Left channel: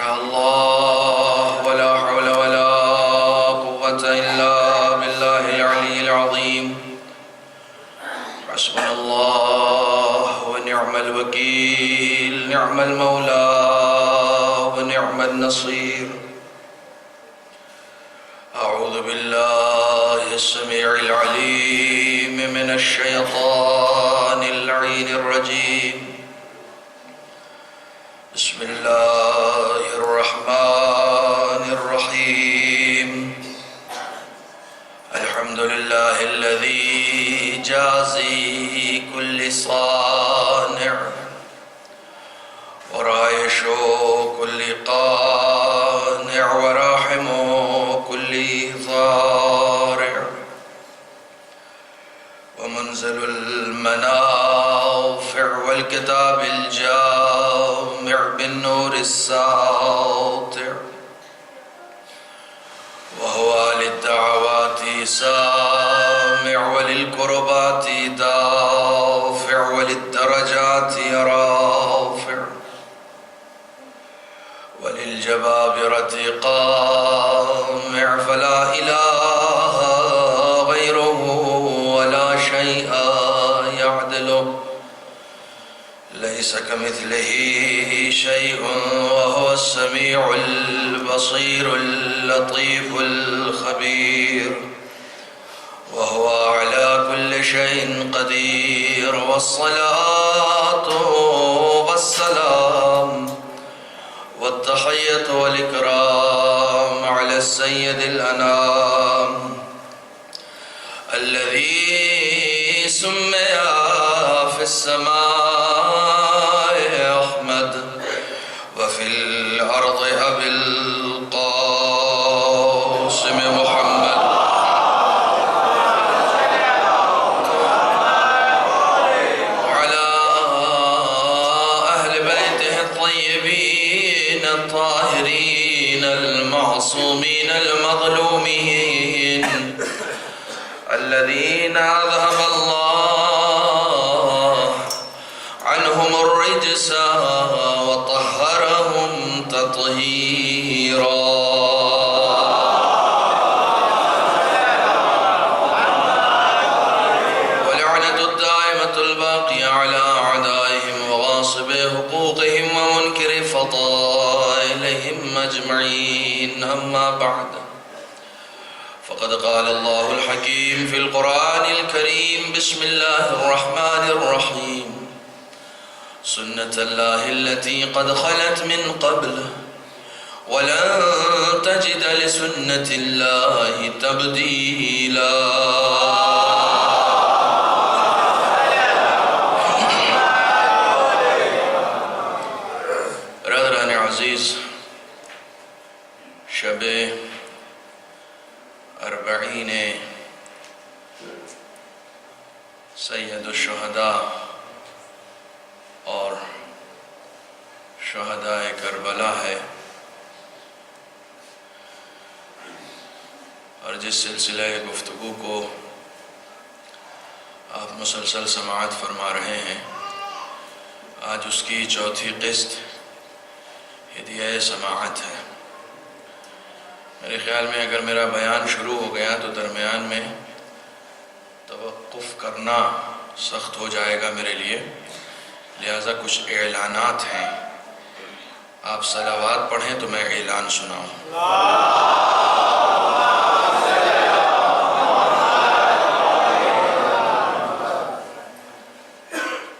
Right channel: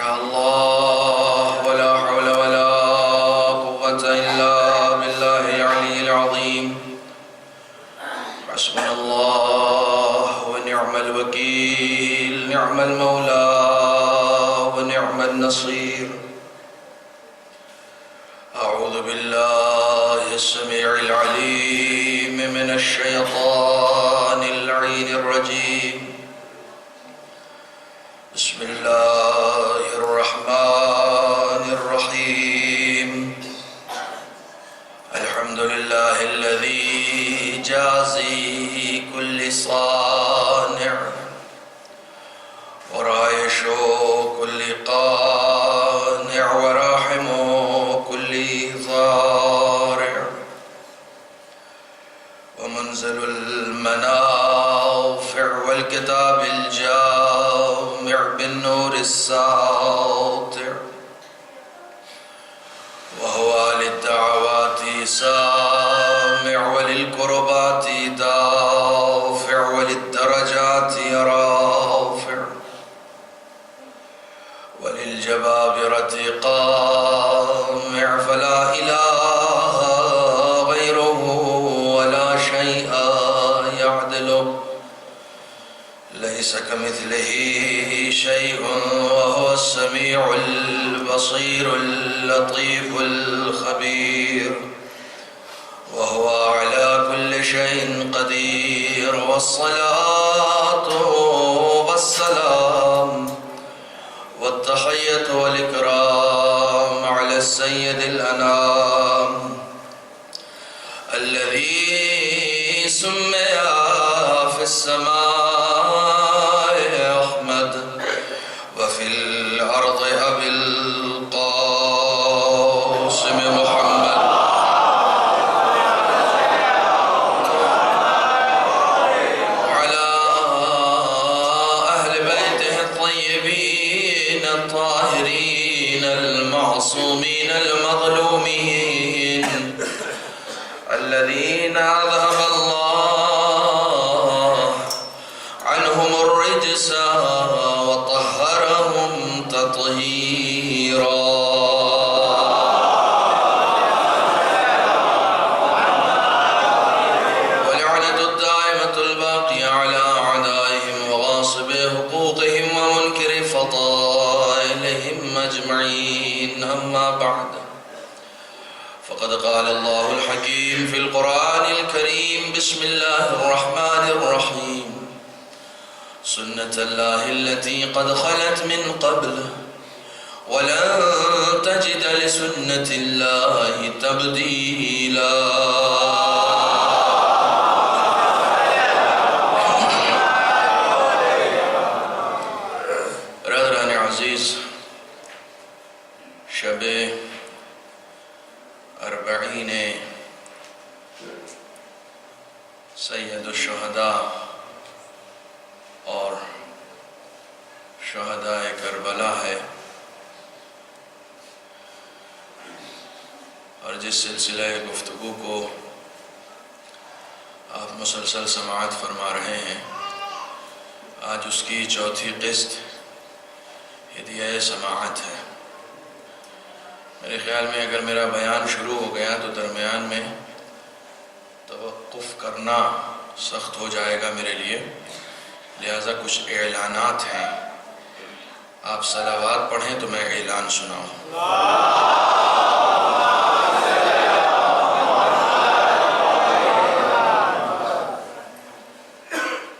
شاء الله ولا حول ولا قوة إلا بالله العلي العظيم حسبنا الله ونعم الوكيل نعم المولى ونعم النصير أعوذ بالله السميع العليم من الشيطان اللعين الرجيم بسم الله الرحمن الرحيم الحمد لله الذي جازي كل صانع ورايش كل قانع وراحم كل ضارع ومنزل المنافع والكتاب الجامع بالنور الساطع وهو للدعوات سامع وللكربات دافع وللدرجات رافع وللجبابرة قامع فلا إله غيره ولا شيء يعدله ليس كمثله شيء وهو السميع البصير اللطيف الخبير وهو على كل شيء قدير والصلاة والسلام والتحية والإكرام على السيد الأنام الذي سمي في السماء أحمد وفي الأرض أبي القاسم محمد وعلى أهل بيته الطيبين الطاهرين المعصومين المظلومين الذين أذهب الله عنهم الرجس وطهرهم تطهيرا ولعنة الدائمة الباقية على أعدائهم وغاصبي حقوقهم ومنكر فضائلهم أجمعين أما بعد فقد قال الله الحكيم في القرآن الكريم بسم الله الرحمن الرحيم سنة الله التي قد خلت من قبل ولن تجد لسنة الله تبديلا برادران عزیز شب اربعین سید الشہداء اور شہداء کربلا ہے اور جس سلسلہ گفتگو کو آپ مسلسل سماعت فرما رہے ہیں آج اس کی چوتھی قسط ہدیہ سماعت ہے۔ میرے خیال میں اگر میرا بیان شروع ہو گیا تو درمیان میں توقف کرنا سخت ہو جائے گا میرے لیے، لہٰذا کچھ اعلانات ہیں۔ آپ صلوات پڑھیں تو میں اعلان سناؤں۔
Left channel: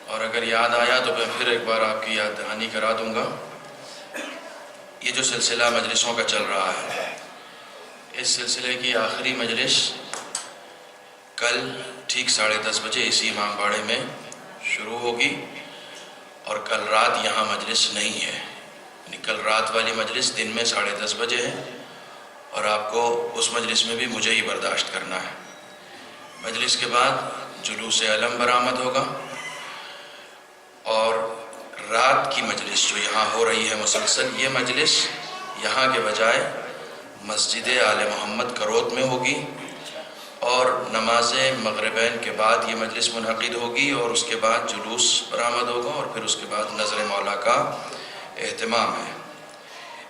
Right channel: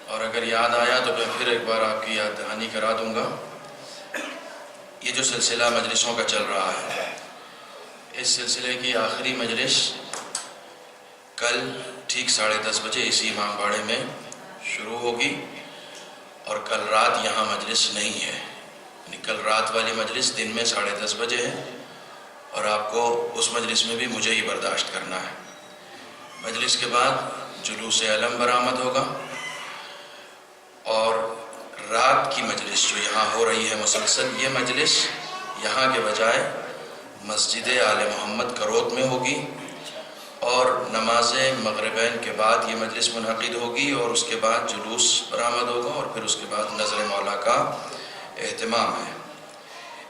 اور اگر یاد آیا تو میں پھر ایک بار آپ کی یاد دہانی کرا دوں گا۔ یہ جو سلسلہ مجلسوں کا چل رہا ہے، اس سلسلے کی آخری مجلس کل ٹھیک 10:30 بجے اسی امام باڑے میں شروع ہوگی، اور کل رات یہاں مجلس نہیں ہے، یعنی کل رات والی مجلس دن میں 10:30 بجے ہے، اور آپ کو اس مجلس میں بھی مجھے ہی برداشت کرنا ہے۔ مجلس کے بعد جلوس علم برآمد ہوگا، اور رات کی مجلس جو یہاں ہو رہی ہے مسلسل، یہ مجلس یہاں کے بجائے مسجد آل محمد کرود میں ہوگی، اور نماز مغربین کے بعد یہ مجلس منعقد ہوگی، اور اس کے بعد جلوس برآمد ہوگا، اور پھر اس کے بعد نظر مولا کا اہتمام ہے۔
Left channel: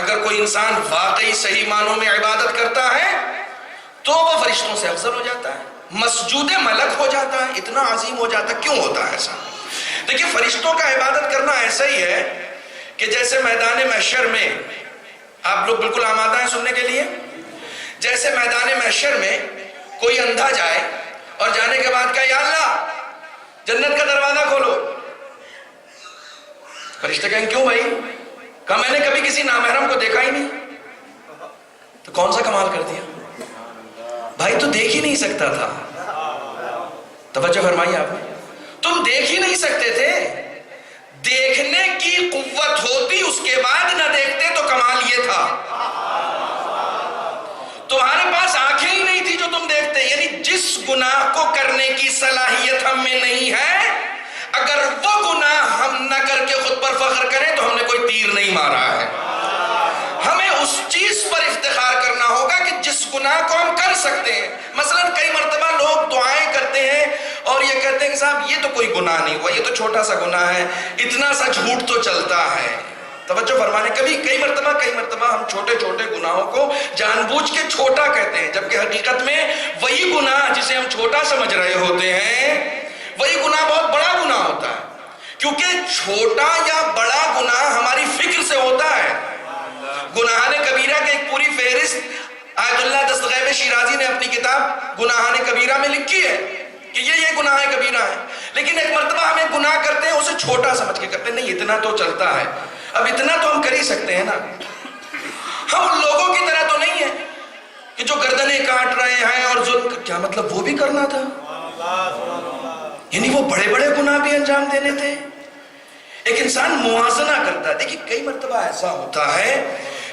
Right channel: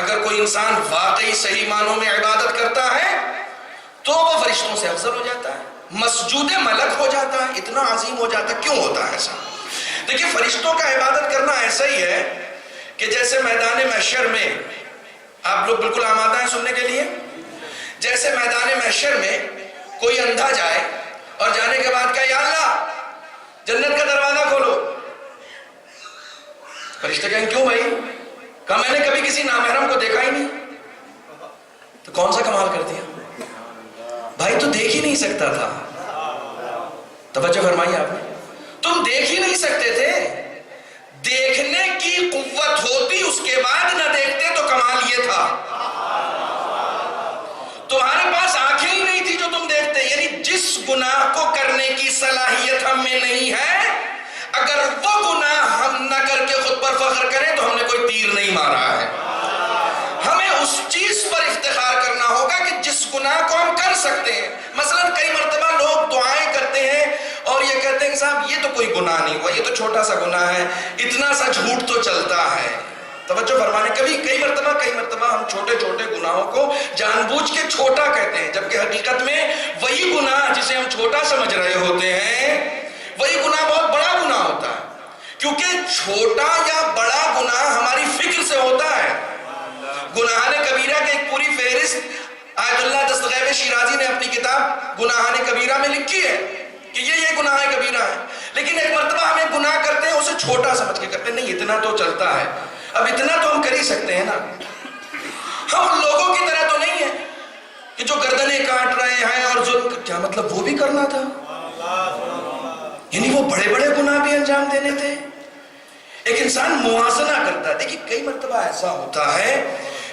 اگر کوئی انسان واقعی صحیح معنوں میں عبادت کرتا ہے تو وہ فرشتوں سے افضل ہو جاتا ہے، مسجود ملک ہو جاتا ہے، اتنا عظیم ہو جاتا ہے۔ کیوں ہوتا ہے ایسا؟ دیکھیں فرشتوں کا عبادت کرنا ایسا ہی ہے کہ جیسے میدان محشر میں، آپ لوگ بالکل آمادہ ہیں سننے کے لیے، جیسے میدان محشر میں کوئی اندھا جائے اور جانے کے بعد کہا یا اللہ جنت کا دروازہ کھولو، فرشتے کہیں کیوں بھائی؟ کہا میں نے کبھی کسی نامحرم کو دیکھا ہی نہیں۔ تو کون سا کمال کر دیا بھائی، تو دیکھ ہی نہیں سکتا تھا۔ توجہ فرمائیے آپ نے، تم دیکھ ہی نہیں سکتے تھے، دیکھنے کی قوت ہوتی اس کے بعد نہ دیکھتے تو کمال یہ تھا۔ تمہارے پاس آنکھیں ہی نہیں تھی جو تم دیکھتے، یعنی جس گناہ کو کرنے کی صلاحیت ہم میں نہیں ہے، اگر وہ گناہ ہم نہ کر کے خود پر فخر کریں تو ہم نے کوئی تیر نہیں مارا ہے۔ ہمیں اس چیز پر افتخار کرنا ہوگا کہ جس گناہ کو ہم کر سکتے ہیں۔ مثلا کئی مرتبہ لوگ دعائیں کرتے ہیں اور یہ کہتے ہیں کہ صاحب یہ تو کوئی گناہ نہیں ہوا، یہ تو چھوٹا سا گناہ ہے، اتنا سا جھوٹ تو چلتا ہے۔ توجہ فرمانے، کئی مرتبہ ہم چھوٹے چھوٹے گناہوں کو جان بوجھ کے چھوٹا کہتے ہیں، جبکہ حقیقت میں وہی گناہ جسے ہم چھوٹا سمجھ رہے ہوتے ہیں وہی گناہ بہت بڑا گناہ ہوتا ہے، کیونکہ چھوٹا یا بڑا گناہ ہماری فکر سے ہوتا ہے۔ گناہان کبیرہ کی ایک پوری فہرست آیت اللہ دستغیب شیرازی نے اپنی کتاب گناہان کبیرہ میں لکھی ہے کہ یہ گناہ کبیرہ ہے، لیکن ایک مرتبہ ہم ایک گناہ کرتے ہیں اسے چھوٹا سمجھ کے کرتے ہیں، نہیں اتنا تو چلتا ہے، اب اتنا تو ہم کر ہی سکتے ہیں نا۔ ہم ان لوگوں کی طرح تو نہیں ہیں کہ جو گردنیں کاٹ رہے ہیں اور ظلم، کیا مطلب وہ بھی کرنا تھا؟ یعنی وہ بڑے بڑے گناہ بھی انجام دینے تھے۔ ایک انسان موازنہ کرتا ہے۔ دیکھیں کئی مرتبہ ایسا ہوتا ہے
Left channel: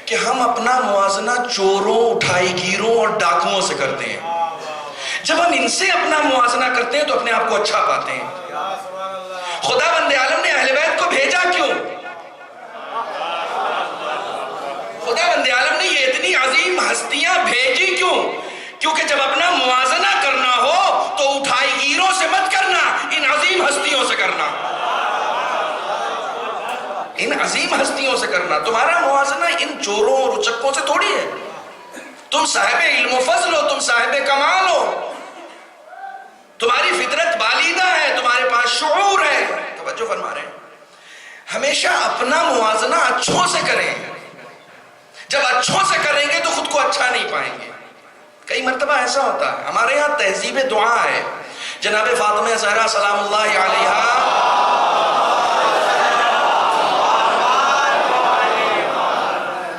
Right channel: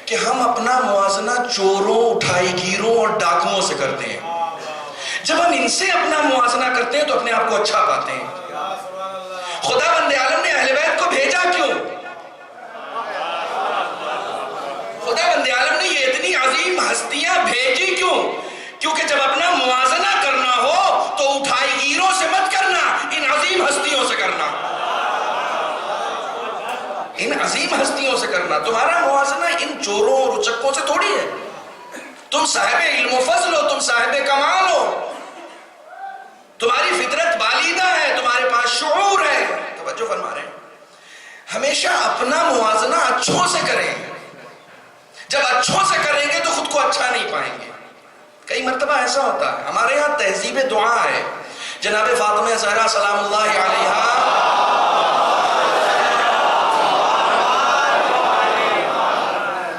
کہ ہم اپنا موازنہ چوروں، اٹھائی گیروں اور ڈاکوؤں سے کرتے ہیں۔ جب ہم ان سے اپنا موازنہ کرتے ہیں تو اپنے آپ کو اچھا پاتے ہیں۔ خدا بند عالم نے اہل بیت کو بھیجا کیوں؟ خدا بند عالم نے یہ اتنی عظیم ہستیاں بھیجی کیوں؟ کیونکہ جب اپنا موازنہ کرنا ہو تو اٹھائی گیروں سے مت کرنا، ان عظیم ہستیوں سے کرنا، ان عظیم ہستیوں سے کرنا۔ تمہارا موازنہ ان چوروں اور اچکوں سے تھوڑی ہے۔ تم صاحب علم و فضل ہو، تم صاحب کمال ہو، تمہاری فطرت بالیدہ ہے، تمہارے پاس شعور ہے۔ توجہ فرما رہے ہیں، ہمیشہ اپنا موازنہ اچھوں سے کریں۔ جب اچھوں سے کریں گے تو خود کو اچھا نہیں پائیں گے۔ کئی مرتبہ ایسا ہوتا ہے، ہمارے یہاں تہذیب دعا ہے، جناب فاطمہ زہرا سلام اللہ علیہا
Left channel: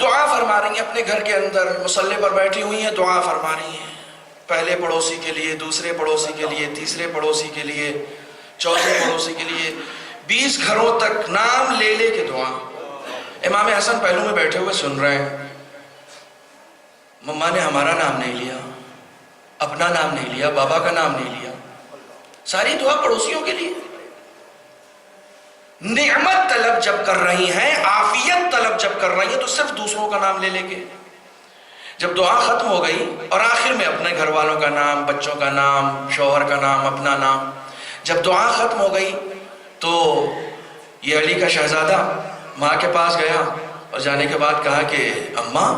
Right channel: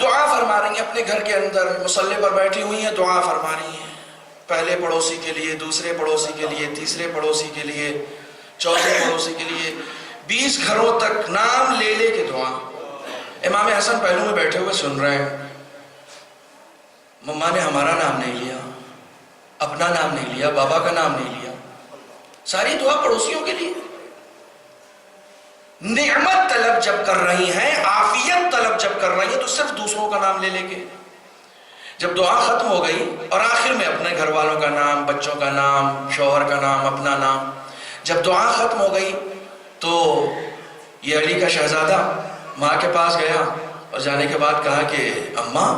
دعا فرما رہی ہیں اپنے گھر کے اندر، مصلی پر بیٹھی ہوئی ہیں، دعا فرما رہی ہیں، پہلے پڑوسی کے لیے، دوسرے پڑوسی کے لیے، تیسرے پڑوسی کے لیے، چوتھے پڑوسی کے لیے، 20 گھروں تک نام لے لے کے دعا۔ امام حسن پہلو میں بیٹھے ہوئے سن رہے ہیں، مما نے ہمارا نام نہیں لیا، اپنا نام نہیں لیا، بابا کا نام نہیں لیا، ساری دعا پڑوسیوں کے لیے۔ نعمت طلب جب کر رہی ہیں، عافیت طلب جب کر رہی ہیں تو صرف دوسروں کا نام لے لے کے۔ جب دعا ختم ہو گئی اور آخر میں اپنے گھر والوں کا نام، بچوں کا نام، شوہر کا نام، اپنا نام، جب دعا ختم ہو گئی تو یہ علی کا شہزادہ ماں کے پاس گیا اور جانے کے بعد کہا کہ اماں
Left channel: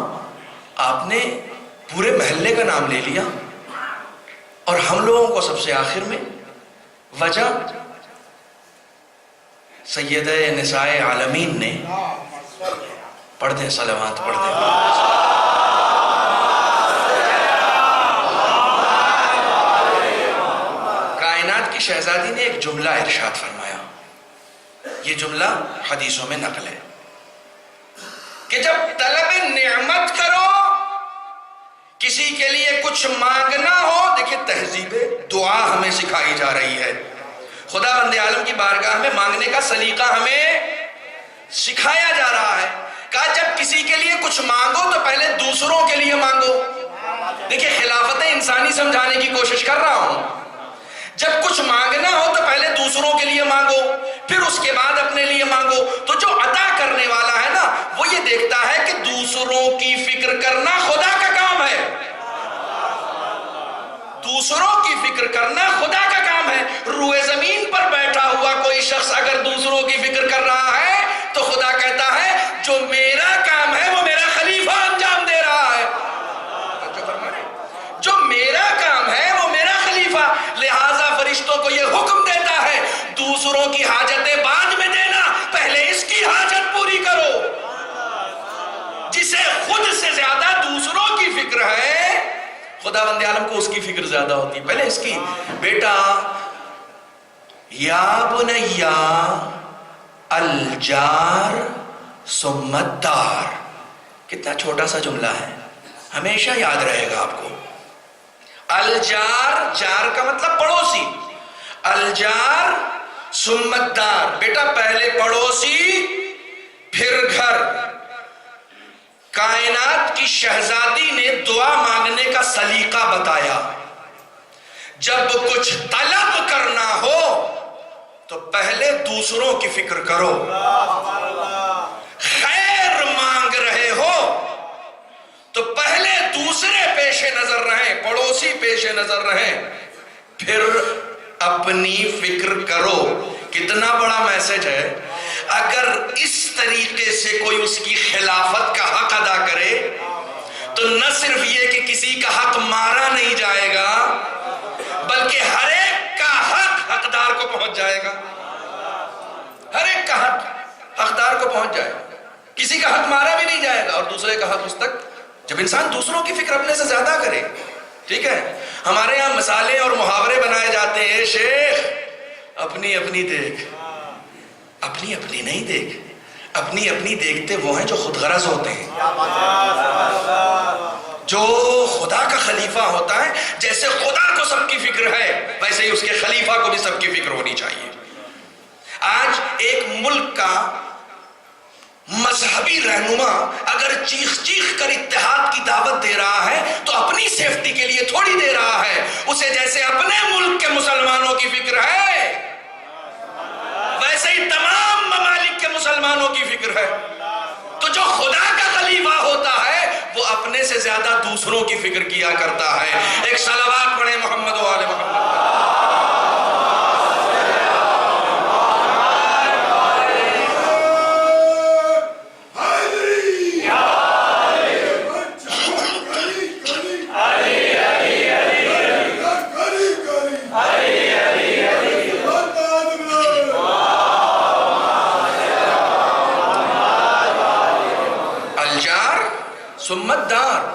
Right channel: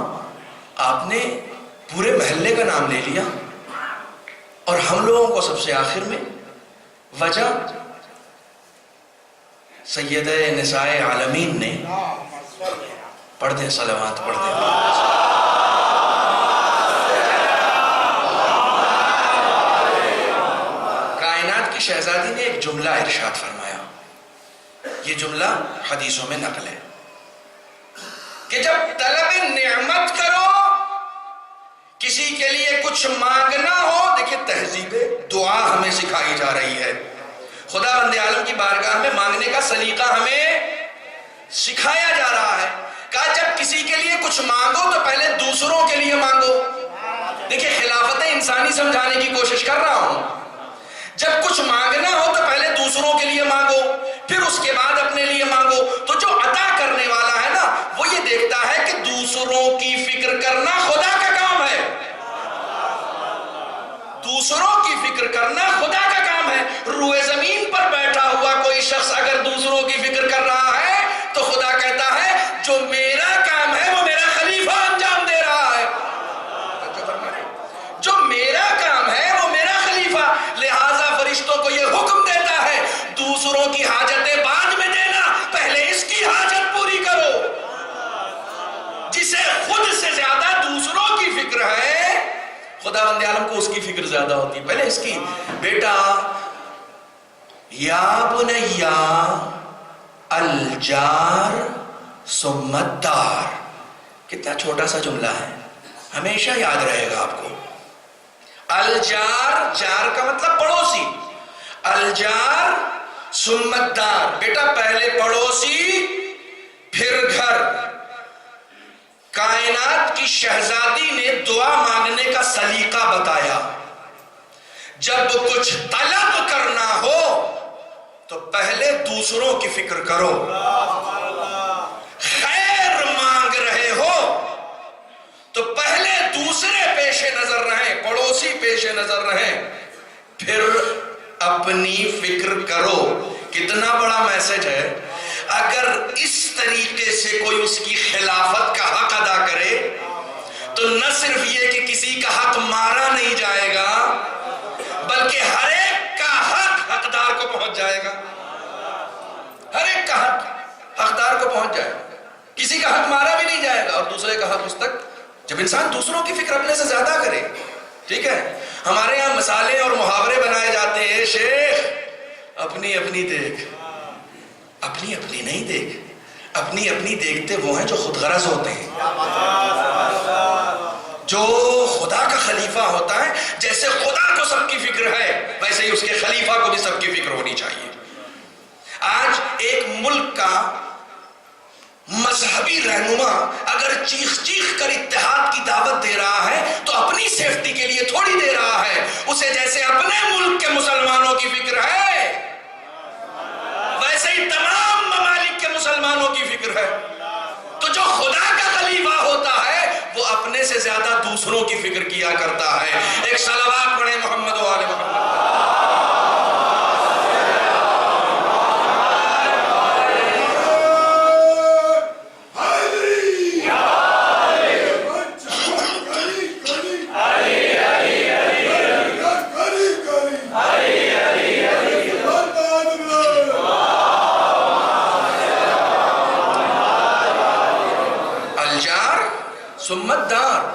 آپ نے پورے محلے کا نام لے لیا اور ہم لوگوں کو سب سے آخر میں، وجہ سیدہ نساء عالمین نے، پڑھ دیں صلوات، پڑھ دیں۔ کائنات کی شہزادی نے ایک جملہ ارشاد فرمایا، یہ جملہ حدیثوں میں نقل ہے کہ جب طلب نعمت کرو، کسی کے لیے کچھ مانگنا ہو، دیکھیں تہذیب دعا ہمیں سکھائی جا رہی ہے۔ خدا بند عالم کی بارگاہ میں مانگنے کا سلیقہ ہمیں سکھایا جا رہا ہے۔ کہا جب کسی کے لیے کچھ مانگو تو پہلے دوسروں کے لیے مانگو۔ دیکھیں خلافت انسانی سمجھانے کی کوشش کر رہا ہوں۔ جب کچھ مانگنا ہو تو پہلے دوسروں کے لیے مانگو، پھر اس کے بعد اپنے لیے مانگو۔ تو جو عطا کرنے والا ہے نا، وہ یہ دیکھتا ہے کہ دوسروں کی فکر کرنا خدا کا کام ہے، دوسروں کی فکر کرنا خدا کا کام ہے۔ روئے زمین پر بیٹھا ہوا کوئی شخص اگر دوسروں کی فکر کر رہا ہے تو خدا کہتا ہے جو میرا کام ہے وہ میرا خداوند عالم کو اس کی فکر زیادہ ہوتی ہے، پہلے اس کی. بیٹا یا بنیا الجار ثم الدار، کتنا چھوٹا سا جملہ ہے، ہمیشہ یاد رہے گا آپ کو. الجار، جار کا مطلب پڑوسی، الجار ثم الدار، بیٹا پہلے پڑوسی پھر گھر. کائنات کی شہزادی نے دعا مانگنے کا سلیقہ بتایا. جب کچھ طلب کرنا ہو تو پہلے دوسروں کی فکر کرو. خیر مانگ رہے ہو تو پہلے دوسرے پیش نظر رہیں، پڑوسی پیش نظر رہیں، پھر اپنی فکر کرو. کتنا بڑا میسج ہے. اگر اس طریقے سے کوئی اس کی خلافت کا حق ادا کرے تو نہ صرف یہ کہ کسی کا حق مارا نہیں جائے گا بلکہ ہر ایک کا حق حقدار کو پہنچ جائے گا. ہر ایک کا حق حقدار کو پہنچ جائے گا، کسی کا حق مارا بھی نہیں جائے گا اور دوسرے کا حق اس تک. جب انسان دوسروں کی فکر اپنے سے زیادہ کرے، ٹھیک ہے. ہمارے یہاں مثالیں اور محاورے بنائے جاتے ہیں، شیخ اپنی اپنی دیکھ، اپنی اپنی نہیں دیکھ. اپنی اپنی دیکھتے وہ ہیں جو خود غرض ہوتے ہیں. جو خدا کا خلیفہ ہوتا ہے، جیسے خدا کو سب کی فکر ہے ویسے ہی اس کے خلیفہ کو بھی سب کی فکر ہونی چاہیے. آج ایک ملک کا مذہبی رہنما اگر چیخ چیخ کر اتحاد کی دعوت دے رہا ہے تو اپنی سیفٹی کے لیے تھوڑی دے رہا ہے، اسے جیسے اپنے ملک کے مسلمانوں کی فکر ہے ویسے ہی تمام ممالک کے مسلمانوں کی فکر ہے. تو جو خدا کا خلیفہ ہوتا ہے وہ اپنے سے زیادہ دوسروں کی فکر کیا کرتا ہے. ایک صلوات پڑھیں محمد و آل محمد. ثم الدار،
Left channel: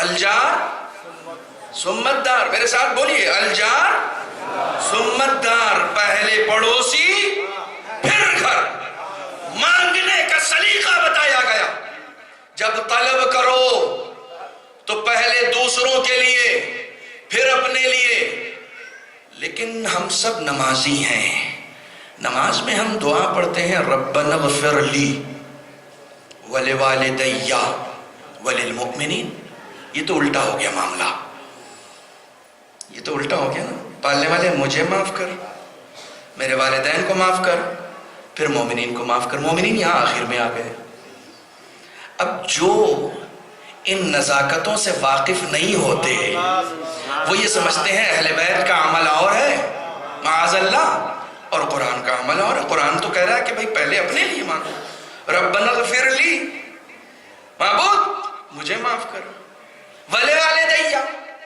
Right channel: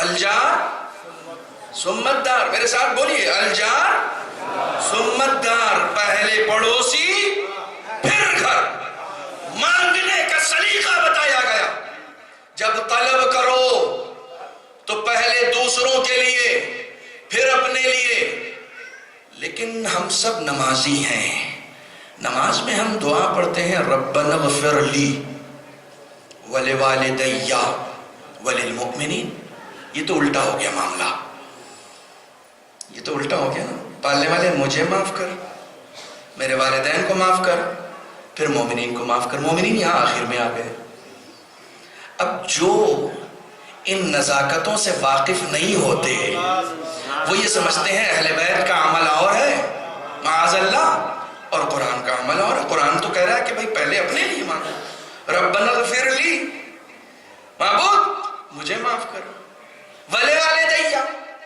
الجار ثم الدار، میرے ساتھ بولیے، الجار ثم الدار. پہلے پڑوسی پھر گھر. مانگنے کا سلیقہ بتایا گیا. جب طلب کرو تو پہلے دوسروں کے لیے پھر اپنے لیے. لیکن ہم سب نمازی ہیں، نماز میں ہم دعا پڑھتے ہیں ربنا اغفر لی ولوالدی وللمؤمنین. یہ تو الٹا ہو گیا معاملہ، یہ تو الٹا ہو گیا نا. پالنے والے مجھے معاف کر، میرے والدین کو معاف کر، پھر مومنین کو معاف کر. مومنین یہاں آخر میں آ گئے. اب جو ان نزاکتوں سے واقف نہیں ہوتے وہ یہ سمجھتے ہیں اہل بیت کا عمل اور ہے معاذ اللہ اور قرآن کا عمل اور ہے. قرآن تو کہہ رہا ہے کہ بھائی پہلے اپنے لیے مانگو، ربنا اغفر لی، معبود مجھے معاف کر، ولوالدی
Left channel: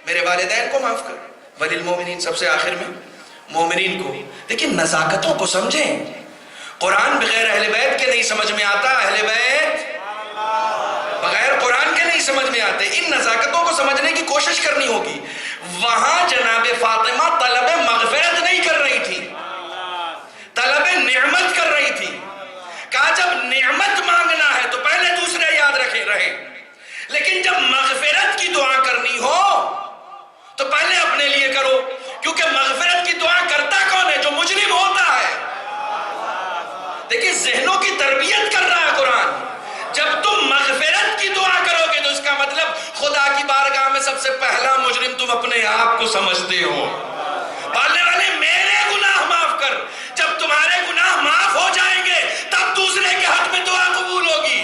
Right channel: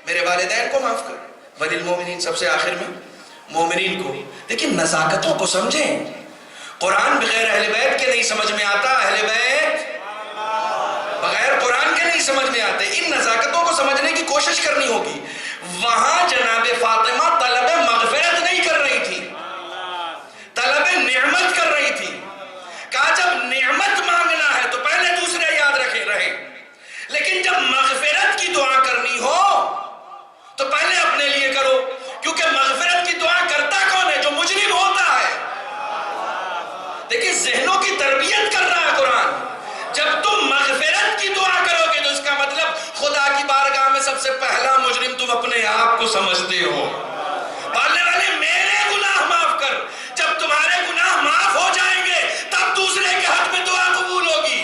میرے والدین کو معاف کر، وللمؤمنین سب سے آخر میں مومنین کو. لیکن نزاکتوں کو سمجھیں. قرآن بغیر اہل بیت کے نہیں سمجھ میں آتا، اہل بیت بغیر قرآن کے نہیں سمجھ میں آتے. ان نزاکتوں کو سمجھنے کی کوشش کرنی ہوگی. وہاں جناب فاطمہ طلب مغفرت نہیں کر رہی تھی، طلب نعمت کر رہی تھی. کہا جب نعمت مانگنا ہے تو پہلے دوسرے یاد رہے، لیکن جب مغفرت کی دعا کرنی ہو تو پہلے اپنے لیے کرو. کیونکہ مغفرت کی دعا کرتا کون ہے؟ جو مجرم ہوتا ہے. دیکھیں ذہنوں کی تربیت کر رہا ہے قرآن. جب تم مغفرت کی دعا کرو گے تو اس کا مطلب خدا کی بارگاہ میں سب سے پہلا مجرم تم اپنے آپ کو سمجھتے ہو. پالنے والے میرے گناہ معاف کر. جب تمہارے گناہ معاف ہو جائیں گے تب دوسرے کے حق میں دعا قبول ہوگی.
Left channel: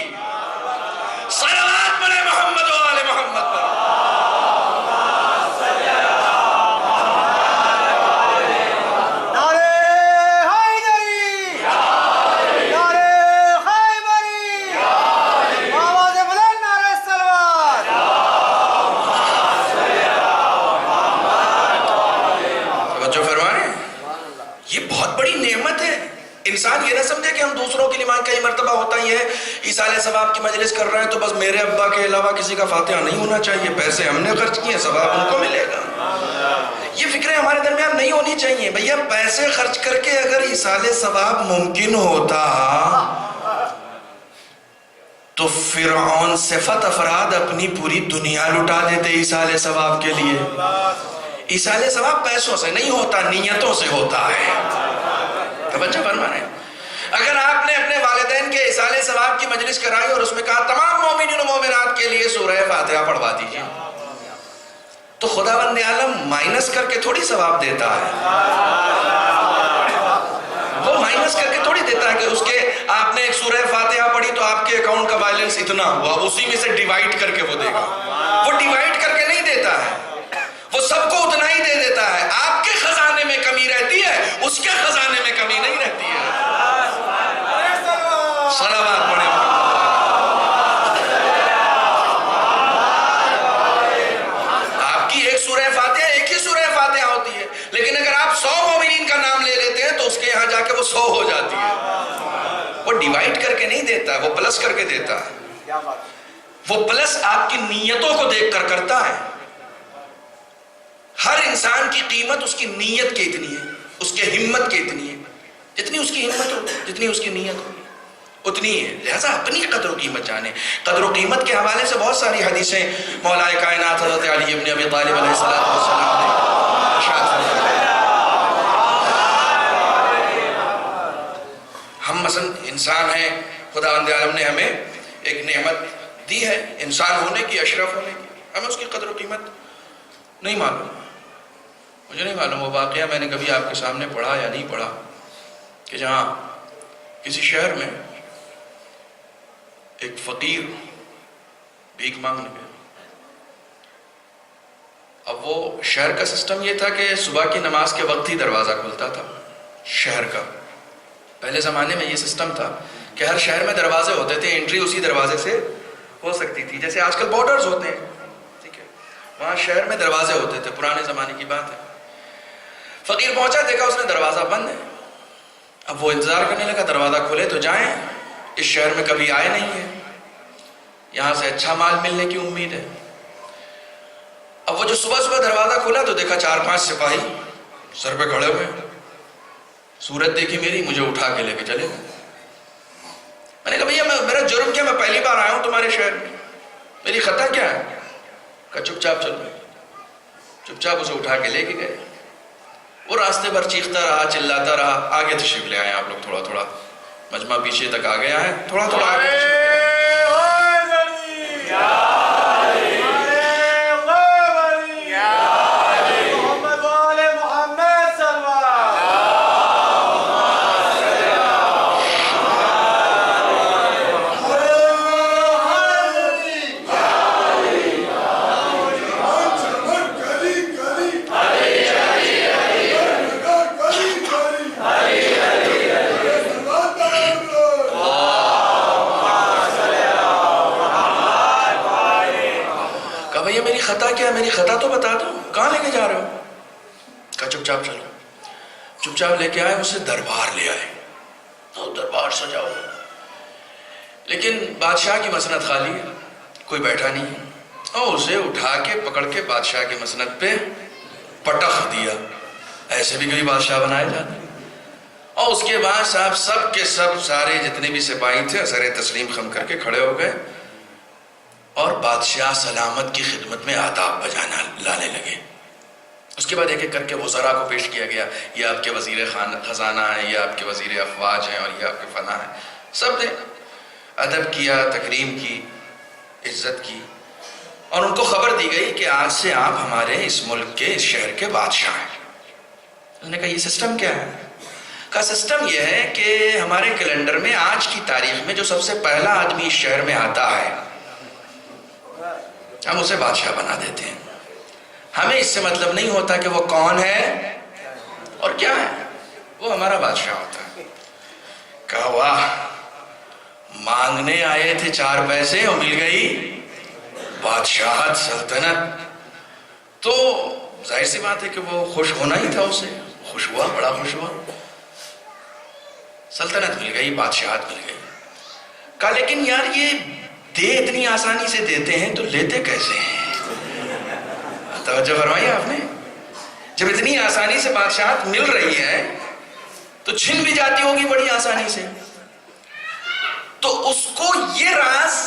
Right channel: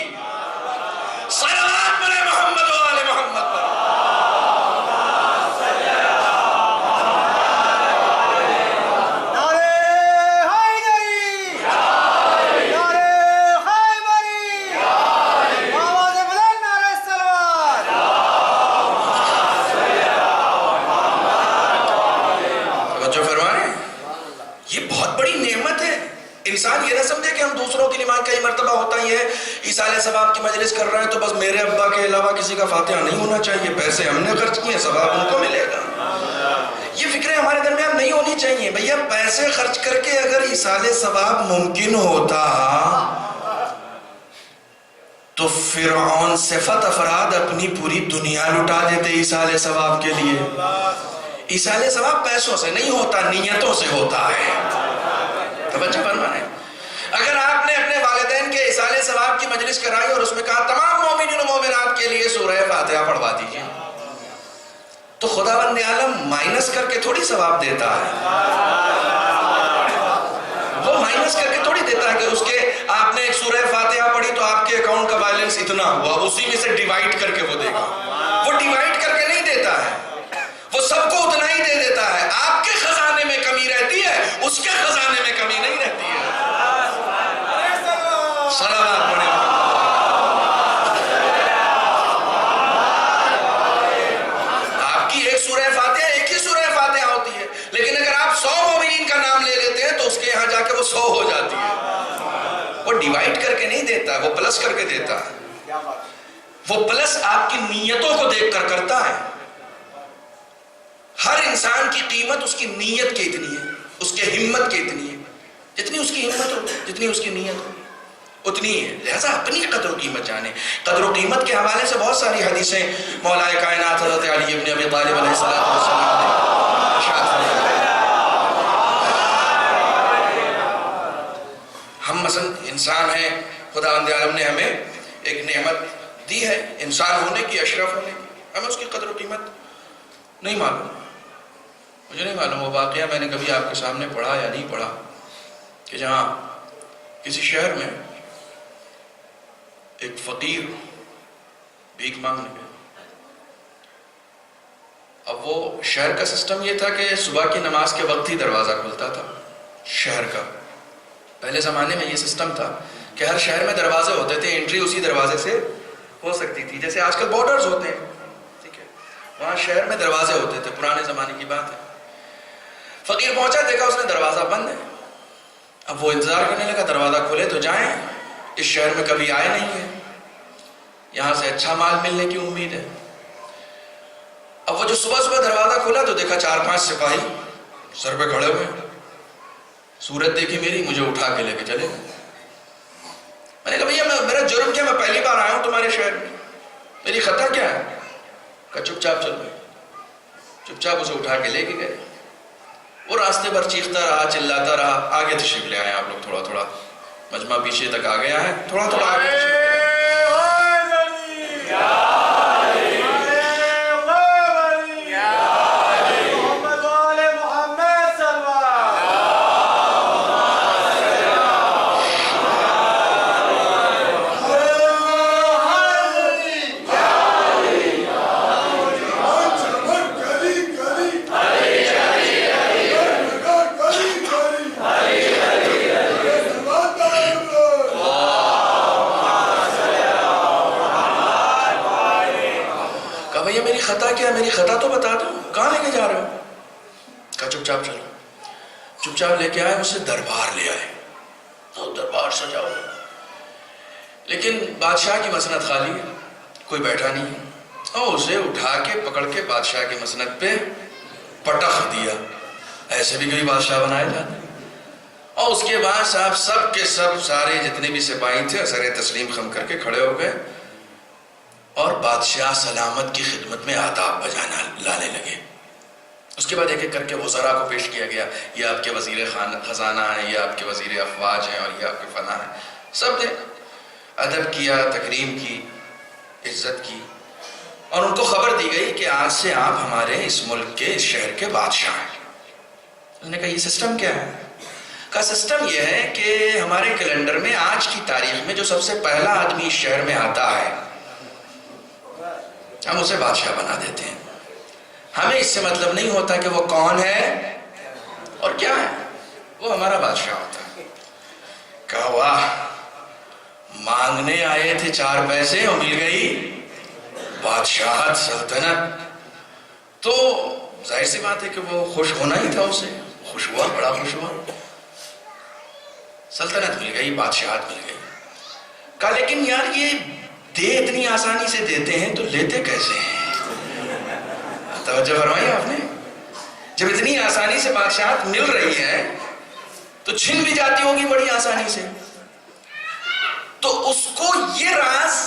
صلوات پڑھیں محمد و آل محمد پر. انسان یہ نہ سمجھے کہ ہم دوسروں کے لیے مانگ کا یہ مرتبہ ہوتا ہی ہے ایصال ثواب کی مجلس کر رہے ہیں تو بس میرے ابا کے علاوہ کسی کا فاتحہ نہیں ہونا چاہیے، پیسے ہم نے خرچ کیے، ثواب ان کو ملے گا. یہ فکریں ہمارے درمیان نہیں ہونی چاہیے. بھیا پیسے خرچ کر کے اگر ایصال ثواب ممکن ہوتا تو فرعون صفت افراد اپنی پوری دنیا لٹا دیتے ایصال ثواب کے لیے. ایصال ثواب پیسوں سے نہیں ہوتا، نیتوں سے ہوتا ہے. توجہ فرمائیں. اگر آپ نے اپنے والدین کے ایصال ثواب کی مجلس کرائی اور اس میں کہا تمام مومنین و مومنات کے لیے سورہ فاتحہ پڑھوا دیجیے، تو خداوند عالم مائنس کر کے تھوڑی ثواب دیتا ہے. وہ مائنس کر کے تھوڑی دیتا ہے کہ اس کے آپ نے ایک سورہ فاتحہ پڑھی تو آپ کے اکاؤنٹ کا بیلنس اتنا ہوا، اسی میں سے ڈیوائیڈ کر کے وہ دے گا. وہ ڈیوائیڈ کر کے نہیں دیتا ہے، وہ سب کو اتنا ہی دے دیتا ہے. آپ کے خزانے میں کمی رہتی ہے، اس کے خزانے میں کمی نہیں رہتی ہے. صلوات پڑھیں. آپ کی ایک سورہ فاتحہ ایک ہی سورہ فاتحہ ہوتی ہے، لیکن اگر آپ 100 مومنین کا نام لے لیتے ہیں تو اس کے یہاں جا کے وہ 100 ہو جاتی ہے. وہ ڈیوائیڈ کر کے نہیں دیتا ہے، وہ پلس کر کے دیتا ہے. وہ پلس آپ کی نیتوں کو دیکھ کر کرتا ہے. ہر انسان کی قیمت اس کی نیت کی اتنی ہے، اس کے ہمت کی اتنی ہے. جتنی اس کی ہمت ہو، جتنی اس کی نیت ہو، اتنی ہے. لہذا اپنی قدر و قیمت جانے. قدر و قیمت کے حوالے سے بہت ساری حدیثیں مولا کائنات حضرت علی ابن ابی طالب علیہ السلام نے ارشاد فرمایا. ہم مثلا انسان ہیں، خداوند عالم نے ہمیں ایک نعمت دی ہے انسان ہونے کی، اشرف ہونے کی. ہمیں اس کی قدر و قیمت نہیں معلوم. مجھے نہیں معلوم وہ واقعہ میں نے کبھی آپ کے سامنے پڑھا یا نہیں پڑھا کہ جہاں کسی شہر میں ایک فقیر بھیک مانگنے گیا. اب وہ شہر کا سسٹم یہ تھا کہ صبح کی نماز کے وقت ہی دروازہ کھلتا تھا شہر کا. پہلے زمانے میں یہ سسٹم تھا کہ ہر شہر میں دروازے ہوتے تھے، انٹری اسی دروازے سے ہو سکتی تھی. جیسے آج کل بارڈرز ہوتے ہیں، ٹھیک ہے، وہاں شہر میں دروازے ہوتے تھے، پرانے زمانے کی بات ہے. فقیر پہنچا، دیکھا اس نے دروازہ بند ہے. اب وہ انتظار کرنے لگا دروازہ کھولے تو جائیں. اس شہر میں کبھی آئے نہیں ہیں، یہاں سے اچھا مال ملنے کی امید ہے. اب وہ جو صبح صبح دروازہ کھولا تو دیکھا 4-5 سپاہی سر پہ کھڑے ہوئے. صورت دیکھی میری، مجھے اٹھا کے لے کے چلے. میں نے کہا بھیا میرا جرم کیا، میں پہلی بار آیا ہوں تمہارے شہر میں، میری خطا کیا ہے؟ کہا چپ چاپ چل رہے. چپ چاپ اسے اٹھا کے لے کے گئے. وہ راستے پر چیختا رہا، چلاتا رہا. آگے تشریف لے آئے آپ لوگ، تھوڑا تھوڑا مجمع پیچھے تک آ گیا ہے، تھوڑا تھوڑا آگے. خطا کیا ہے؟ میری خطا تو بتا دو، کہاں لے کے جا رہے ہو؟ کہا چپ چاپ چلو. چپ چاپ لے کے آئے، اسے دربار لے آئے. تو دربار سجا ہوا، لیکن بادشاہ کی مسند خالی ہے، کوئی بیٹھا نہیں ہے. اور اسے اٹھا کے پکڑ کے بادشاہ کے مسند پہ پٹخ دیا. ایسے بھی کوئی بادشاہ بنائے جاتے. اور اس کے بعد صاحب سب کے سب سارے جتنے بھی سپاہی تھے سر تسلیم خم کر کے کھڑے ہو گئے اور بادشاہ سلامت کی خدمت میں آداب بجانا لانے لگے. اس کے بعد ایک ایک کر کے وزراء کو پیش کیا گیا، یہ آپ کے وزیر خزانہ ہیں، یہ آپ کے وزیر افواج ہیں، اور یہ آپ کے فلاں ہیں. سب نے ادب کیا، تکریم کی، عزت کی، اور ان کو خبر دی گئی کہ آج سے آپ ہمارے اس ملک کے، اس شہر کے بادشاہ ہیں. انہوں نے کہا یہ سسٹم کیا ہے؟ کا سسٹم یہ ہے کہ ہمارے کیلنڈر میں آج کی تاریخ میں جو سب سے پہلا آدمی اس شہر میں آتا ہے ہم اسے بادشاہ بنا دیتے ہیں. ہمیں اس سے مطلب نہیں ہوتا کہ وہ کون ہے اور کیا ہے، وہ ہمارا بادشاہ ہوتا ہے. کہا واہ، مانگنے آئے تھے 4 پیسے اور مل گئی بادشاہت، سلطنت. تو ظاہر سی بات ہے کہ وہ خوش ہونا ہی تھا. اسے خوش ہوا، بڑا خوش ہوا. سلطنت مل گئی، بادشاہت مل گئی. کہا لیکن یار یہ دے اتنی آسانی سے دیتے ہیں تو لیتے کیسے ہیں؟ توجہ فرمائی آپ نے، جب اتنی آسانی سے بادشاہت مل رہی ہے تو چھن بھی جاتی ہوگی بڑی آسانی سے. تو اس کو یہ راز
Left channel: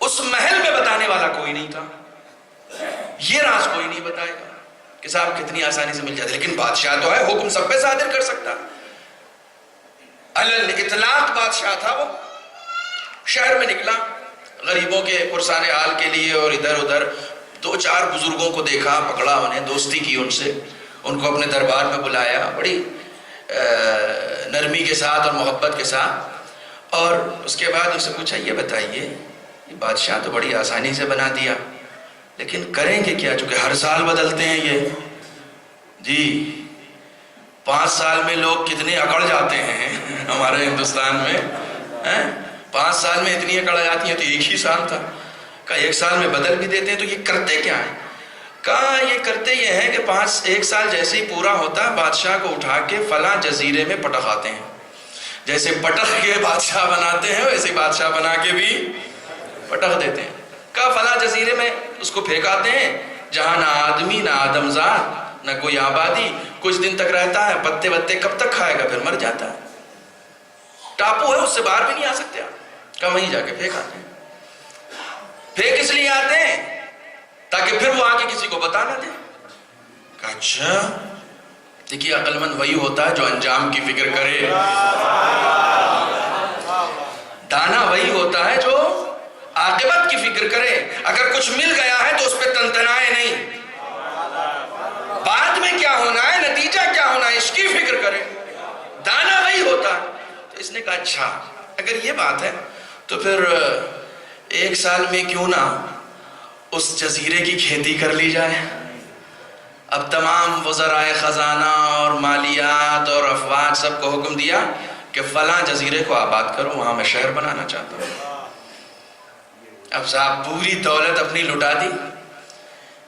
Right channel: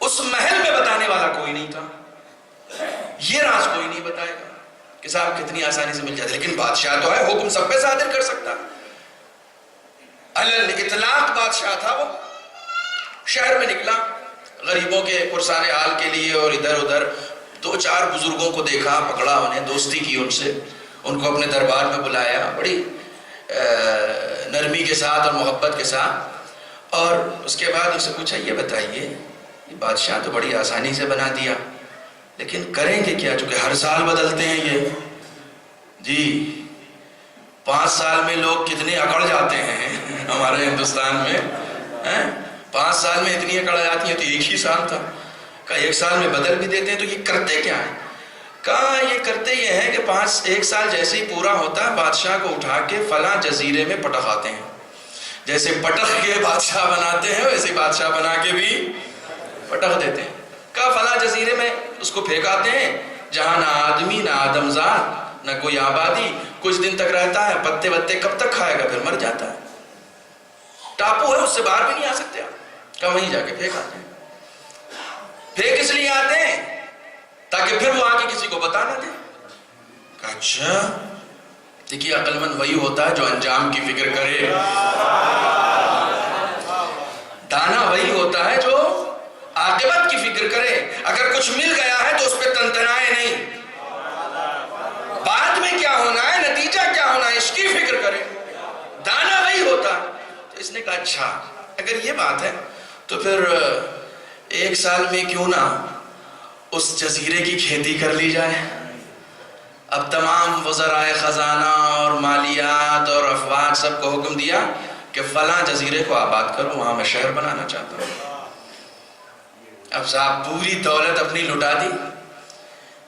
اس محل میں بتانے والا کوئی نہیں تھا، یہ راز کوئی نہیں بتائے گا کہ صاحب کتنی آسانی سے مل جاتے. لیکن بادشاہ تو ہے، حکم سب پہ صادر کر سکتا. علی الاطلاق بادشاہ تھا. وہ شہر میں نکلا غریبوں کے پرسان حال کے لیے، اور ادھر ادھر 2-4 بزرگوں کو دیکھا، پکڑا انہیں، دوستی کی ان سے، ان کو اپنے دربار میں بلایا بڑی نرمی کے ساتھ اور محبت کے ساتھ. اور اس کے بعد اسے پوچھا یہ بتائیے یہ بادشاہ تو بڑی آسانی سے بنا دیا، لیکن کریں گے کیا؟ چونکہ ہر سال بدلتے ہیں یہ. جی 5 سال میں لوگ کتنے اکڑ جاتے ہیں ہمارے ہندوستان میں. 5 سال میں اتنی اکڑ جاتی ہیں، تو ایک ہی سال تھا. کہا 1 سال میں بدل بھی دیتے ہیں، تو یہ کرتے کیا ہیں؟ کہا یہ کرتے یہ ہے کہ 1 سال جیسے ہی پورا ہوتا ہے بادشاہ کو اٹھا کے فلاں جزیرے میں پٹخ آتے ہیں. جیسے پٹخ کے بادشاہ بناتے ہیں ویسے بادشاہ بنا کے بھی پٹخ دیتے ہیں. کہا فلاں جزیرے میں اس کو پھینکاتے ہیں جہاں نہ آدمی نہ آدمزاد نہ کوئی آبادی. کچھ دن تک رہتا ہے، پتے وتے کب تک کھائے گا، پھر مر جاتا ہے. ٹاپو ہے، اس سے باہر بھی نہیں آ سکتے آپ. کہا وہیں جا کے پھینک آتے ہیں. پھینک اس لیے آتے ہیں تاکہ پھر وہ آ کے کسی کو بتا نہ دے. کہا اچھا. دیکھیے عقل مند وہی ہوتا ہے جو انجام کی فکر کرے. دانا وہی ہوتا ہے جو عاقبت کی فکر کرے. اگر کچھ مل گیا ہے تو اس پہ تنتنائے نہیں، بعد میں کیا ہونا ہے، نتیجہ کیا ہونا ہے، اس کی فکر کرے. دانا وہی ہوتا ہے. تو اس نے کہا اچھا اگر یہ بات ہے تو پھر 1 سال میں کیوں نہ اس جزیرے کی کھیتی کر لی جائے. اب تمام وزرائے خزانہ اور مالیات اور افواج سب کو حکم دیا کہ فلاں جزیرے کو آباد کرو، وہاں میں شہر بنانا چاہتا ہوں. اب صاحب پوری دولت اپنی لٹا دی،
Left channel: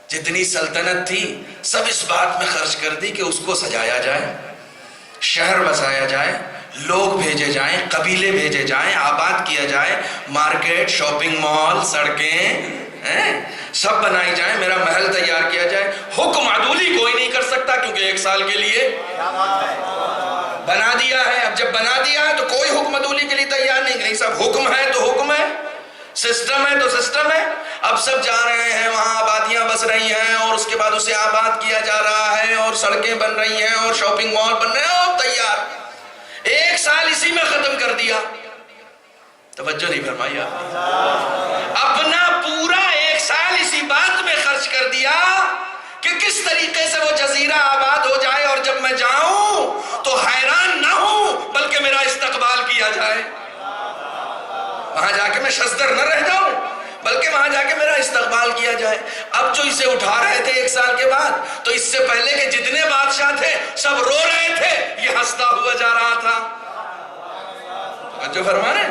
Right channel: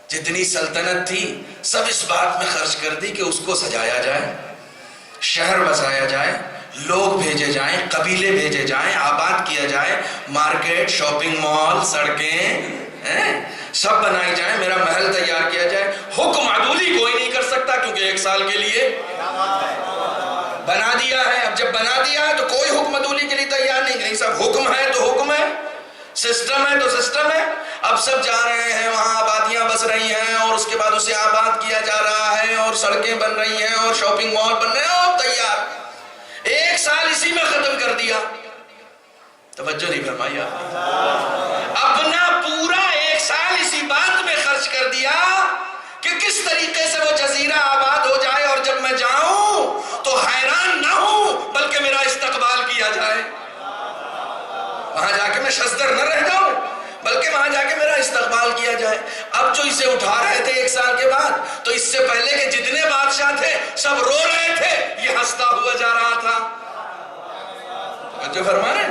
جتنی سلطنت تھی سب اس بات میں خرچ کر دی کہ اس کو سجایا جائے، شہر بسایا جائے، لوگ بھیجے جائیں، قبیلے بھیجے جائیں، آباد کیا جائے، مارکیٹ، شاپنگ مال، سڑکیں سب بنائی جائیں، میرا محل تیار کیا جائے. حکم عدولی کوئی نہیں کر سکتا کیونکہ 1 سال کے لیے بنا دیا ہے. اب جب بنا دیا ہے تو کوئی حکم عدولی کے لیے تیار نہیں. سب حکم ہے تو حکم ہے، سسٹم ہے تو سسٹم ہے. اب سب جا رہے ہیں، وہاں آبادیاں بس رہی ہیں، اور اس کے بعد اسے آباد کیا جا رہا ہے، اور سڑکیں بن رہی ہیں، اور شاپنگ مال بن رہے ہیں، اور تیار. 1 سال اسی میں ختم کر دیا. توجہ نہیں فرمائی آپ نے؟ اپنا پورا 1 سال اسی بات میں خرچ کر دیا کہ کس طریقے سے وہ جزیرہ آباد ہو جائے، اور جب میں جاؤں تو حیران نہ ہوں بلکہ میرا استقبال کیا جائے. وہاں جا کے میں شزدر نہ رہ جاؤں بلکہ وہاں جا کے میرا استقبال کیا جائے. اب جو اسے اٹھا رہے تھے 1 سال کے بعد، تو اس سے پہلے کے جتنے بادشاہ تھے سب رو رہے تھے، یہ ہنستا ہوا جا رہا تھا. جو فرمانے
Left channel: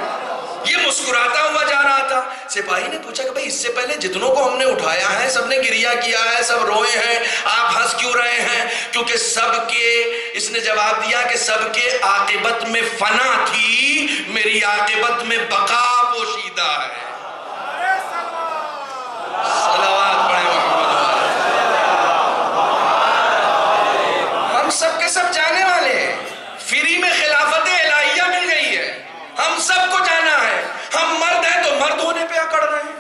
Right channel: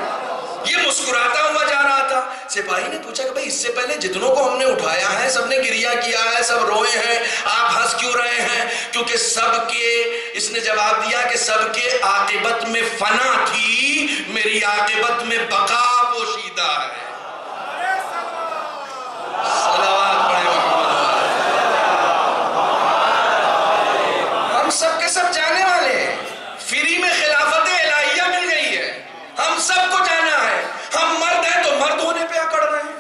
یہ مسکراتا ہوا جا رہا تھا. سپاہی نے پوچھا کہ بھئی اس سے پہلے جتنوں کو ہم نے اٹھایا ہے سب نے گریہ کیا ہے، سب روئے ہیں، آپ ہنس کیوں رہے ہیں؟ کیونکہ سب کے، اس نے جواب دیا کہ سب کے عاقبت میں فنا تھی، میری عاقبت میں بقا پوشیدہ ہے. صلوات پڑھیں محمد. ہم سب کے سب جانے والے ہیں. فری میں خلافت الہیہ مل گئی ہے، ہم سب کو جانا ہے. ہم مرد ہیں تو مرد ہونے پہ اکڑ رہے ہیں،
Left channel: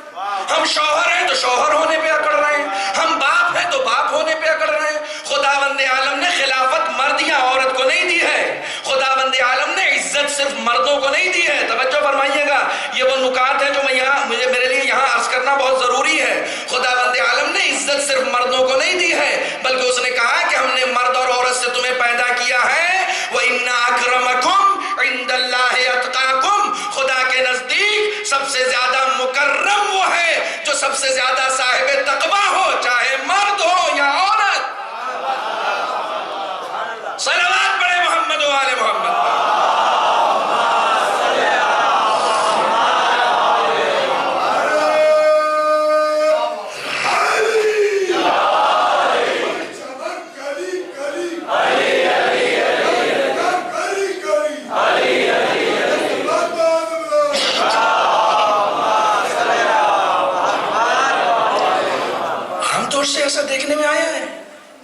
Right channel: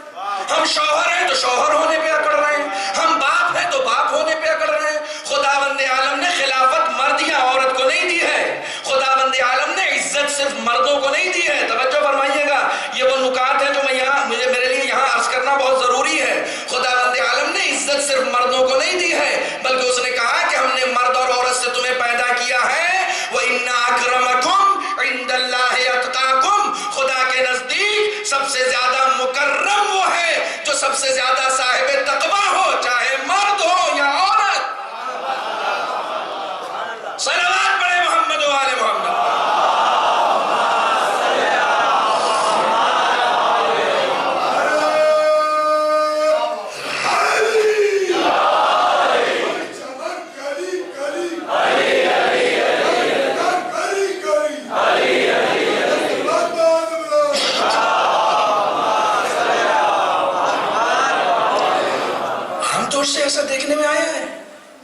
ہم شوہر ہیں تو شوہر ہونے پہ اکڑ رہے ہیں، ہم باپ ہیں تو باپ ہونے پہ اکڑ رہے ہیں. خداوند عالم نے خلافت مرد یا عورت کو نہیں دی ہے. خداوند عالم نے عزت صرف مردوں کو نہیں دی ہے. توجہ فرمائیے گا، یہ وہ نکات ہیں جو میرے لیے یہاں عرض کرنا بہت ضروری ہے. خداوند عالم نے عزت صرف مردوں کو نہیں دی ہے بلکہ اس نے کہا کہ ہم نے مرد اور عورت سے تمہیں پیدا کیا ہے. وَإِنَّ أَكْرَمَكُمْ عِنْدَ اللَّهِ أَتْقَاكُمْ. خدا کے نزدیک سب سے زیادہ مکرم وہ ہے جو سب سے زیادہ صاحب تقویٰ ہو، چاہے مرد ہو یا عورت. صلوات پڑھے محمد و آل محمد.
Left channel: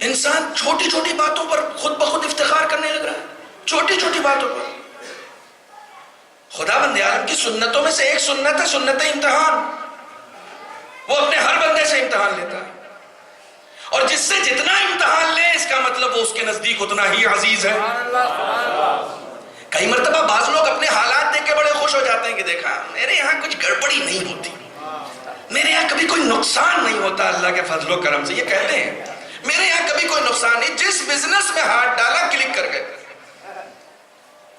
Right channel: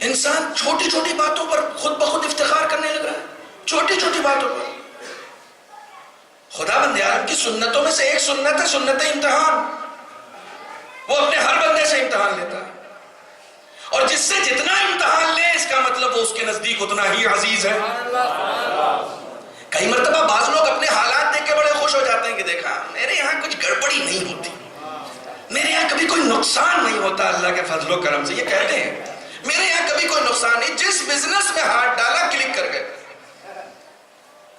انسان چھوٹی چھوٹی باتوں پر خود بخود افتخار کرنے لگ رہا ہے، چھوٹی چھوٹی باتوں پر. خدا بند عالم کی سنتوں میں سے ایک سنت ہے سنت امتحان. وہ اپنے ہر بندے سے امتحان لیتا ہے، اور جس سے جتنا امتحان لے اس کا مطلب وہ اس کے نزدیک اتنا ہی عزیز ہے. کئی مرتبہ بعض لوگ اپنے حالات دیکھ کے بڑے خوش ہو جاتے ہیں کہ دیکھا میرے یہاں کچھ گڑبڑی نہیں ہوتی، میرے یہاں کبھی کوئی نقصان نہیں ہوتا اللہ کے فضل و کرم سے. یہ کہتے ہیں میرے یہاں کبھی کوئی نقصان نہیں، جس بزنس میں ہاتھ ڈالا کلک کر گئے،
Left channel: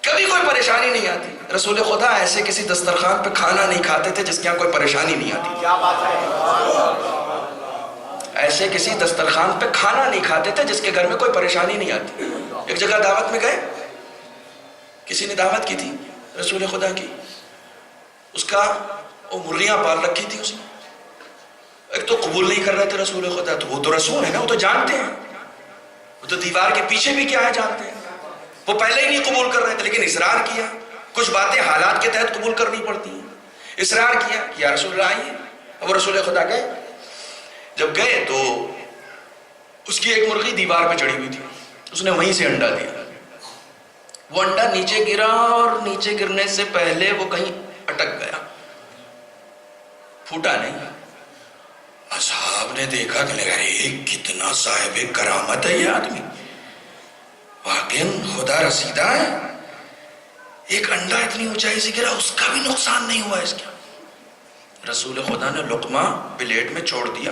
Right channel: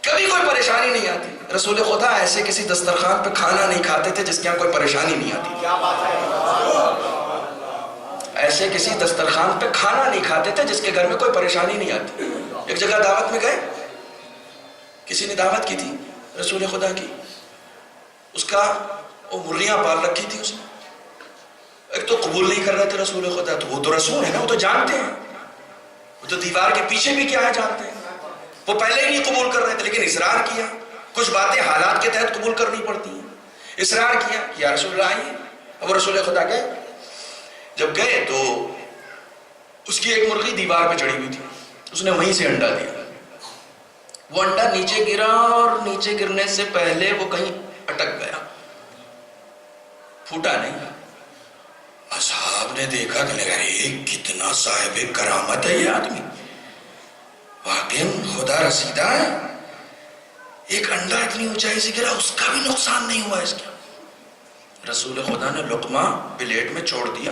کبھی کوئی پریشانی نہیں آتی. رسول خدا ایسے کسی دسترخوان پہ کھانا نہیں کھاتے تھے جس کے یہاں کوئی پریشانی نہیں آتی. کیا بات ہے. ایسے کسی دسترخوان پہ کھانا نہیں کھاتے تھے جس کے گھر میں کوئی پریشانی نہیں آتی. ایک جگہ دعوت میں گئے، کسی نے دعوت کی تھی رسول خدا کی، اس کا وہ مرغیاں پال رکھی تھی اس نے. ایک تو قبول نہیں کر رہے تھے رسول خدا، تو وہ تو رسول ہے نا، وہ تو جانتے ہیں، وہ تو دیوار کے پیچھے بھی کیا ہے جانتے ہیں. وہ پہلے ہی نہیں قبول کر رہے تھے لیکن اصرار کیا. کچھ باتیں حالات کے تحت قبول کرنی پڑتی ہیں. اصرار کیا کہ یا رسول اللہ آئیے. اب رسول خدا گئے. جب گئے تو اس کی ایک مرغی دیوار پہ چڑھی ہوئی تھی، اس نے وہیں سے انڈا دیا. وہ انڈا نیچے گرا اور نیچے گرنے سے پہلے وہ کہیں اٹک گیا، پھوٹا نہیں. اصحاب نے دیکھا کہ ارے کتنا صاحب کرامت ہے یہ آدمی، واقعی خدا رسیدہ ہے. ایک انڈا اتنی اونچائی سے گرا، اس کا بھی نقصان نہیں ہوا اس کا. رسول خدا نے لقمہ پلیٹ میں چھوڑ دیا.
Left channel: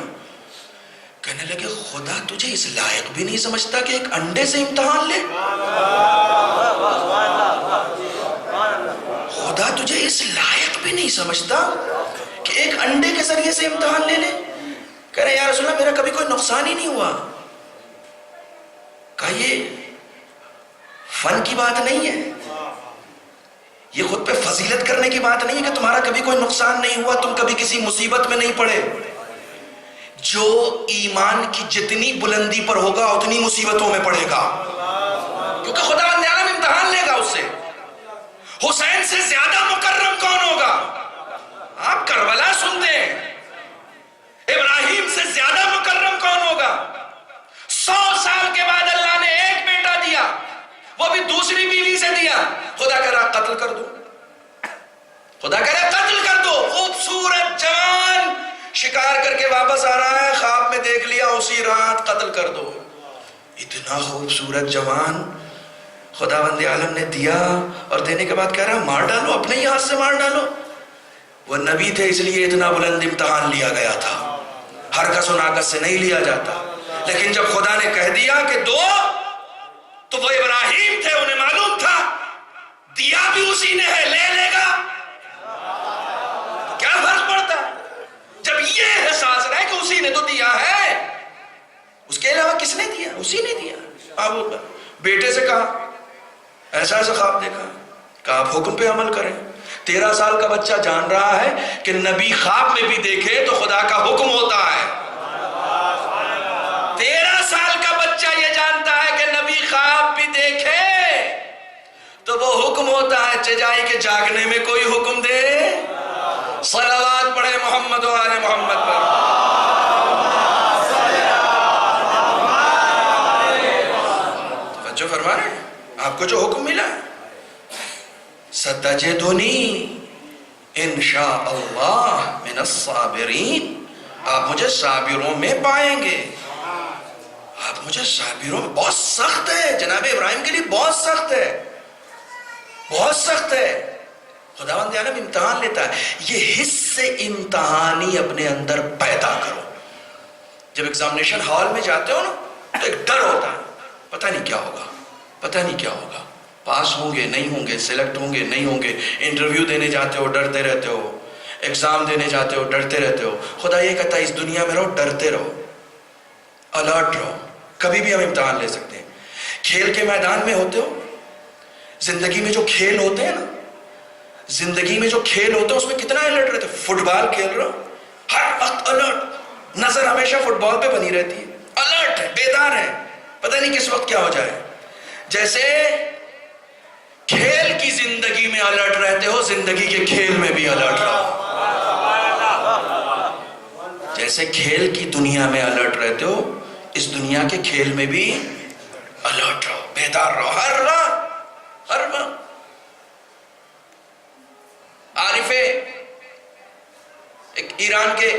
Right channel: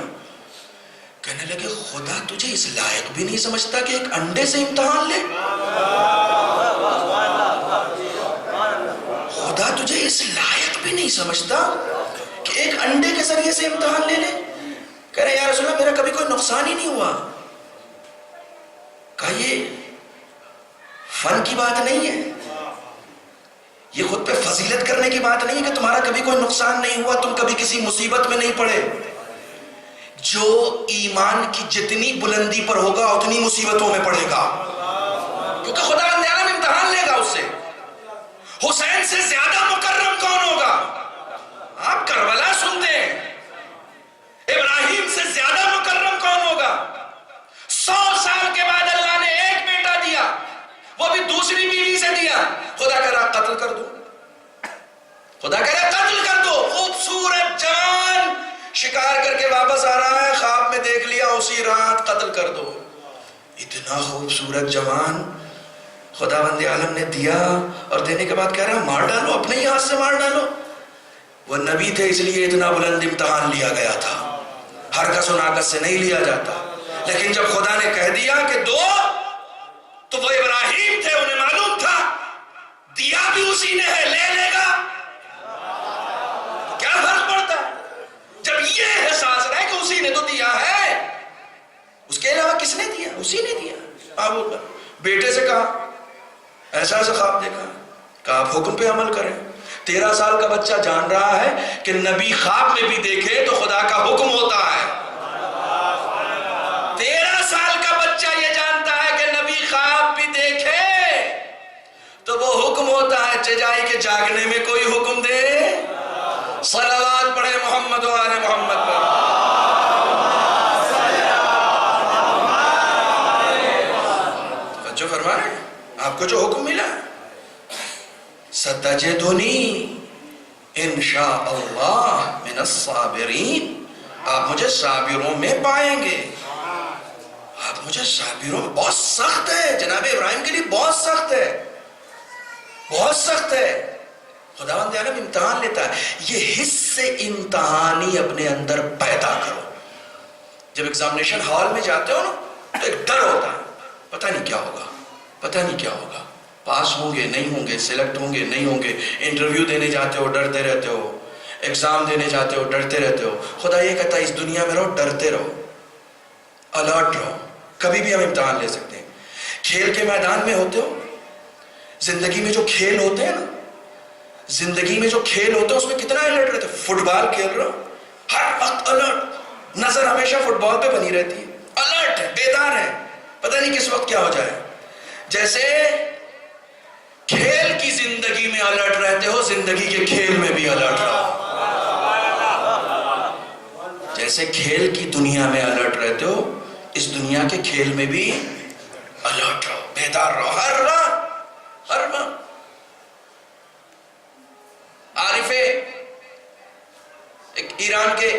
کہنے لگے خدا تجھے اس لائق بھی نہیں سمجھتا کہ ایک انڈے سے امتحان لے. خدا تجھے اس لائق بھی نہیں سمجھتا کہ ایک انڈے کے ذریعے سے امتحان لے لے. کہہ رہے یا رسول اللہ میرا کبھی کوئی نقصان ہی نہیں ہوا. کہا یہ فن کی بات نہیں ہے، یہ خود پہ فضیلت کرنے کی بات نہیں ہے کہ تمہارا کبھی کوئی نقصان نہیں ہوا، تم کبھی کسی مصیبت میں نہیں پڑے. جو ایمان کی جتنی بلندی پر ہوگا اتنی مصیبتوں میں پڑے گا، کیونکہ خدا بند عالم امتحان لے گا اس سے. حسین سے زیادہ مکرم کون ہوگا؟ آپ کربلا سنتے ہیں. ابراہیم سے زیادہ مکرم کون ہوگا؟ 100 سال کے بعد اللہ نے ایک بیٹا دیا، وہ بھی دوسری بیوی سے دیا. خدا کہہ رہا قتل کر دو، خدا کہہ رہا قتل کر دو. خوبصورت جوان شکار کر کے واپس آ رہا ہے، خواب میں دیکھ لیا اسی رات قتل کر دو. اتنا خوبصورت جوان خدا بند عالم نے دیا، اور دینے کے بعد کہہ رہا مار ڈالو، اپنے ہی ہاتھ سے مار ڈالو. وہ نبی تھے اس لیے اتنا بلند امتحان لیا گیا تھا، حرکت و ناقص سے نہیں لیا جاتا. لیکن جب خدا نے کہہ دیا کہ دو، تو وہ ابراہیم تھے، انہیں معلوم تھا دیا بھی اسی نے ہے، لے لے گا. کیا فرق پڑتا ہے جب یہ احساس رہے کہ اسی نے تو دیا ہے، اس کے علاوہ کس نے دیا؟ اسی نے دیا. بیٹے سے کہا ایسا ایسا خواب دیکھا، کہا آپ حکم پہ عمل کریں. 13 سال کا بچہ جان رہا ہے کہ نبی خواب میں بھی دیکھے تو خدا کا حکم ہوتا ہے. 13 سال کا بچہ یہ جانتا ہے کہ نبی خواب بھی دیکھے تو وہ حکم ہوتا ہے. چجائی کے جاگنے میں کوئی حکم دے، صلوات پڑھے محمد و آل محمد پر. جو فرما رہے ہیں آپ کو جو حکم ملا ہے، ستجدنی انشاء اللہ من الصابرین، آپ مجھے صابروں میں پائیں گے. آپ مجھے صابروں میں، بہت سخت ہے جناب ابراہیم کے لیے، بہت سخت ہے، بہت سخت ہے. خداوند عالم امتحان لیتا ہے. یہ حص امتحانی اپنے اندر پیدا کرو. جب ایگزامینیشن ہال میں جاتے ہو نا تو ایک ڈر ہوتا ہے، پتہ نہیں کیا ہوگا، پتہ نہیں کیا ہوگا، پاس ہوں گے نہیں ہوں گے، سلیکٹ ہوں گے نہیں ہوں گے. انٹرویو دینے جاتے ہو ڈرتے رہتے ہو، ایگزام دینے جاتے ہو ڈرتے رہتے ہو. خدا یہ کہتا ہے اس دنیا میں رہو، ڈرتے رہو، الرٹ رہو. کبھی بھی ہم امتحان لے سکتے ہیں. کھیل کے میدان میں ہوتے ہو، زندگی میں جو کھیل ہوتے ہیں نا، زندگی میں جو کھیل ہوتے ہیں اس میں کتنا الرٹ رہتے. فٹ بال کھیل رہے ہو، ہر وقت الرٹ، نظر ہمیشہ فٹ بال پہ بنی رہتی ہے، الرٹ ہے، بیدار ہے، پتہ نہیں کس وقت کیا ہو جائے. جیسے کھیل کی زندگی میں الرٹ رہتے ہو، زندگی کے کھیل میں بھی الرٹ رہو. جیسے کھیل کی دنیا میں الرٹ رہتے ہو، اس دنیا کے کھیل میں بھی الرٹ رہو، بیدار رہو، ہر وقت. عارف، ایک ایران کے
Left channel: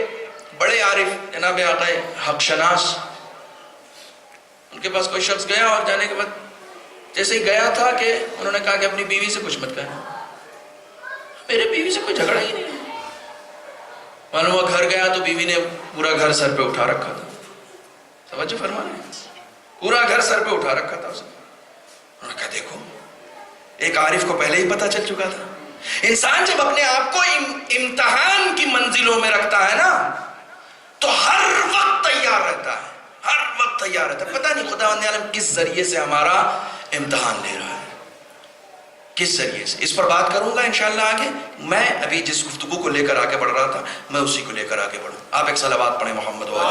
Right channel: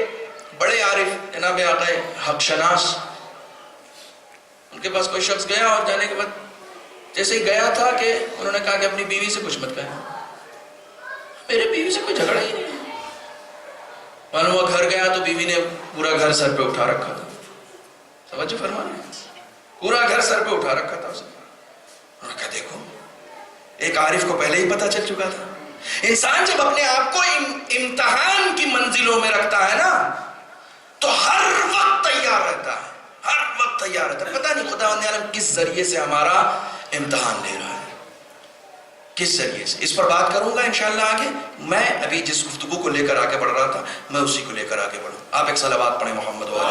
بڑے عارف جناب آقا حق شناس، ان کے پاس کوئی شخص گیا اور جانے کے بعد جیسے ہی گیا تھا کہ انہوں نے کہا کہ اپنی بیوی سے کچھ مت کہنا. میرے بیوی سے کوئی جھگڑا ہی نہیں. معلوم ہوا گھر گیا تو بیوی نے پورا گھر سر پہ اٹھا رکھا تھا. توجہ فرمانا، پورا گھر سر پہ اٹھا رکھا تھا اسے. انہوں نے کہا دیکھو، ایک عارف کو پہلے ہی پتا چل چکا تھا. انسان جب اپنے آپ کو امتحان کی منزلوں میں رکھتا ہے نا تو ہر وقت تیار رہتا ہے، ہر وقت تیار رہتا ہے. پتہ نہیں خداوند عالم کس ذریعے سے ہمارا امتحان لے رہا ہے، کس ذریعے سے. اس پر بات کروں گا انشاءاللہ آگے. میں ابھی جس گفتگو کو لے کر آگے بڑھ رہا تھا میں اسی کو لے کر آگے بڑھوں. آپ ایک صلوات پڑھیں محمد والے.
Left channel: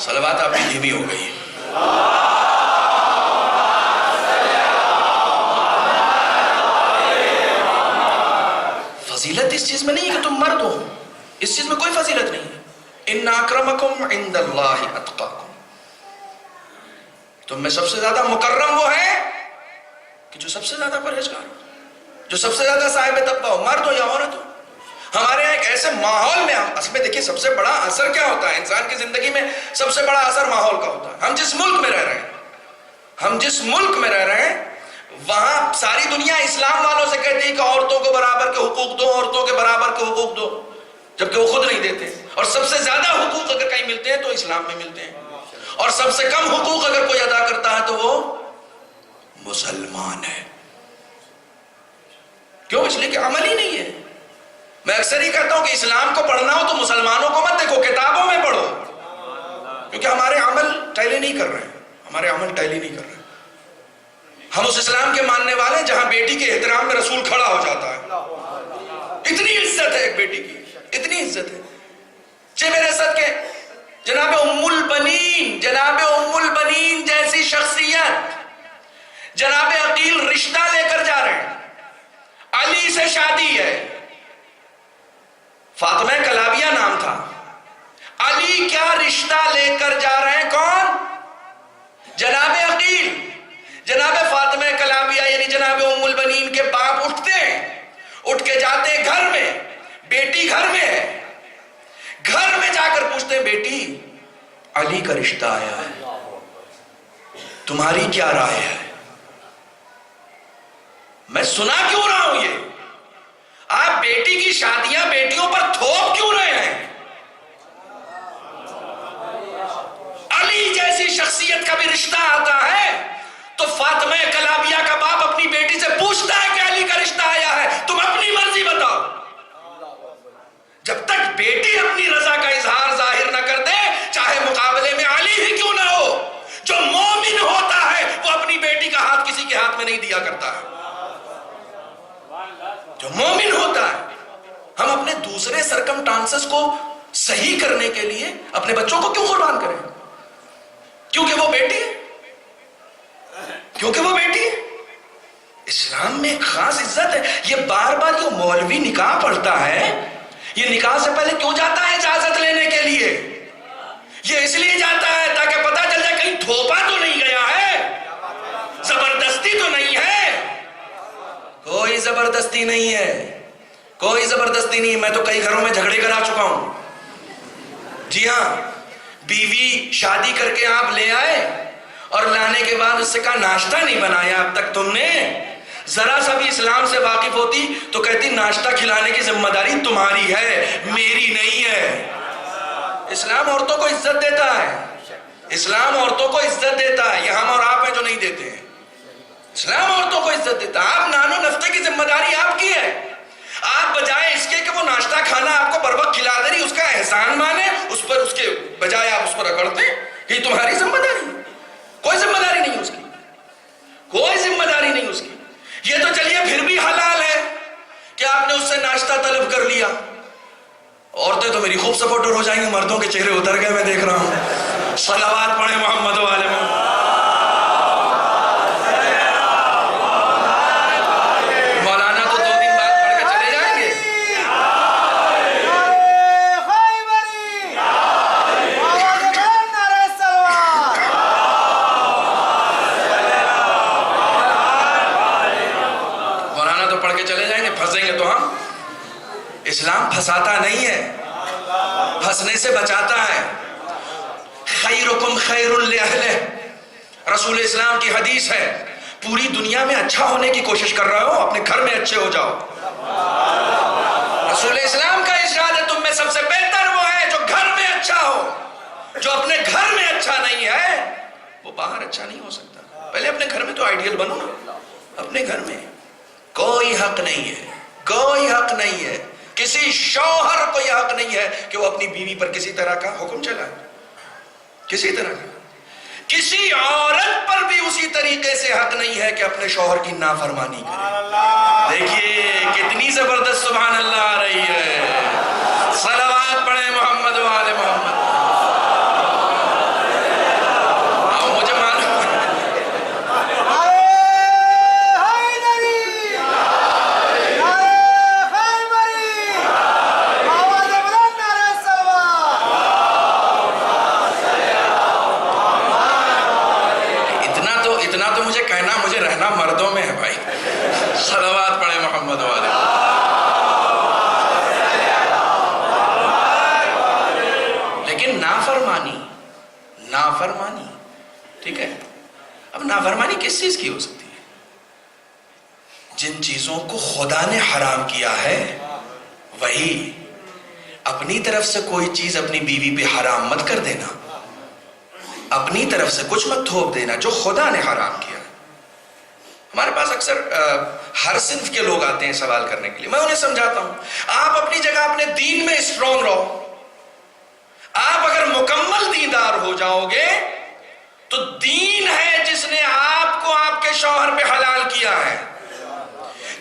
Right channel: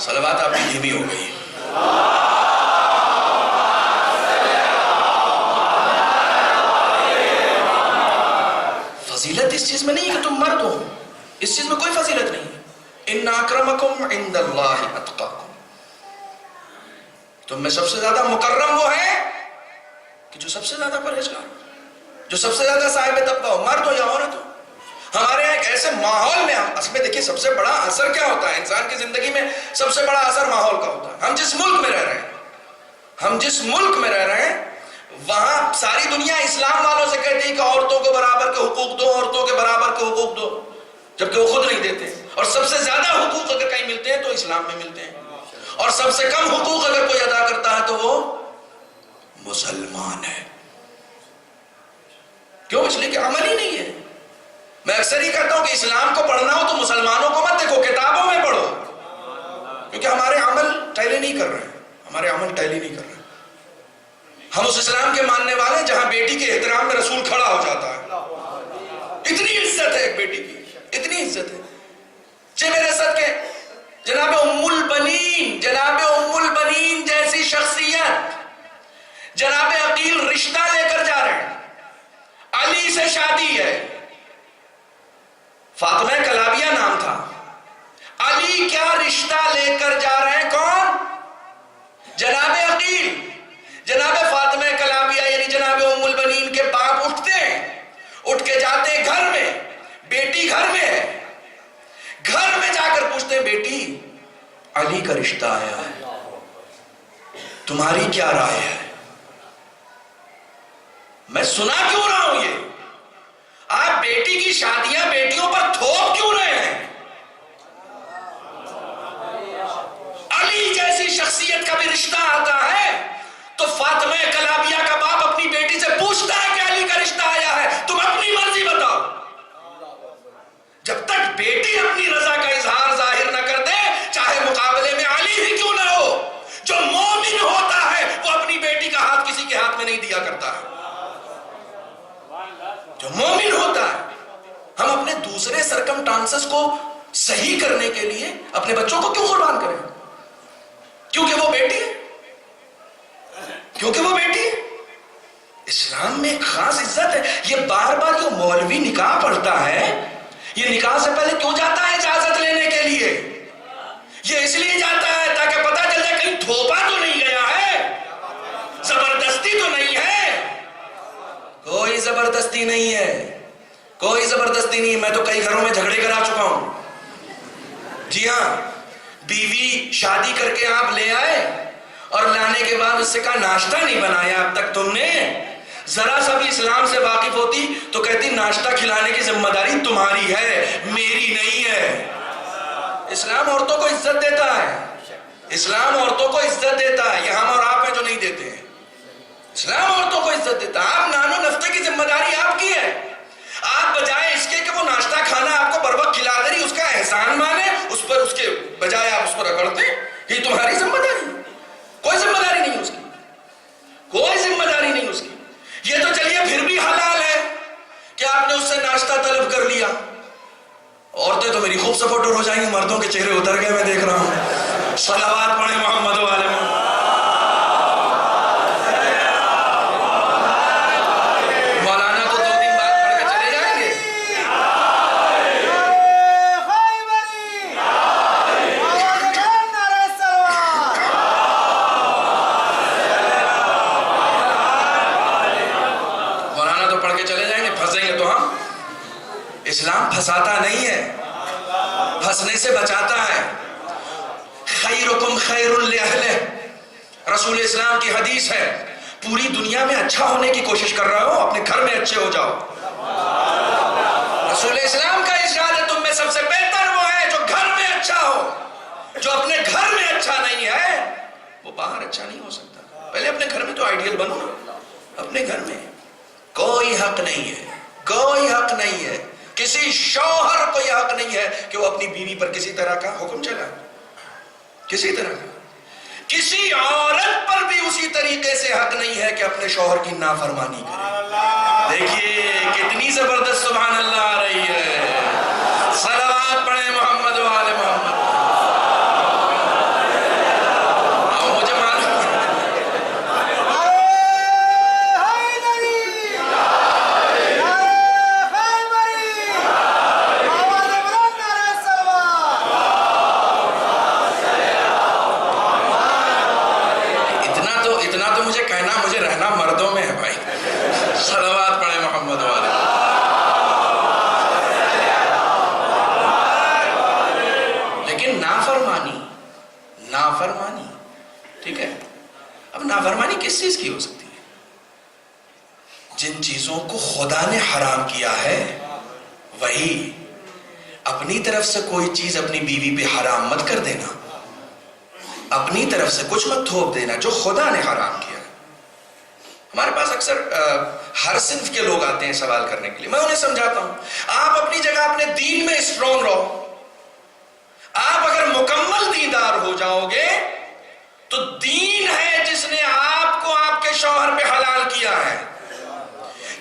صلوات آپ کی دھیمی ہو گئی. فضیلت اس چیز میں نہیں ہے کہ تم مرد ہو، اس چیز میں کوئی فضیلت نہیں ہے. ان اکرمکم عند اللہ اتقاکم. تم میں سب سے زیادہ مکرم وہ ہے کہ جو سب سے زیادہ پرہیزگار ہو، جو سب سے زیادہ صاحب تقویٰ ہو، مرد ہو یا عورت ہو. ہمارے یہاں ایک ایسے ماحول میں اصل میں دیکھیے سب سے بڑا اثر کیا ہوتا ہے انسان کی زندگی میں؟ سب سے بڑا اثر ماحول کا ہوتا ہے. ہم جس ملک میں رہ رہے ہیں وہاں ساری دنیا اسلام والوں سے کہتی ہے کہ عورتوں کو برابر کے حقوق دو، عورتوں کے برابر کے حقوق دو، جبکہ وہ خود نہیں دیتے. اور سب سے زیادہ حقوق اگر کہیں ملتے ہیں تو اسلام میں ملتے ہیں، اور سب سے کم حقوق اگر کوئی ادا کرتا ہے تو وہ مسلمان ہے. کیوں؟ اس لیے کہ عمل ہی نہیں ہے. میں اکثر ہی کہتا ہوں کہ اسلام کو پڑھنا ہو تو مسلمانوں کو مت دیکھو، کتابوں میں پڑھو، کیونکہ ہمارے عمل ٹیلی نہیں کر رہے ہیں. ہم اس اسلام کے ماننے والے ہیں جہاں بیٹی کے احترام میں رسول کھڑا ہو جاتا ہے. اتنی عزت ہے ایک بیٹی کی، اتنی عزت ہے. میرے صدقے جناب ام البنین جیسی شخصیت، جناب عقیل رشتہ لے کر جا رہے ہیں، علی سے شادی ہے. فاطمہ کلابیہ نام تھا. علی کیا رشتہ لے کر جا رہے ہیں؟ کون؟ جناب عقیل. جناب فاطمہ کلابیہ یعنی جناب ام البنین کے باپ اٹھتے ہیں، اٹھ کے جاتے ہیں گھر میں، بیٹی گھر میں ہے، گھر میں جا کر پوچھتے ہیں بیٹی علی کا رشتہ آیا ہے، تمہاری کیا رائے ہے؟ میں سنا کیوں رہا ہوں یہ؟ آپ بیٹی کی شادیاں بیٹیوں پر تھوپ کیوں رہے ہیں؟ علی جیسی شخصیت کا بھی رشتہ آتا ہے تو فاطمہ کلابیہ کا باپ اپنی بیٹی سے پوچھتا ہے کہ علی کا رشتہ آیا ہے، تم اپنی مرضی بتاؤ. جب تک بیٹی اپنی رضا کا اظہار ظاہر نہ کر دے، چاہے مقابلے میں علی ہی کیوں نہ ہو، جو مومن ہوتا ہے وہ اپنی بیٹی کا ہاتھ کسی کے ہاتھ میں نہیں دیا کرتا ہے. جو مومن ہوتا ہے. ہم اپنے دوسرے سرکمٹانسز کو صحیح کرنے کے لیے اپنے بچوں کو کیوں قربان کریں؟ کیونکہ وہ بیٹی ہے، کیونکہ وہ بیٹی ہے. اسلام میں ایک خاص عزت ہے. یہ بار بار جو مولوی نکاح پڑھتا ہے یہ نکاح سے پہلے کیوں جاتا ہے؟ اجازت لینے کے لیے. یہ اس لیے جاتا ہے تاکہ پتہ چل جائے کہیں تھوپا تو نہیں گیا ہے، زبردستی تو نہیں ہے. کوئی زبردستی نہیں ہے، کوئی زبردستی نہیں ہے. میں تو کئی گھروں میں جھگڑے کرا چکا ہوں. جی ہاں، بیوی شادی کر کے آپ لے آئے اور لانے کے بعد اس سے کہا ناشتہ نہیں بنایا اب تک تم نے. ذرا سا بھی اسلام سے واقف ہوتی تو کہتی ناشتہ کھلانے کی ذمہ داری تمہاری ہے، میری نہیں ہے. اسلام عورتوں کو عزت دیتا ہے، اسلام عورتوں کو عزت دیتا ہے. یہ ہم اور آپ ہیں جو نہیں دیتے ہیں. اسلام عورتوں کو عزت دیتا ہے. آپ نانو نفتے کی ذمہ داری آپ کی ہے. آپ بجائے اس کے کہ وہ ناشتہ کھانا آپ کو بر وقت کھلا دے رہی اس کا احسان مانے، اس پر اس کے بجائے آپ اس پر رگڑتے ہیں. یہ تمہاری ذمہ داری ہے. کوئی ذمہ داری نہیں اس کی، کوئی ذمہ داری نہیں اس کی. یہ تو چلیے پھر بھی حلال ہے کہ آپ نے اس سے ناشتہ طلب کر لیا. عورتیں تو میری خوب سپورٹر ہو جائیں گی، مردوں کے چہرے اتر گئے میں دیکھ رہا ہوں. صلوات پڑھیں محمد والے میں. مولانا تو 2 دن بعد پڑھ کے چلے جائیں گے. پھنسنے سے بچاتا ہے. خیرکم خیر لأہلہ، رسول اسلام کی حدیث ہے. پوری دنیا میں اچھا ہونے کی کوشش کر رہے ہو، اپنے گھر میں اچھے ہو جاؤ. رسول اسلام کا ارشاد ہے تم میں سب سے بہتر وہ ہے جو گھر میں اچھا ہو. جو اپنے گھر میں اچھا نہیں ہے وہ باہر اچھا نہیں ہو سکتا. پہلے اپنے گھر میں تو آئیڈیل بنو نا. اپنے گھر میں کوئی حق نہیں ہے، کوئی حق نہیں ہے، کسی شوہر کو یہ حق نہیں ہے کہ وہ اپنی بیوی پر کسی طرح کا حکم چلائے. کسی طرح کا. کسی عورت پر بھی اسی طریقے سے حق نہیں ہے کہ اپنے شوہر کی نافرمانی کرے. دیکھیے کتنی زبردست سبحان اللہ آ رہی ہے. صلوات پڑھیں محمد و آل محمد. مجھے معلوم اتنا تو مجھے کہنا، مجھے رہنا مردوں میں ہے بھائی. صلوات پڑھیں محمد والے. لیکن نافرمانی ٹھیک ہے. اب نافرمانی کس چیز کی ہو سکتی ہے؟ جن چیزوں کو خدا نے حرام کیا ہے وہی. اپنی طرف سے کوئی چیز اپنی بیوی پہ حرام مت کر دینا، اپنی طرف سے کچھ مت تھوپ دینا جو خدا نے حرام کیا. ہمارے پاس اکثر ہر صنف کے لوگ آتے ہیں سوال کرنے کے لیے. میں انہیں سمجھاتا ہوں آپ اپنی جگہ اپنے دین میں اسٹرانگ رہو. آپ اگر مکمل دیندار ہو جاؤ گے تو دین ہے جس نے آپ کو آپ کے شوہر پہ حلال کیا ہے.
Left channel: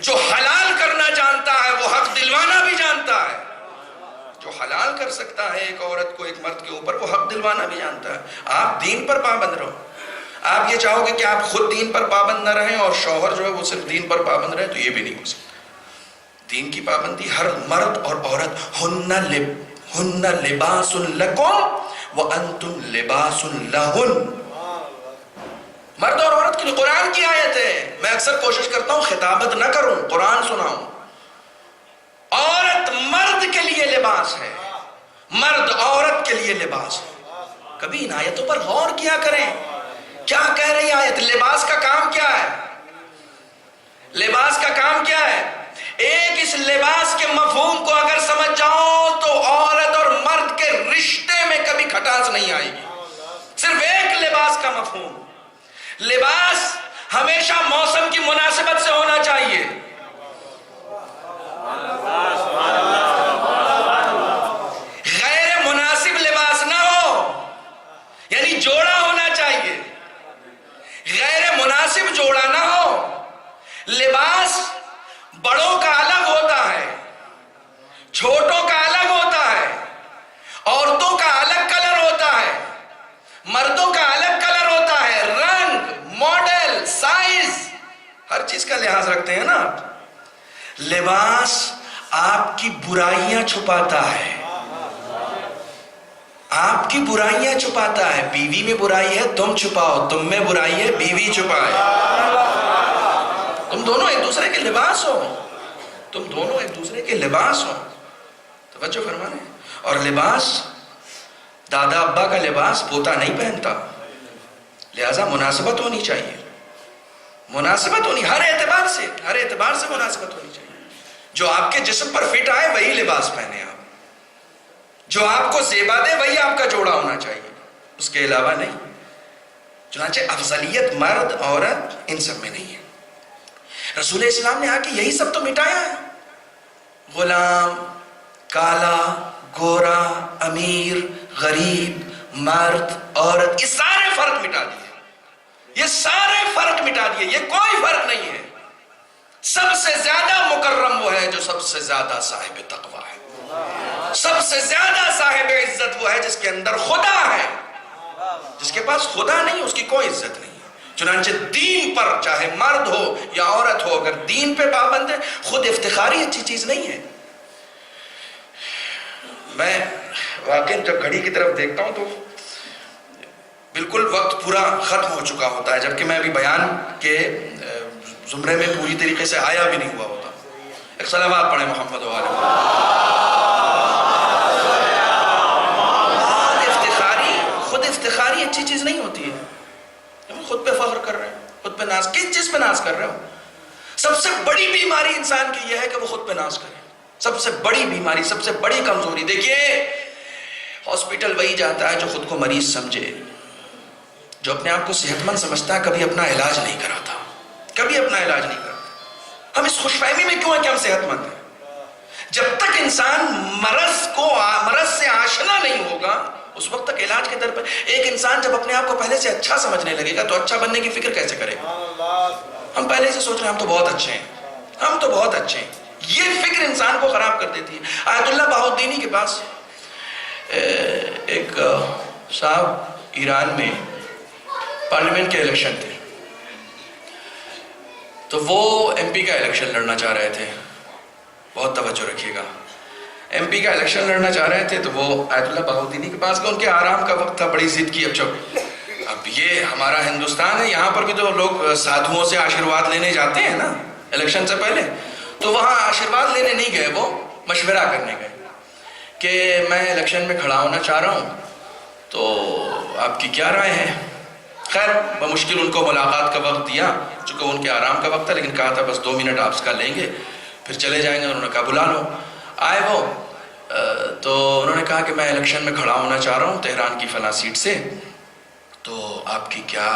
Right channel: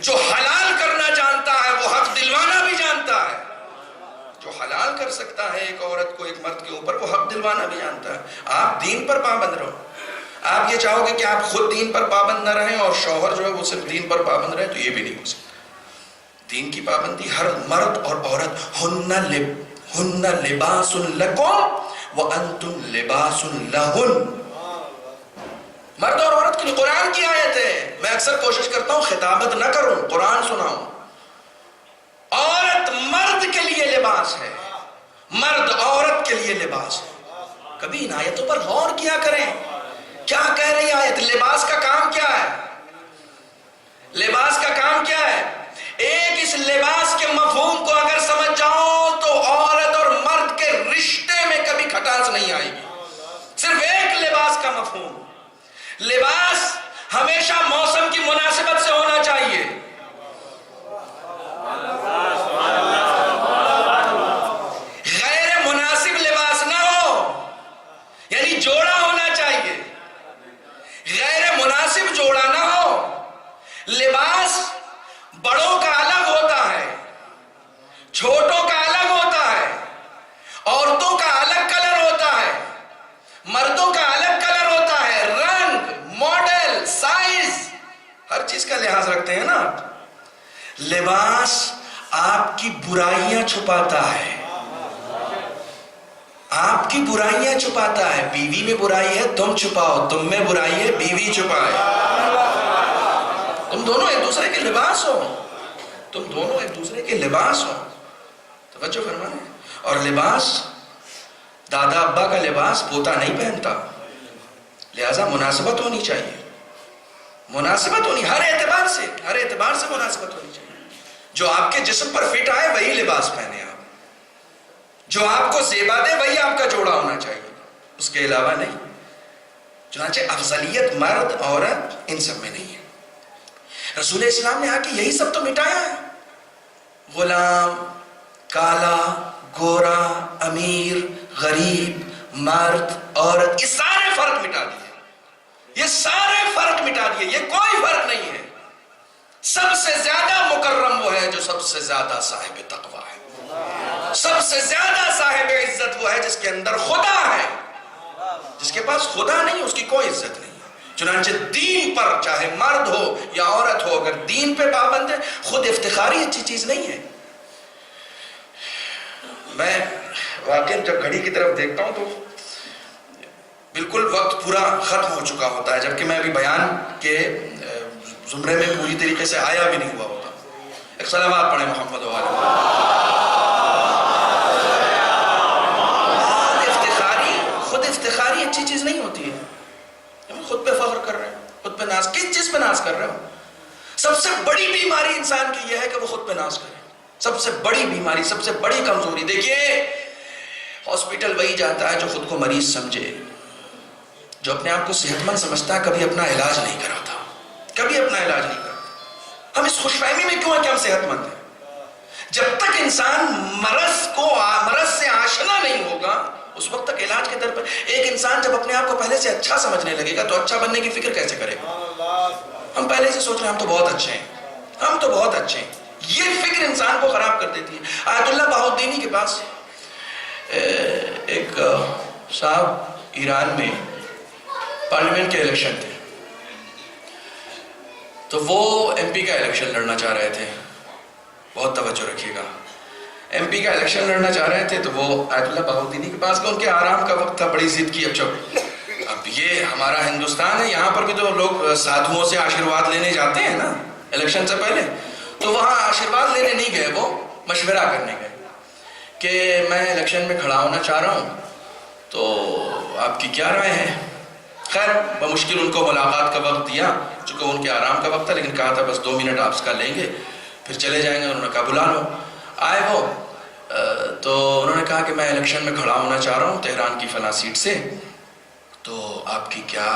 جو حلال کرنا جانتا ہے وہ حق دلوانا بھی جانتا ہے. جو حلال کر سکتا ہے ایک عورت کو ایک مرد کے اوپر وہ حق دلوانا بھی جانتا ہے. آپ دین پر پابند رہو. آپ یہ چاہو گے کہ آپ خود دین پر پابند نہ رہیں اور شوہر جو ہے وہ صرف دین پر پابند رہے تو یہ بھی نہیں ہو سکتا. دین کی پابندی ہر مرد اور عورت. ہن لباس لکم وانتم لباس لہن. مرد اور عورت کے لیے قرآن کی آیت ہے. میں اکثر کوشش کرتا ہوں خطابت نہ کروں، قرآن سناؤں. عورت مرد کے لیے لباس ہے، مرد عورت کے لیے لباس ہے. کبھی ان آیتوں پر غور کیا کریں. کیا کہہ رہی آیت؟ لباس کا کام کیا ہے؟ لباس کا کام کیا ہے؟ ایک اس لباس کے مفہوم کو اگر سمجھ جاؤ تو عورت اور مرد کے رشتے میں کبھی کھٹاس نہیں آئے گی. صرف ایک لباس کا مفہوم. لباس ہمیشہ موسم کی مناسبت سے ہونا چاہیے. غیر مناسب لباس نہ ہو، یعنی جوڑا ہونا چاہیے. غیر مناسب جوڑا نہ ہو. لباس بڑوں کا الگ ہوتا ہے، چھوٹوں کا الگ ہوتا ہے، عورتوں کا الگ کلر ہوتا ہے، مردوں کا الگ کلر ہوتا ہے. رنگ، ماڈل، سائز، ہر چیز کا لحاظ رکھتے ہیں نا. لباس آپ کی برائیاں چھپاتا ہے. آپ کی برائیاں چھپاتا ہے. بیوی میں برائی ہے تم چھپاؤ، تم میں برائی ہے بیوی چھپائے. تم دونوں ایک دوسرے کے لباس ہو. تم دونوں ایک دوسرے کے لباس ہو. توجہ فرمائیں. اور لباس، دادا ابا کا لباس پوتا نہیں پہنتا، لہذا مناسبت ہونی چاہیے. مناسبت ہونی ہر اعتبار سے مناسبت ہونی چاہیے. جو آپ کے جسم پر فٹ آئے وہی لباس پہنے آپ. جو آپ کو زیبا دے وہی آپ کا جوڑا ہونا چاہیے، اس کے علاوہ نہیں. چنانچہ افضلیت مرد عورت ان سب میں نہیں ہے. رسول اسلام نے آ کے یہی سب تو مٹایا ہے. غلام، کالا، گورا، امیر، غریب، مرد، عورت، یہ سارے فرق مٹا دیے. یہ سارے فرق مٹا دیے. یہ کوئی فرق نہیں ہے. سب سے زیادہ مکرم وہ ہے جو سب سے زیادہ صاحب تقویٰ ہے. سب سے زیادہ صاحب عزت وہ ہے جس کے اندر خدا ہے. جس کے پاس خدا نہیں اس کی کوئی عزت نہیں. چنانچہ دین پر چاہے مرد ہو یا عورت ہو اگر دین پہ پابند ہے، خود افتخاری اچھی چیز نہیں ہے. میں واقعی جب گھڑی کی طرف دیکھتا ہوں تو بالکل وقت پورا ختم ہو چکا ہوتا ہے، جبکہ میں ابھی بیان کے زمرے میں پوری طریقے سے آیا بھی نہیں ہوا ہوتا. ایک صلوات پڑھیں محمد و آل محمد. اچھی چیز نہیں ہوتی ہے. خود پہ فخر کر رہے ہیں, خود پہ ناز. کس چیز پہ ناز کر رہے ہو؟ سب سے بڑی بیماری انسان کی یہ ہے کہ وہ خود پہ ناز کرے. سب سے بڑی بیماری, سب سے بڑی کمزوری. دیکھیے, ہاسپٹل وہی جاتا ہے جو خود کو مریض سمجھے, جو اپنے آپ کو صحت مند سمجھتا ہے. کبھی اپنا علاج نہیں کراتا, کبھی اپنا علاج نہیں کرتا. ہم اس خوش فہمی میں کیوں ہیں کہ ہم صحت مند ہیں؟ جب تک انسان مرض سے آشنا نہیں ہوگا, اس وقت تک علاج کے در پر. ایک انسان جب اپنے آپ کو پہلے سے اچھا سمجھنے لگے گا تو اچھا بننے کی فکر کیسے کرے گا؟ ہم پہلے سے سوچ رہے ہیں ہم تو بہت اچھے ہیں, ہم تو بہت اچھے ہیں. یہ فکر انسان کو خراب کر دیتی ہے. آیت اللہ بہاؤالدینی کے پاس ایک صاحب ایران میں پارلیمنٹ کے الیکشن تھے, تو وہ ایم پی کا الیکشن لڑنا چاہ رہے تھے. بہت توجہ رکھیے گا, ایم پی کا الیکشن لڑنا چاہ رہے تھے. تو وہ آیت اللہ بہاؤالدینی کے پاس گئے, ان کے آرام کا وقت تھا, بڑی ضد کی. اب یہ ہمارا ہندوستان ہے, یہاں پر بھی تو لوگ سادھوؤں سے آشیرواد لینے جاتے ہیں نا الیکشن سے پہلے. تو وہاں آشیرواد لینے نہیں گئے, وہ مشورہ کرنے گئے کہ میں الیکشن میں کھڑا ہونا چاہ رہا ہوں, تو آپ کی کیا رائے ہے؟ خیر بمشکل ان کو ملاقات کا وقت دیا, چونکہ ان کے آرام کا وقت تھا, لیکن کہا تھا بس 2 منٹ آپ کا لیں گے پھر چلے جائیں گے. انہوں نے کہا بلا لو. آئے وہ, تو انہوں نے کہا کہ میں الیکشن میں کھڑا ہونا چاہ رہا ہوں تہران کی فلاں سیٹ سے, تو آپ کی کیا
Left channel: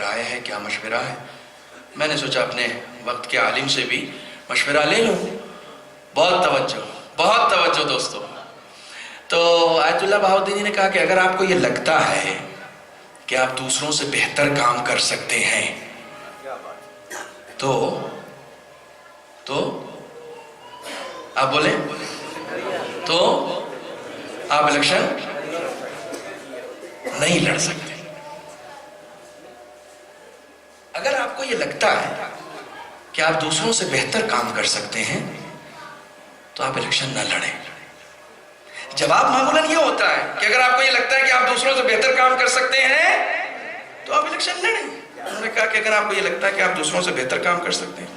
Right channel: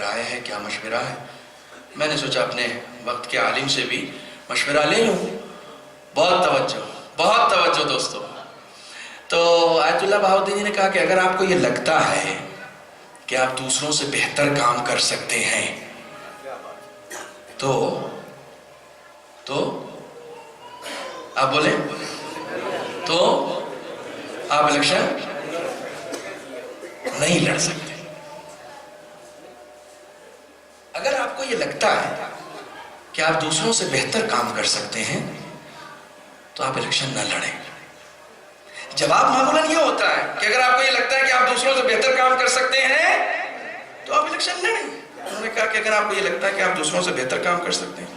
رائے ہے, کیا مشورہ ہے؟ میں نے سوچا اپنے وقت کے عالم سے بھی مشورہ لے لوں. بہت توجہ, بہت توجہ دوستو. تو آیت اللہ بہاؤالدینی نے کہا کہ اگر آپ کو یہ لگتا ہے کہ آپ دوسروں سے بہتر کام کر سکتے ہیں تو آپ بولیں, تو آپ الیکشن نہیں لڑ سکتے. اگر آپ کو یہ لگتا ہے کہ آپ دوسروں سے بہتر کام کر سکتے ہیں تو آپ الیکشن نہ لڑیں. جواب معمولاً یہ ہوتا ہے کہ اگر آپ کو یہ لگتا ہے کہ آپ دوسروں سے بہتر کام کر سکتے ہیں تو آپ الیکشن لڑیں. انہوں نے کہا کہ اگر آپ کو یہ لگتا ہے کہ آپ دوسروں سے بہتر کام کر سکتے ہیں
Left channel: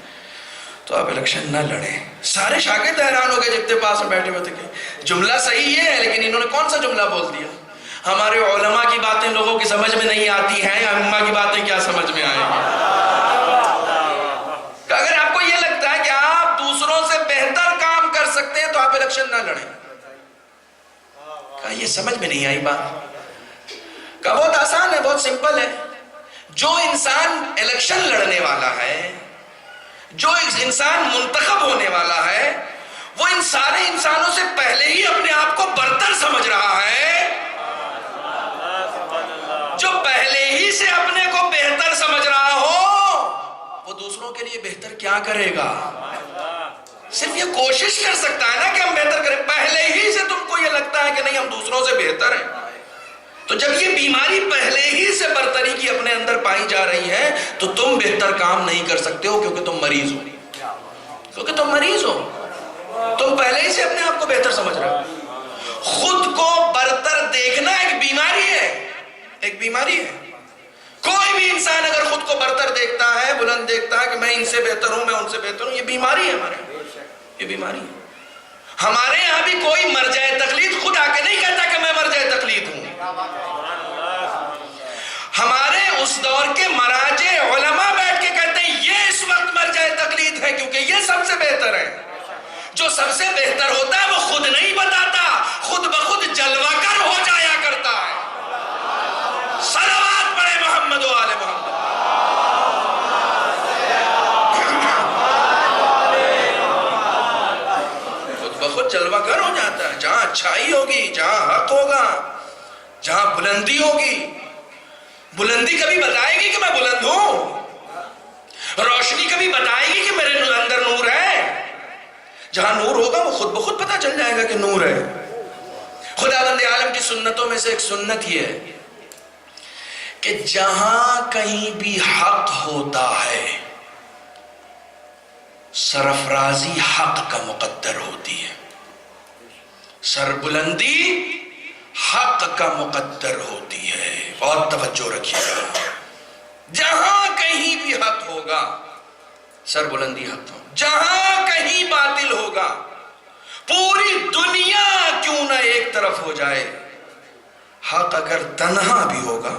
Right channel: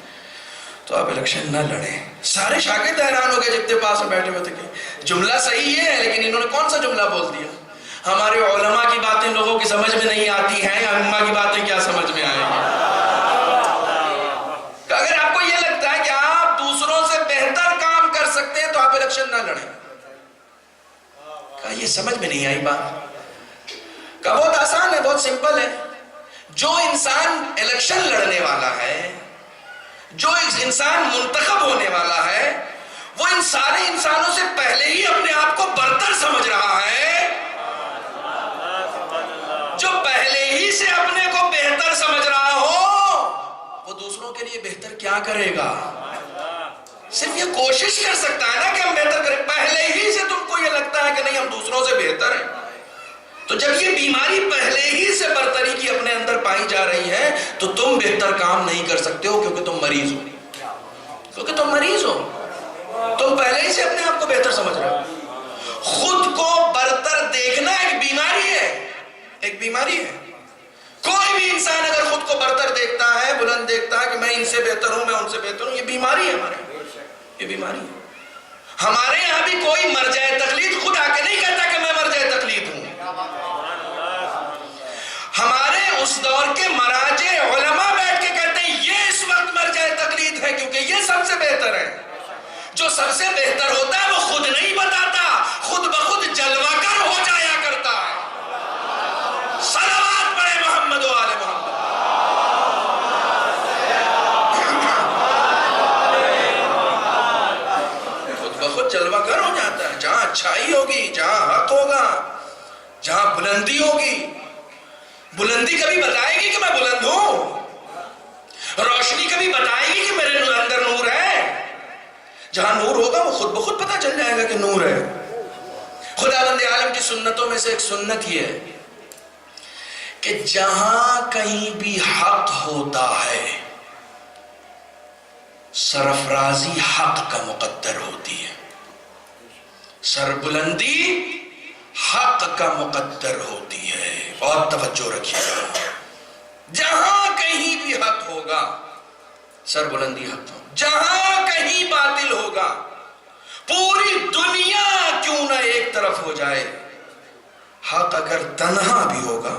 تو آپ الیکشن نہ لڑیں. سارے شاگرد حیران ہو گئے جتنے پاس میں بیٹھے ہوئے تھے کہ جملہ صحیح ہے, لیکن انہوں نے کون سا جملہ بول دیا؟ ہمارے علماء کی باتیں لوگوں کی سمجھ میں نہیں آتی ہیں, یا امہ کی باتیں کیا سمجھ میں آئیں گی؟ اگر آپ کو یہ لگتا ہے کہ آپ دوسروں سے بہتر کام کر سکتے ہیں تو آپ الیکشن نہ لڑیں. کہا یہ سمجھ میں نہیں آئی بات. کہا بہت آسان ہے, بہت سمپل ہے. جو انسان الیکشن لڑنے والا ہے, جو انسان منتخب ہونے والا ہے, وہ ان سارے انسانوں سے پہلے ہی اپنے آپ کو برتر سمجھ رہا ہے. جو پہلے ہی سے اپنے کو بہتر سمجھ رہا ہو وہ دوسروں کے لیے بہتر کیا کرے گا؟ صرف یہ کوشش کر سکتا ہے نا کہ ہم بہتر کریں. پہلے ہی سے تم کو یہ لگتا ہے کہ نہیں ہم دوسروں سے بہتر ہیں, تو جب یہ بیماری پہلے ہی سے برتری کی اپنے اندر پائی جا رہی ہے تو تم بہتر کام نہیں کر سکتے ہو, کیونکہ تم مریض ہو. کیونکہ تم مریض ہو, تم پہلے ہی سے اپنے آپ کو بہتر سمجھ رہے ہو. خود کو برتر دیکھنا ایک بیماری ہے, ایک بیماری ہے. کوئی بھی انسان اگر خود کو برتر دیکھتا ہے, بلند دیکھتا ہے کہ میں ان سے بہتر ہوں, میں ان سے بہتر ہوں, یہ بیماری ہے ہمارے, یہ بیماری ہے. ہمارے یہاں بھی کوئی مرجع تقلید خود آ کے نہیں کہتا کہ میں مرجع تقلید ہوں. ہمارے اس دور کے مراجع علماء بیٹھ کے کہتے ہیں یہ اس وقت مرجع تقلید ہے کیونکہ یہ سب سے بہتر ہے. جو سب سے بہتر ہوتا ہے وہ خود نہیں بتاتا, خود بخود جلوہ گر ہو جایا کرتا ہے. صلوات پڑھے محمد و آل محمد. خود بخود جلوہ گر ہو جاتا ہے. جہاں اچھائی ہوگی, جہاں حق ہوگا, جہاں بلندی ہوگی, بلندی کبھی بتائے گی کہ میں بلند ہوں, روشنی کبھی بتائے گی کہ میرے اندر نور ہے. جہاں نور ہوگا وہ خود بخود پتہ چل جائے گا کہ نور ہے. خداوند عالم کی سنتوں میں سے ایک سنت یہ ہے کہ جہاں کہیں بھی حق ہوتا ہے سرفرازی حق کا مقدر ہوتی ہے, سربلندی حق کا مقدر ہوتی ہے. بہت توجہ رکھیے گا. جہاں کہیں بھی حق ہوگا سربلندی حق ہوگا, جہاں کہیں باطل ہوگا, پوری دنیا کیوں نہ ایک طرف ہو جائے, حق اگر تنہا بھی ہوگا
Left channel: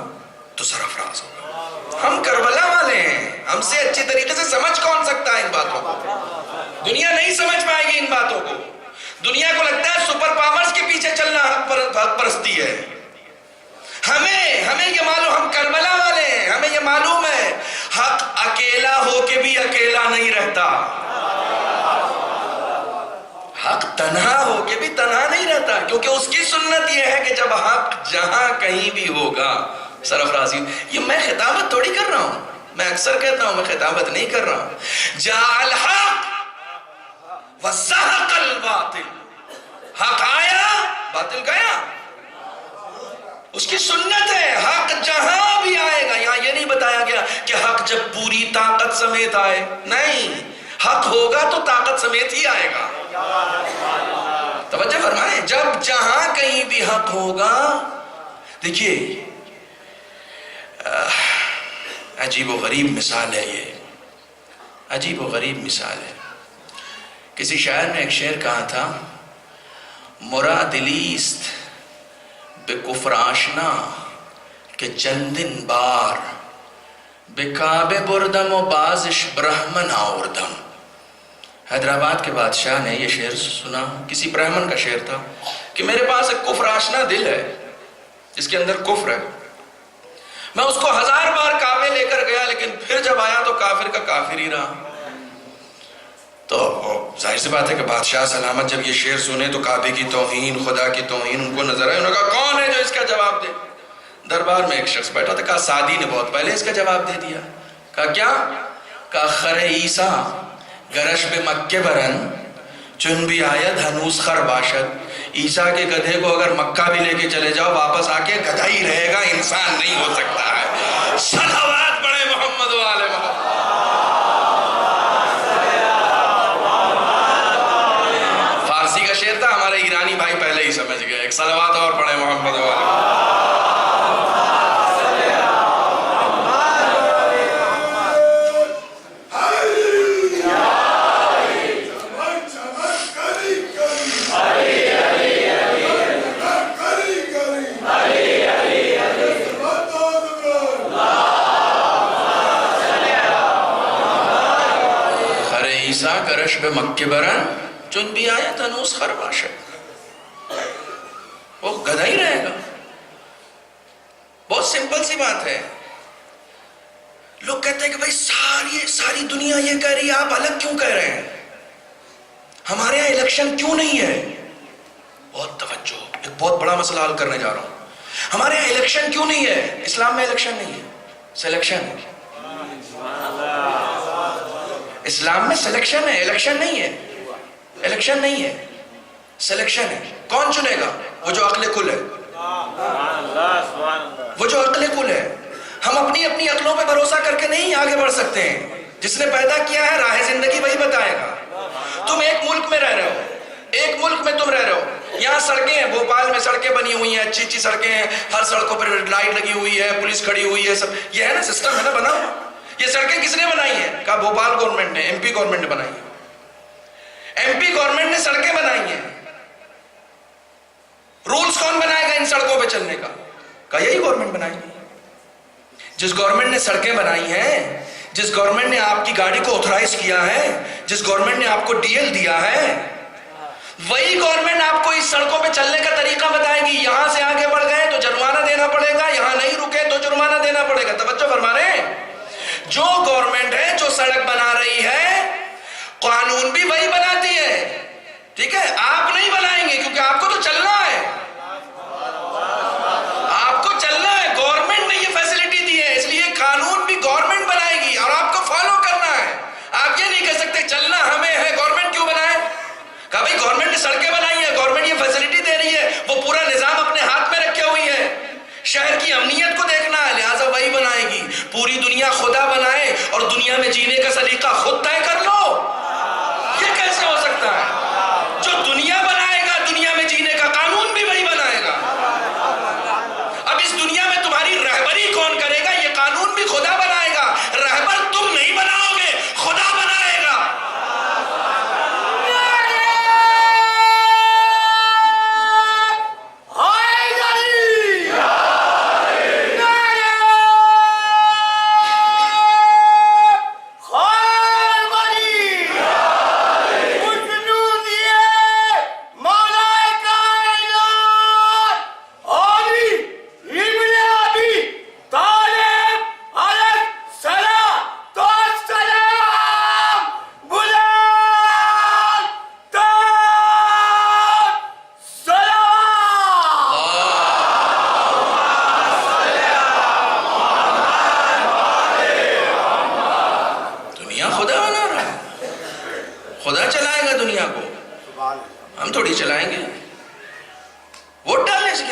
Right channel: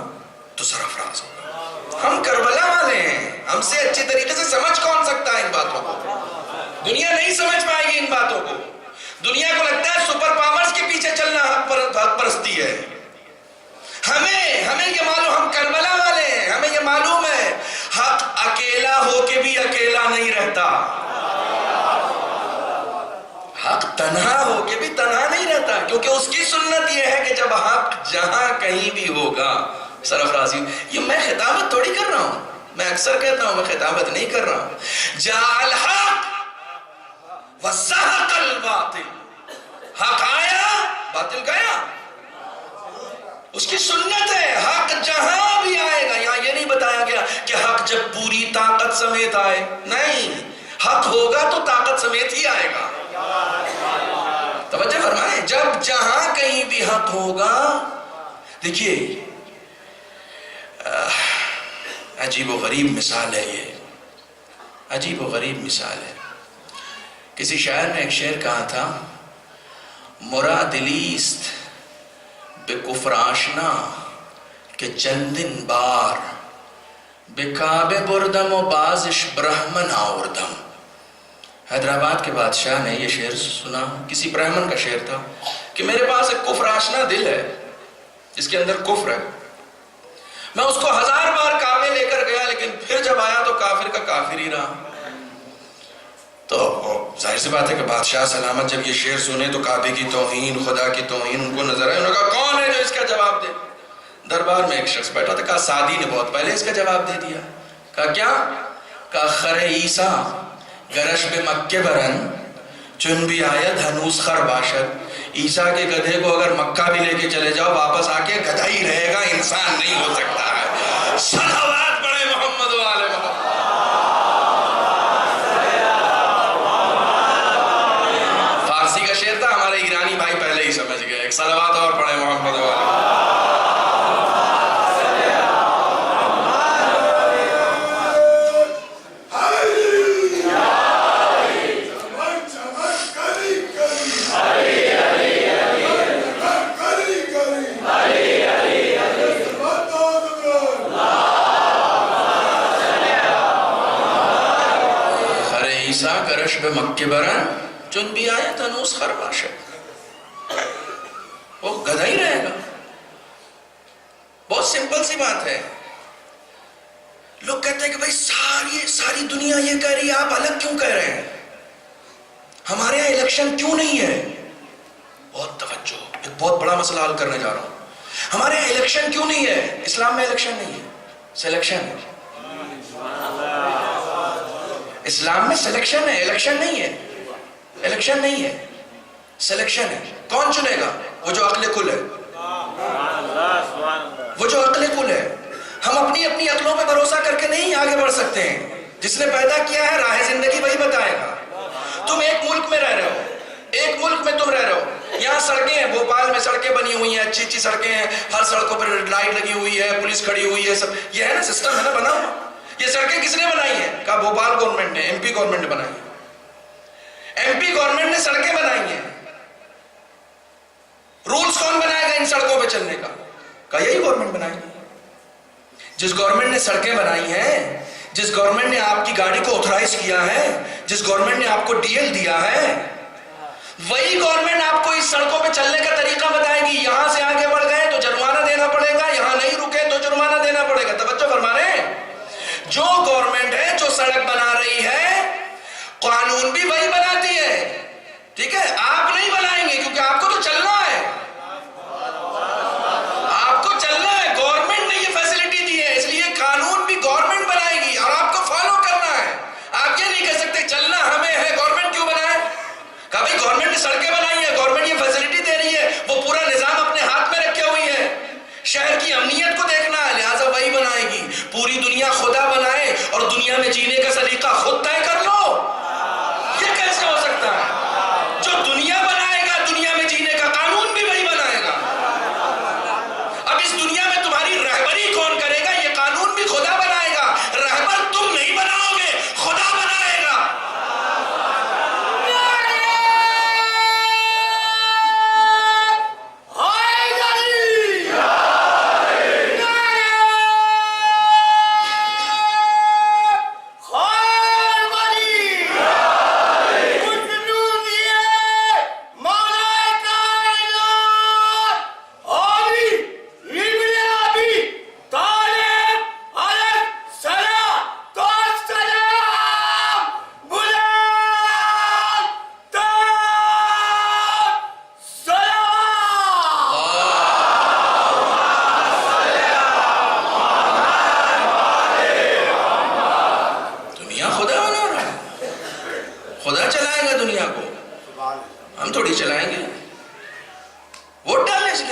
تو سرفراز ہوگا۔ ہم کربلا والے ہیں، ہم سے اچھی طریقے سے سمجھ کون سکتا ہے ان باتوں کو؟ دنیا نہیں سمجھ پائے گی ان باتوں کو۔ دنیا کو لگتا ہے سپر پاورز کے پیچھے چلنا حق پرستی ہے۔ ہمیں یہ معلوم، ہم کربلا والے ہیں، ہمیں یہ معلوم ہے حق اکیلا ہو کے بھی اکیلا نہیں رہتا، حق تنہا ہو کے بھی تنہا نہیں رہتا، کیونکہ اس کی سنت یہ ہے کہ جب حق جہاں کہیں بھی ہوگا، سرفرازی، یہ میں خطابت تھوڑی کر رہا ہوں، میں اکثر کہتا ہوں میں خطابت نہیں کر رہا ہوں، جاء الحق وزہق الباطل، حق آیا باطل گیا، اس کی سنت ہے، حق جہاں بھی آئے گا۔ یہاں یہ نہیں بتایا گیا کہ حق جب پوری طاقت سمیت آئے، نہیں، حق ہوگا تو طاقت سمیت ہی آئے گا۔ توجہ فرمائیں، جب جہاں کہیں بھی حق ہوگا، دیکھیے عجیب و غریب مثال ہے، یہ عجیب و غریب مثال ہے۔ کسی شاعر نے ایک شعر کہا تھا، مرادلیست بے کفر آشنا کہ چندن بار بے کعبے بردم و بازش برہمن آوردم۔ حیدرآباد کے بادشاہ نے یہ شعر سنا، کسی برہمن کا شعر تھا کہ میرے پاس ایک کفر آشنا دل ہے جس کے اندر کفر ہے، میں اس کو 1000 بار کعبے لے کر گیا لیکن پھر جب آیا تو کافر کا کافر ہی رہا۔ تو ظاہر سی بات ہے کہ بادشاہ سلامت جب یہ شعر سنے تو کعبے کی توہین، خدا کی توہین ان کو نظر آئے، انہوں نے کہا کون ہے جو اس کا جواب دے؟ دربار میں ایک شخص بیٹھا تھا، کہا سعدی نے بہت پہلے اس کا جواب دے دیا۔ کہا کیا؟ کہا خر عیسیٰ گرش بے مکہ برن چن بھی آید ہنوز خر باشد، عیسیٰ کے گدھے کو اگر مکہ بھی لے کے چلے جاؤ واپس آ کے گدھا ہی رہے گا، انسان نہیں ہو سکتا ہے۔ صلوات پڑھے محمد و آل محمد۔ فارسی کا شعر تھا، ہمارے ایرانی بھائی پہلے ہی سمجھ گئے، ایک صلوات اور پڑھے محمد و آل محمد۔ عیسیٰ کرش بے مکہ برن چن بھی آیا تنوس خرباشد، وہ گدھا ہی رہے گا۔ بہت سمپل سی بات ہے۔ لوگ کہتے ہیں کہ بھائی ساری دنیا یہ کہہ رہی ہے، آپ الگ کیوں کہہ رہے ہیں؟ ہمارے یہاں الیکشن کیوں نہیں ہے؟ بہت توجہ، ایک بہت بڑا مسئلہ حل کرنے جا رہا ہوں۔ ہمارے یہاں الیکشن کیوں نہیں ہے؟ اسلام میں الیکشن نہیں ہے، سلیکشن ہے۔ اسلام میں سلیکشن ہے، الیکشن نہیں ہے، الیکشن نہیں ہے، سلیکشن ہے۔ کون چنے گا؟ وہ جو عقل کل ہے، وہ جو عقل کل ہے۔ ہم اپنی عقلوں پہ بھروسہ کر کے نہیں آگے بڑھ سکتے ہیں، جس نے پیدا کیا ہے راہ زندگی وہی بتائے گا۔ تم ایک ملک میں رہ رہے ہو، ایک ملک میں تم رہ رہے ہو، یہاں سڑکیں ہیں، بھوپال میں سڑکیں بنی ہوئی ہیں، اچھی سڑکیں ہیں، ہر سڑکوں پر لائٹ لگی ہوئی ہے، پولیس کھڑی ہوئی ہے، سب یہ ہے نا، سسٹم ہے نا بنا ہوا۔ یہ سڑکیں کس نے بنائی ہیں؟ کہا بھوپال گورنمنٹ نے، ایم پی گورنمنٹ نے بنائی ہیں، ایم پی گورنمنٹ نے سڑکیں بنائی ہیں۔ رولز کون بنائے گا ان سڑکوں پہ چلنے کا؟ کہا یہی گورنمنٹ بنائے گی۔ جس گورنمنٹ نے سڑکیں بنائی ہیں، جس گورنمنٹ نے آپ کی گاڑی کو اتھرائز کیا ہے، جس گورنمنٹ نے آپ کو ڈی ایل دیا ہے، وہی گورنمنٹ آپ کو اس سڑکوں پہ چلنے کا طریقہ بتائے گی۔ یہاں سے آگے بڑھ گئے تو جرمانہ دینا پڑے گا، یہاں نہیں رکے تو جرمانہ دینا پڑے گا۔ توجہ فرما رہے ہیں؟ جو گورنمنٹ ہے، جو سڑک بنا رہی ہے، قانون بھی وہی بناتی ہے، ٹھیک ہے؟ آپ نہیں بنائیں گے کیونکہ آپ کو تو چلنا ہے، آپ کو چلنا ہے، گورنمنٹ نے یہ فیسلٹی دی ہے، اس لیے قانون بھی گورنمنٹ بنائے گی اور آپ کو فالو کرنا ہے۔ آپ یہ نہیں کہہ سکتے چلنا ہمیں ہے، گورنمنٹ کیوں بنائے؟ کہا بھائی گورنمنٹ نے سڑکیں بنائی ہیں، گورنمنٹ یہ فیسلٹی دے رہی ہے، وہ پورا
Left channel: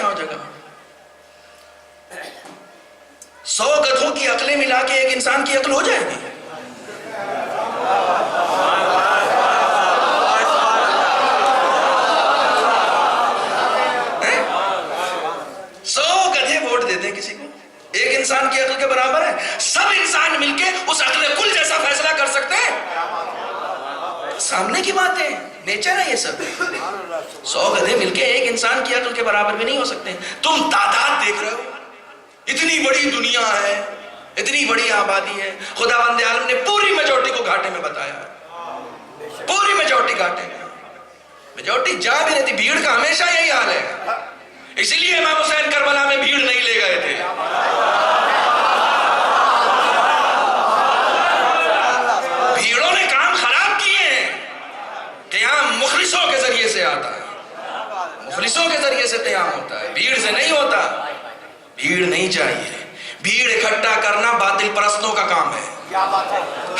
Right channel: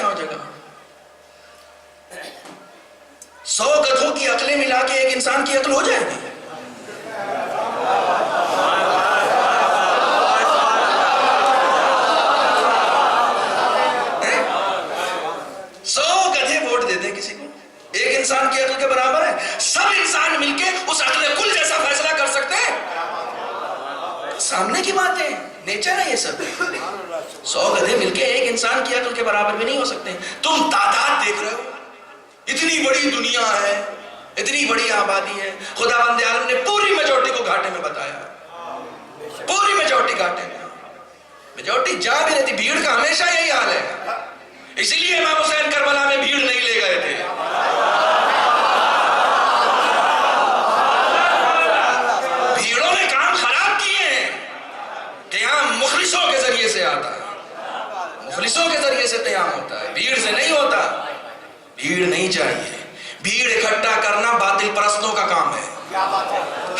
کیا ہو جائے گا؟ 100 گدھوں کی عقلیں ملا کے ایک انسان کی عقل ہو جائے گی؟ 100 گدھے ووٹ دے دیں کسی کو، ایک انسان کی عقل کے برابر ہے؟ سب انسان مل کے اس عقل کل جیسا فیصلہ کر سکتے ہیں؟ سامنے کی بات ہے، نیچر ہے یہ سب۔ 100 گدھے مل کے ایک انسان کی عقل کے برابر بھی نہیں ہو سکتے۔ تم تعداد دیکھ رہے ہو، اتنی بڑی دنیا ہے، اتنی بڑی آبادی ہے، خداوند عالم نے پوری میجورٹی کو گھاٹے میں بتایا، پوری میجورٹی گھاٹے میں، میجورٹی جا بھی رہتی۔ بھیڑ کا ہمیشہ یہی حال ہے، اسی لیے امام حسین کربلا میں بھیڑ نہیں لے گئے تھے۔ بھیڑوں نے کام خراب کیے ہیں۔ قیام مخلصوں کے ذریعے سے آتا ہے، مخلصوں کے ذریعے سے قیام ہوتا ہے، بھیڑ سے نہیں ہوتا۔ بھیڑ نہیں چاہیے، بھیڑ اکٹھا کرنا باطل پرستوں کا کام ہے۔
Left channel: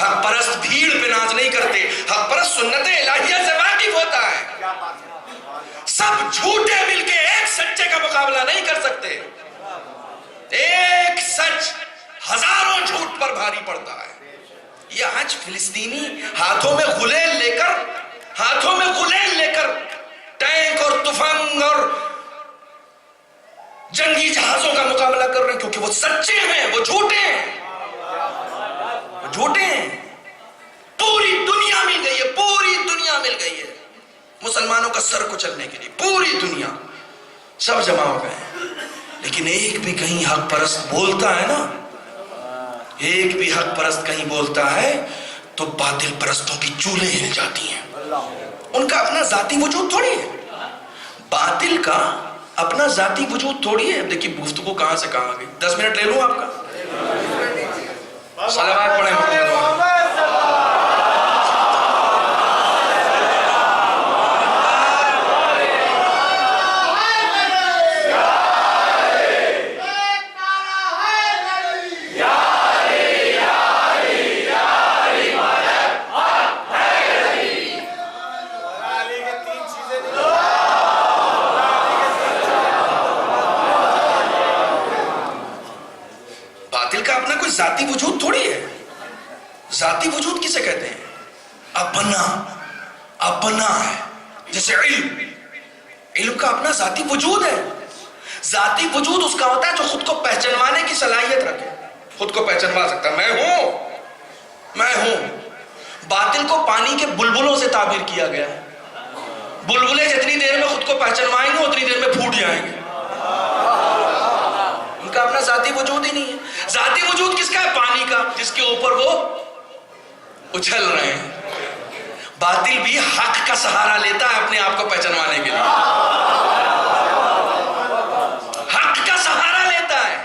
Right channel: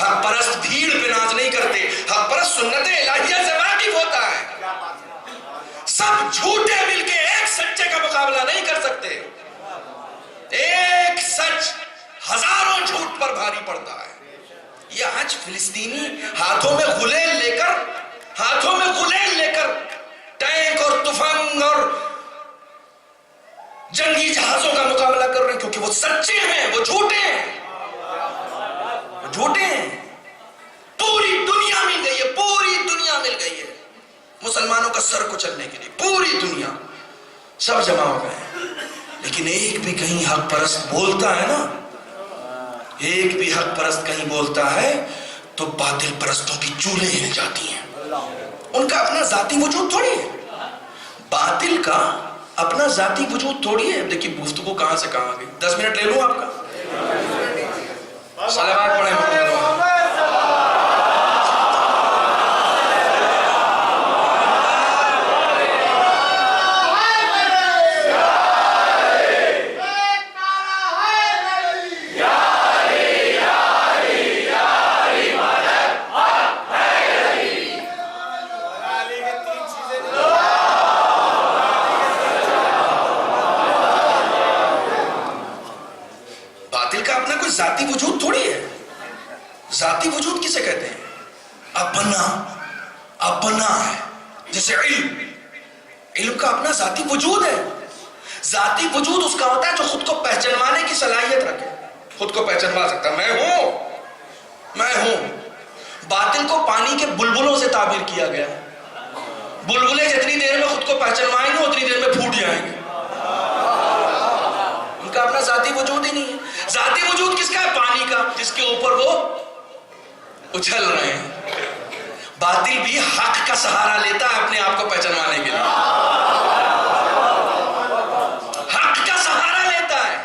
حق پرست بھیڑ پہ ناز نہیں کرتے، حق پرست سنت الہیہ سے واقف ہوتا ہے۔ سب جھوٹے مل کے ایک سچے کا مقابلہ نہیں کر سکتے، ایک سچ ہزاروں جھوٹ پر بھاری پڑتا ہے۔ یہ آج فلسطینی ہاتھوں میں غلیل لے کر ٹینک اور تفنگ اور جنگی جہازوں کا مقابلہ کر رہے ہیں، کیونکہ وہ سچے ہیں، وہ جھوٹے ہیں، وہ جھوٹے ہیں۔ پوری دنیا مل گئی ہے، پوری دنیا مل گئی ہے مسلمانوں کا سر کچلنے کے لیے، پوری دنیا سب جمع ہو گئے ہیں۔ لیکن ایک بھی کہیں حق پرست بولتا ہے نا، ایک بھی حق پرست کہیں بولتا ہے تو باطل پرستوں کی چولیں ہل جاتی ہیں۔ ان کا اپنا ذاتی وجود تھوڑی ہے، باطل کا اپنا ذاتی وجود تھوڑی ہے۔ دیکھیے گفتگو کہاں سے کہاں گئی۔ 10 منٹ لے لوں آپ کا؟ صلوات پڑھیں محمد۔ ذاتی وجود تھوڑی ہے، ذاتی وجود کسے کہتے ہیں؟ اپنا ہے۔ جیسے علم کا اپنا ذاتی وجود ہے۔ ذاتی وجود اس کا ہوتا ہے جو خود کو پہچانوانے کی صلاحیت رکھے، خود کو پہچانوا سکتا ہے، میں ہوں۔ باطل کو پانی کے بلبلوں سے تعبیر کیا گیا ہے۔ بلبلے جتنی دیر میں خود کو پہچانوائیں گے اتنی دیر میں پھوٹ جائیں گے، ان کا اپنا ذاتی وجود ہی نہیں ہے۔ ذاتی وجود کس کا ہے؟ پانی کا، جس کے اوپر وہ اچھل رہے ہیں۔ باطل بھی حق کا سہارا لیتا ہے اپنے آپ کو پہچانوانے کے لیے، حق کا سہارا لیتا ہے۔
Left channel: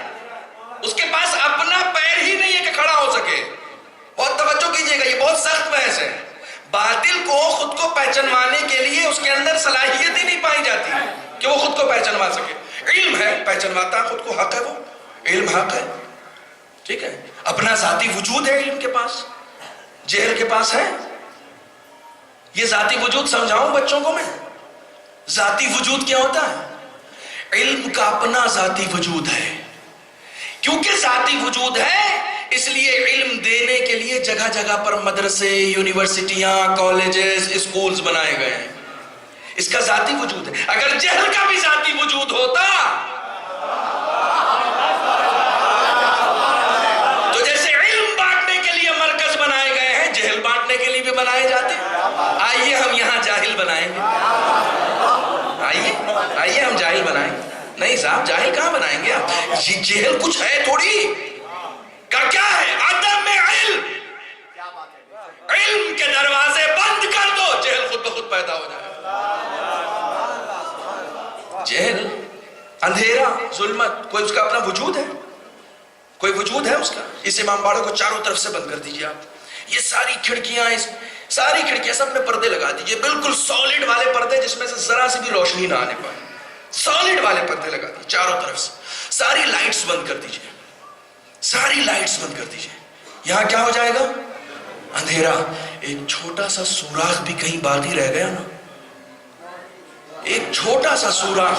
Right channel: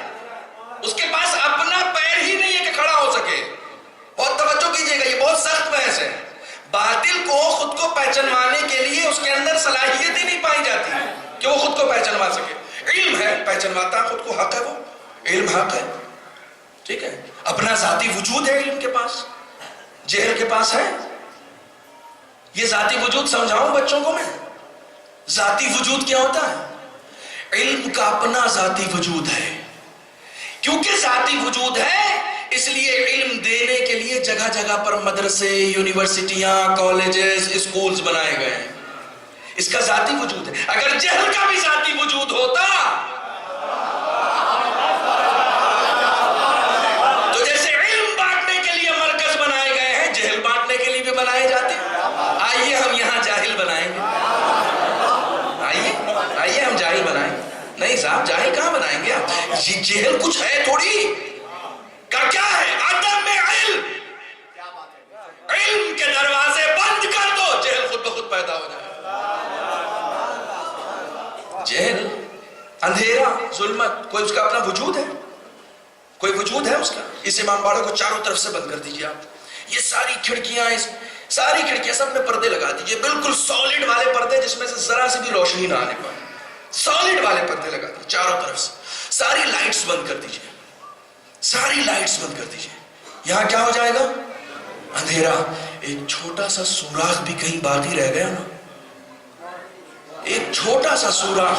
اس کے پاس اپنا پیر ہی نہیں ہے کہ کھڑا ہو سکے۔ بہت توجہ کیجئے گا، یہ بہت سخت بحث ہے۔ باطل کو خود کو پہچانوانے کے لیے اس کے اندر صلاحیت ہی نہیں پائی جاتی کہ وہ خود کو پہچانوا سکے۔ علم ہے، پہچانواتا ہے خود کو، حق ہے، وہ علم حق ہے، ٹھیک ہے۔ اپنا ذاتی وجود ہے علم کے پاس، جہل کے پاس ہے۔ یہ ذاتی وجود سمجھاؤں بچوں کو میں؟ ذاتی وجود کیا ہوتا ہے؟ علم کا اپنا ذاتی وجود ہے۔ کیونکہ ذاتی وجود ہے اس لیے علم دینے کے لیے جگہ جگہ پر مدرسے، یونیورسٹیاں، کالجز، اسکولز بنائے گئے ہیں۔ اس کا ذاتی وجود ہے۔ اگر جہل کا بھی ذاتی وجود ہوتا تو جیسے علم بانٹنے کے لیے مرکز بنائے گئے ہیں، جہل بانٹنے کے لیے بھی بنائے جاتے۔ آئیے ہم یہاں جاہل بنائیں گے، آئیے ہم جاہل بنائیں گے۔ نہیں صاحب، جاہل کہاں بنائیں گے آپ؟ یہ جہل کچھ ہے تھوڑی، کا کیا ہے؟ عدم علم۔ علم کے دروازے بند کر دو، جہل خود بخود پیدا ہو جائے۔ جہل، اندھیرا، ظلمت، کوئی اس کا اپنا وجود ہے؟ کوئی وجود ہے اس کا؟ اس امام باڑے کو چاروں طرف سے بند کر دیجئے آپ۔ یہ ساری کھڑکیاں سب میں پردے لگا دیجئے، بالکل سالڈ والے پردے جس میں سے ذرا سی بھی روشنی نہ آنے پائے۔ سالڈ والے پردے لگا دیجئے چاروں طرف سے۔ ساری لائٹس بند کر دیجئے، ساری لائٹس بند کر دیجئے۔ یہاں کیا ہو جائے گا؟ اندھیرا۔ ایک چھوٹا سا سوراخ بھی کہیں باقی رہ گیا نا، ایک چھوٹا سا سوراخ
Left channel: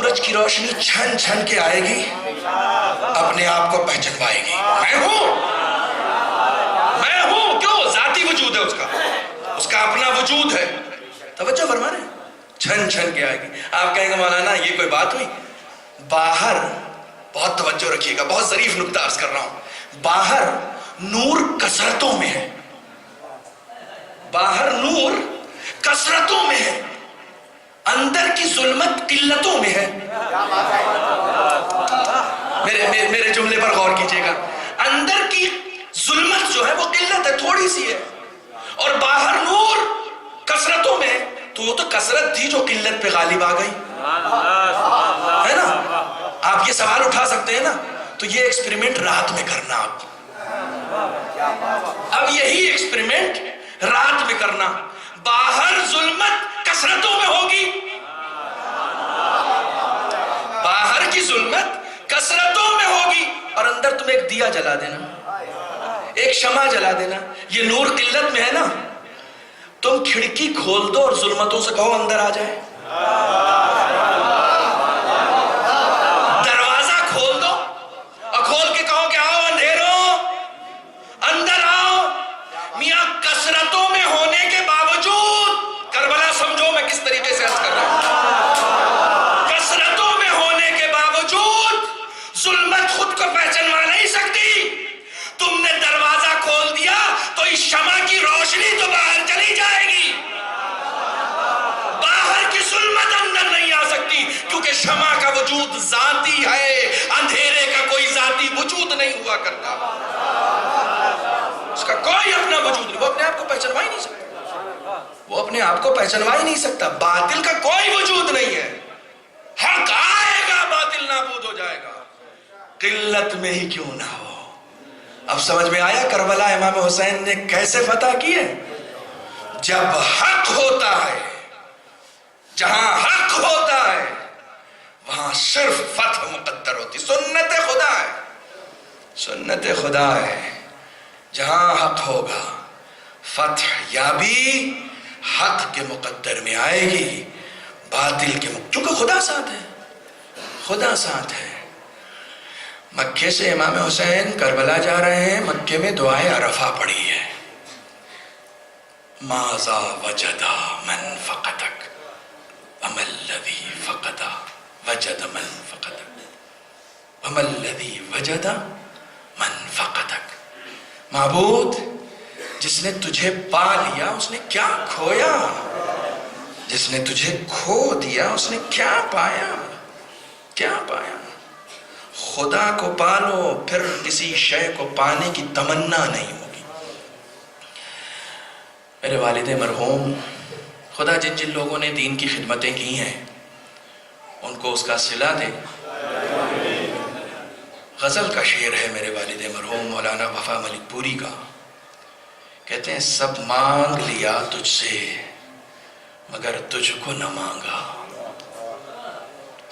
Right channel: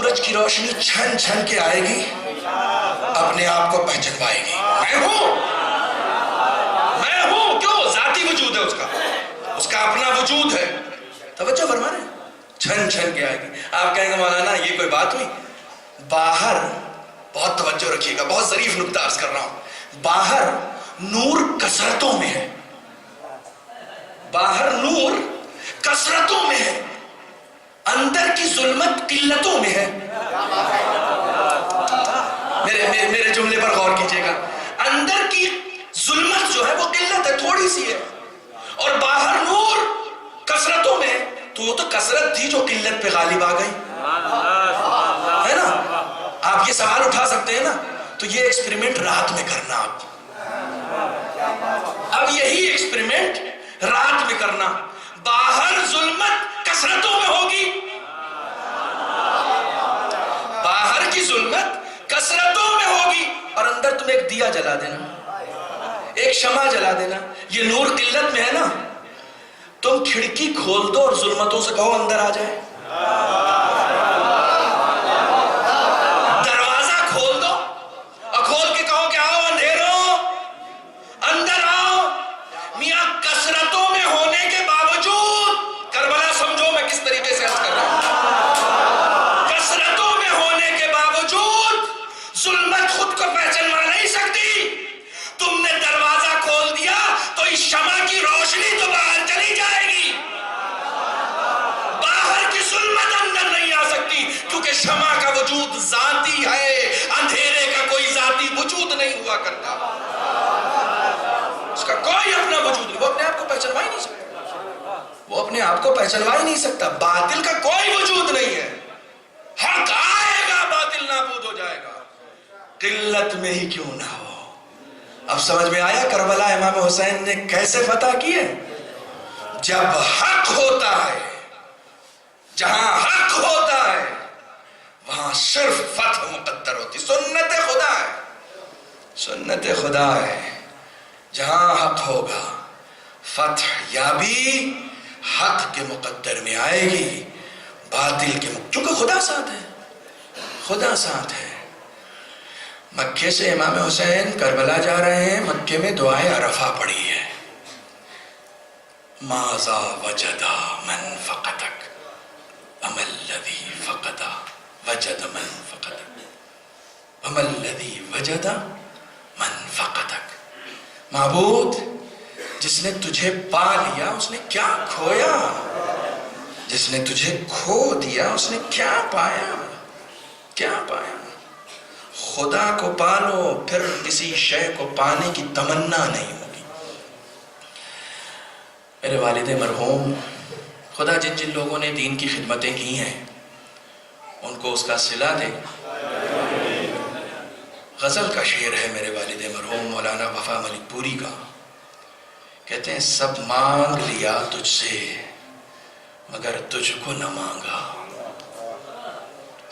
سورج کی روشنی چھن چھن کے آئے گی، اپنے آپ کو پہچنوائے گی، میں ہوں، کیوں؟ ذاتی وجود ہے اس کا اپنا وجود ہے۔ توجہ فرما رہے ہیں، چھن چھن کے آئے گی۔ آپ کہیں گے مولانا یہ کوئی بات ہوئی؟ باہر، بہت توجہ رکھیے گا، بہت ظریف نکتہ عرض کر رہا ہوں، باہر نور کثرتوں میں ہے، باہر نور کثرتوں میں ہے، اندر کی ظلمت قلتوں میں ہے۔ میرے جملے پر غور کیجئے گا، اندر کی ظلمت جو ہے وہ قلت ہے، تھوڑی سی ہے، اور باہر نور کثرتوں میں ہے۔ تو وہ تو کثرت تھی جو قلت پہ غالب آ گئی ہے نا۔ آپ یہ سوال اٹھا سکتے ہیں نا، تو یہ ایکسپیریمنٹ رات میں کرنا، آپ اب یہی ایکسپیریمنٹ رات میں کرنا، باہر ظلمت کثرتوں میں ہوگی، باہر کی ظلمت کثرتوں میں ہوگی، اور اندر تم ایک دیا جلا دینا، ایک شمع جلا دینا۔ یہ نور قلت میں ہے نا، تم کھڑکی کھول دو اور ظلمتوں سے کہو اندر آ جائے، دروازہ کھول دو اور کھول کے کہو کہ آؤ اندھیروں اندر آؤ۔ میاں کثرتوں میں ہونے کے باوجود، کربلا سمجھو میں کس طریقے سے عرض کر رہا ہوں، کثرتوں میں ہونے کے باوجود ظلمت خود کو پہچانوا نہیں سکتی۔ تم نے دروازہ کھول دیا تو اس شمع کی روشنی تو باہر چلی جائے گی، باہر کی ظلمت اندر نہیں آ سکتی، کیونکہ شمع کا وجود ذاتی ہے، اندھیرے کا کوئی ذاتی وجود نہیں ہوا کرتا، اس کا کوئی اپنا وجود نہیں، وہ اپنے آپ کو پہچانوا ہی نہیں سکتا، وہ اپنے آپ کو پہچانوا ہی نہیں سکتا۔ باطل کا کوئی وجود نہیں ہے، حق آئے گا باطل نابود ہو جائے گا، قلت میں ہی کیوں نہ ہو۔ اب سمجھ میں آیا کربلا امام حسین نے کیسے فتح کی ہے؟ جب حق ہوتا ہے، جہاں حق ہوتا ہے وہاں صرف فتح مقدر ہوتی، سنت خدا ہے، سنت خدا ہے، جہاں حق ہوگا فتح یابی حق کے مقدر میں آئے گی، باطل کے کیونکہ خدا ساتھ ہے، خدا ساتھ ہے۔ مکے سے امام حسین کربلا جا رہے ہیں، مکے میں دعائے عرفہ پڑھی ہے، ماذا وجدا من فقدک وما الذی فقدا وجد من فقدک وما الذی وجد من فقدک۔ معبود، جس نے تجھے پا لیا اس نے کیا کھویا، جس نے تجھے کھو دیا اس نے کیا پایا، کیا پایا۔ خدا کو پالو، پھر کسی شے کو پانے کی تمنا نہیں ہوگی۔ میرے والد مرحوم، خدا جن جن لوگوں نے دین کی خدمتیں کی ہیں ان کو اس کا صلہ دے۔ غزل کا شعر ہے میرے والد مرحوم مولانا وفا ملک پوری کا، کہتے ہیں سب مانگ لیا تجھ سے مگر تجھ کو نہ مانگا،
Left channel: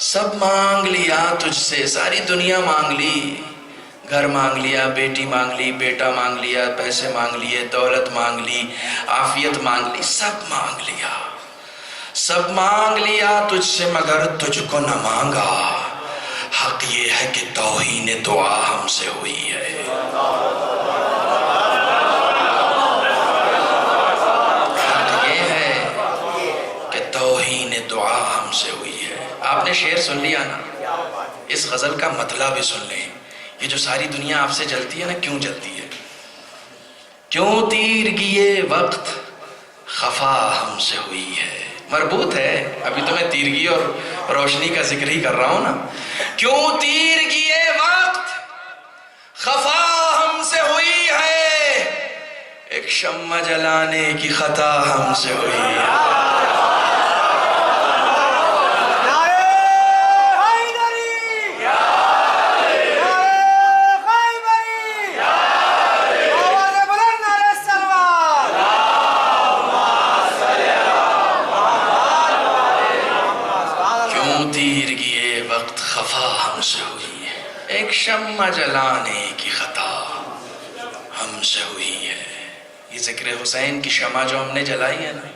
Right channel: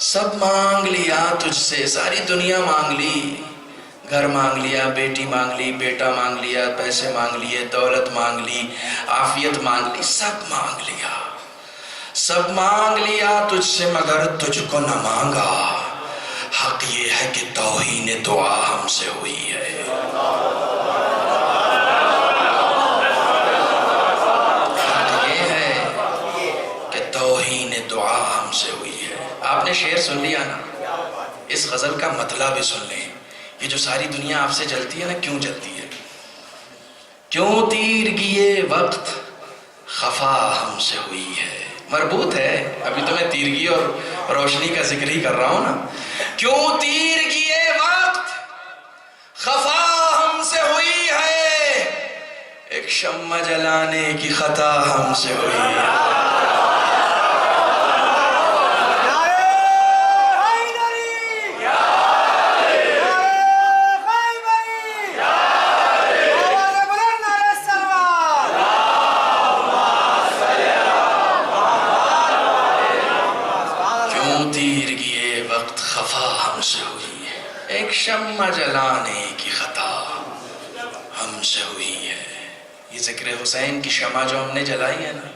سب مانگ لیا تجھ سے، ساری دنیا مانگ لی، گھر مانگ لیا، بیٹی مانگ لی، بیٹا مانگ لیا، پیسے مانگ لیے، دولت مانگ لی، عافیت مانگ لی، سب مانگ لیا، سب مانگ لیا تجھ سے مگر تجھ کو نہ مانگا۔ حق یہ ہے کہ توہین دعا ہم سے ہوئی ہے، حق یہ ہے کہ توہین دعا ہم سے ہوئی ہے۔ آپ نے شعر سن لیا نا، اس غزل کا مطلب بھی سن لیں۔ یہ جو ساری دنیا آپ سے جلتی ہے نا، کیوں جلتی ہے؟ کیوں تیرگی وقت خفا ہم سے ہوئی ہے، مربوط ہے، ابھی تو میں تیرگی اور روشنی کا ذکر ہی کر رہا ہوں نا۔ کیوں تیرگی وقت خفا ہم سے ہوئی ہے، ایک شمع جلانے کی خطا ہم سے ہوئی ہے۔ ایک شمع جلانے کی خطا ہم سے ہوئی ہے۔ یہ ذکر حسین کی شمع جو ہم نے جلائی ہے نا،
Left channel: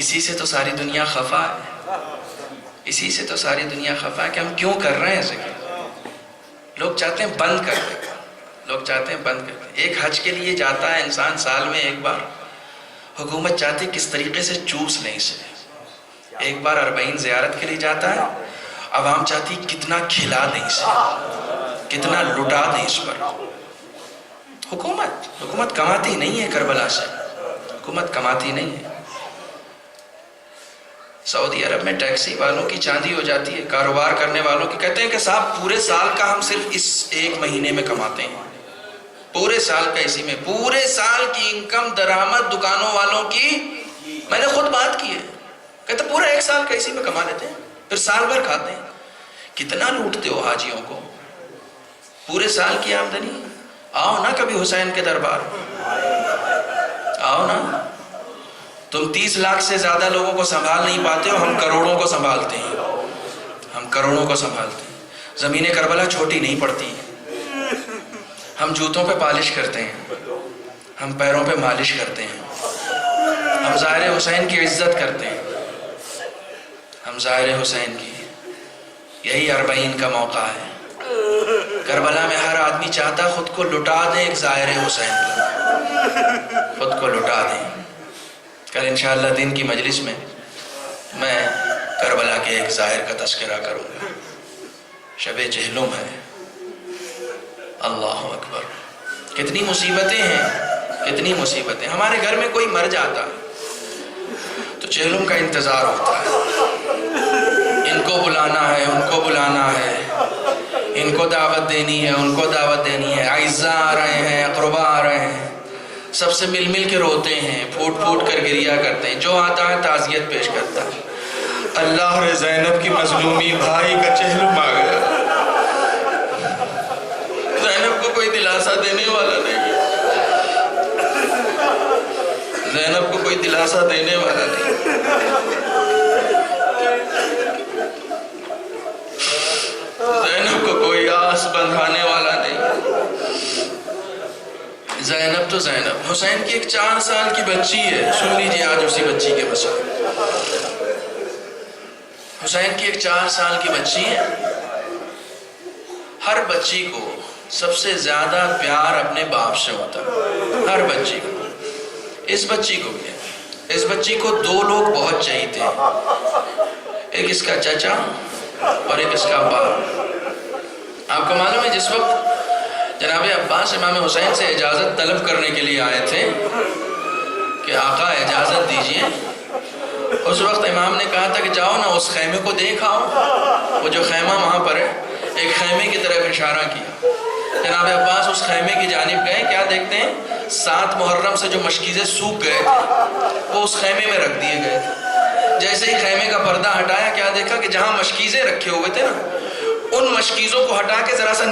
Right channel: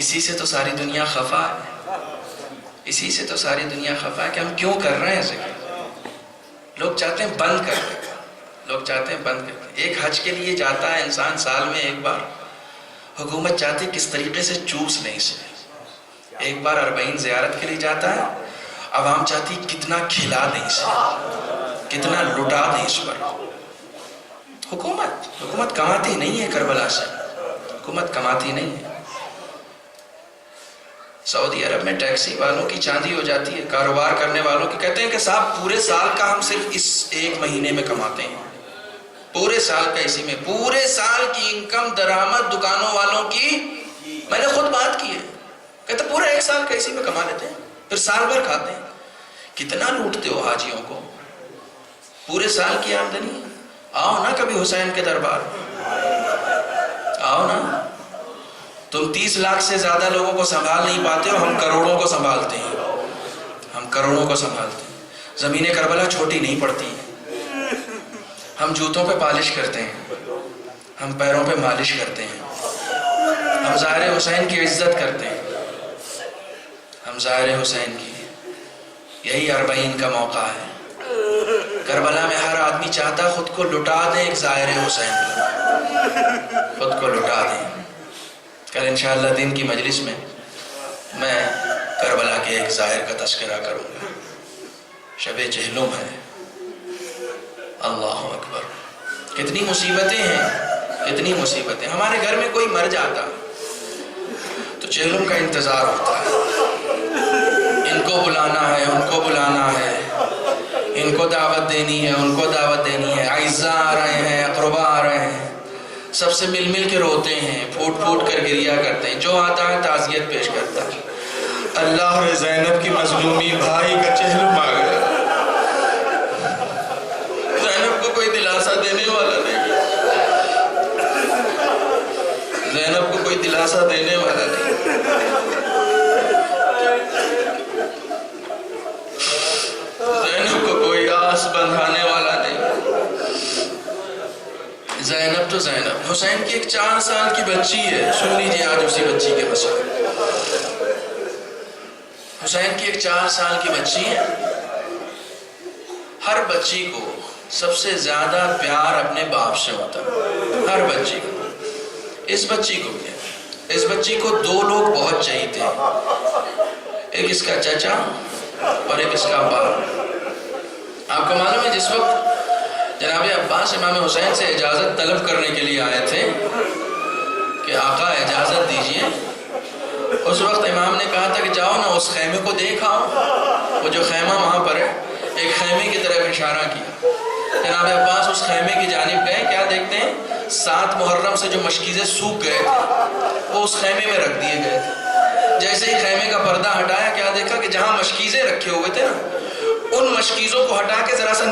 اسی سے تو ساری دنیا خفا ہے، اسی سے تو ساری دنیا خفا ہے کہ ہم کیوں کر رہے ہیں ذکر. لوگ چاہتے ہیں بند کر دیں, لوگ چاہتے ہیں بند کر دیں. ایک حج کے لیے جاتا ہے انسان سال میں ایک بار, حکومت چاہتی ہے کس طریقے سے چوس لیں اسے. ایک بار 40 زیارت کے لیے جاتا ہے, عوام چاہتی کتنا کھلا دیں اسے, کتنا لٹا دیں اس پر. حکومت کماتی نہیں ہے کربلا سے, حکومت کماتی نہیں ہے. سعودی عرب میں ٹیکسی والوں کی چاندی ہو جاتی ہے, کاروبار کرنے والوں کی. کہتے ہیں کہ صاحب پورے سال کا ہم صرف اس ایک مہینے میں کماتے ہیں, پورے سال کا اسی میں, پورے سال کی انکم درآمد دکانوں والوں کی میں نے خود بات کی ہے. کہتے پورا ایک سال کا اسی میں کما لیتے ہیں, پھر سال بھر کھاتے ہیں. کتنا لوٹتے ہو حاجیوں کو, پورے سال کی آمدنی. آؤ نا کبھی حسین کے دربار, آؤ نا. تم 30 لاکھ سے زیادہ لوگوں کو سنبھال نہیں پاتے ہو, ہم کروڑوں کو سنبھالتے ہیں, ہم کروڑوں کو سنبھالتے ہیں. زمین کربلا چھوٹی نہیں پڑتی, ہم جوتوں پہ پالش کرتے ہیں, ہم پیروں پہ مالش کرتے ہیں, ہم ظاہر حسین کی عزت کرتے ہیں, ہم ظاہر حسین کی. یہی 40 کا موقع ہے. کربلا میں ہر آدمی چاہتا خود کو لٹا دیں ایک ظاہر حسین کو, خود کو لٹا دیں. کل انشاءاللہ دن کی مجلس میں میں کربلا کے ایک ظاہر کا تذکرہ کروں گا. شب جہلم ہے. اللہ اکبر, کتنی مصیبتیں ہیں, کتنی مصیبتیں. ہمارے گھر میں کوئی مر جاتا تو جہلم کا انتظار ہوتا ہے, ان کو بلانا ہے, ان کو بلانا ہے, ان کو دعوت دینی ہے, ان کو دعوت دینی ہے. اعزاء آ رہے ہیں, اقربا آ رہے ہیں, سب سے مل مل کے روتے ہیں, پھوٹ پھوٹ کر گریا کرتے ہیں. جو آتا ہے تعزیت پیش کرتا ہے. اللہ رے زینب کی مظلومی, بھائی کا چہلم آ گیا. زینب کو کوئی دلاسا دینے والا نہیں, زینب کو کوئی دلاسا دینے والا نہیں. زینب کو کوئی آس بندھانے والا نہیں. زینب تو زینب, حسین کی ایک 4 سال کی بچی ہے. سن لیجیے آج اسی بچی کے مسئلے. حسین کی ایک 4 سال کی بچی ہے. ہر بچی کو سب سے زیادہ پیار اپنے باپ سے ہوتا ہے, ہر بچی کو. اس بچی کو بھی, اس بچی کو 2 لوگ بہت چاہیے تھے, ایک اس کا چچا اور ایک اس کا باپ. آپ کو معلوم ہے جس وقت جناب عباس امام حسین سے اجازت طلب کرنے کے لیے آئے تھے کہ آقا اجازت دیجئے, اس وقت امام نے کہا تھا کہ جاؤ نا اس خیمے کو دیکھ آؤ. وہ جو خیمہ وہاں پر ہے, ایک خیمے کی طرف اشارہ کیا. جناب عباس اس خیمے کی جانب گئے. کیا دیکھتے ہیں, 7 محرم سے جو مشکیزیں سوکھ گئے تھے وہ اس خیمے میں رکھ دیے گئے تھے. جیسے ہی خیمے کا پردہ ہٹایا, کیا دیکھا کہ جہاں مشکیزیں رکھے ہوئے تھے نا, ان مشکیزوں کو ہٹا کے ذرا سا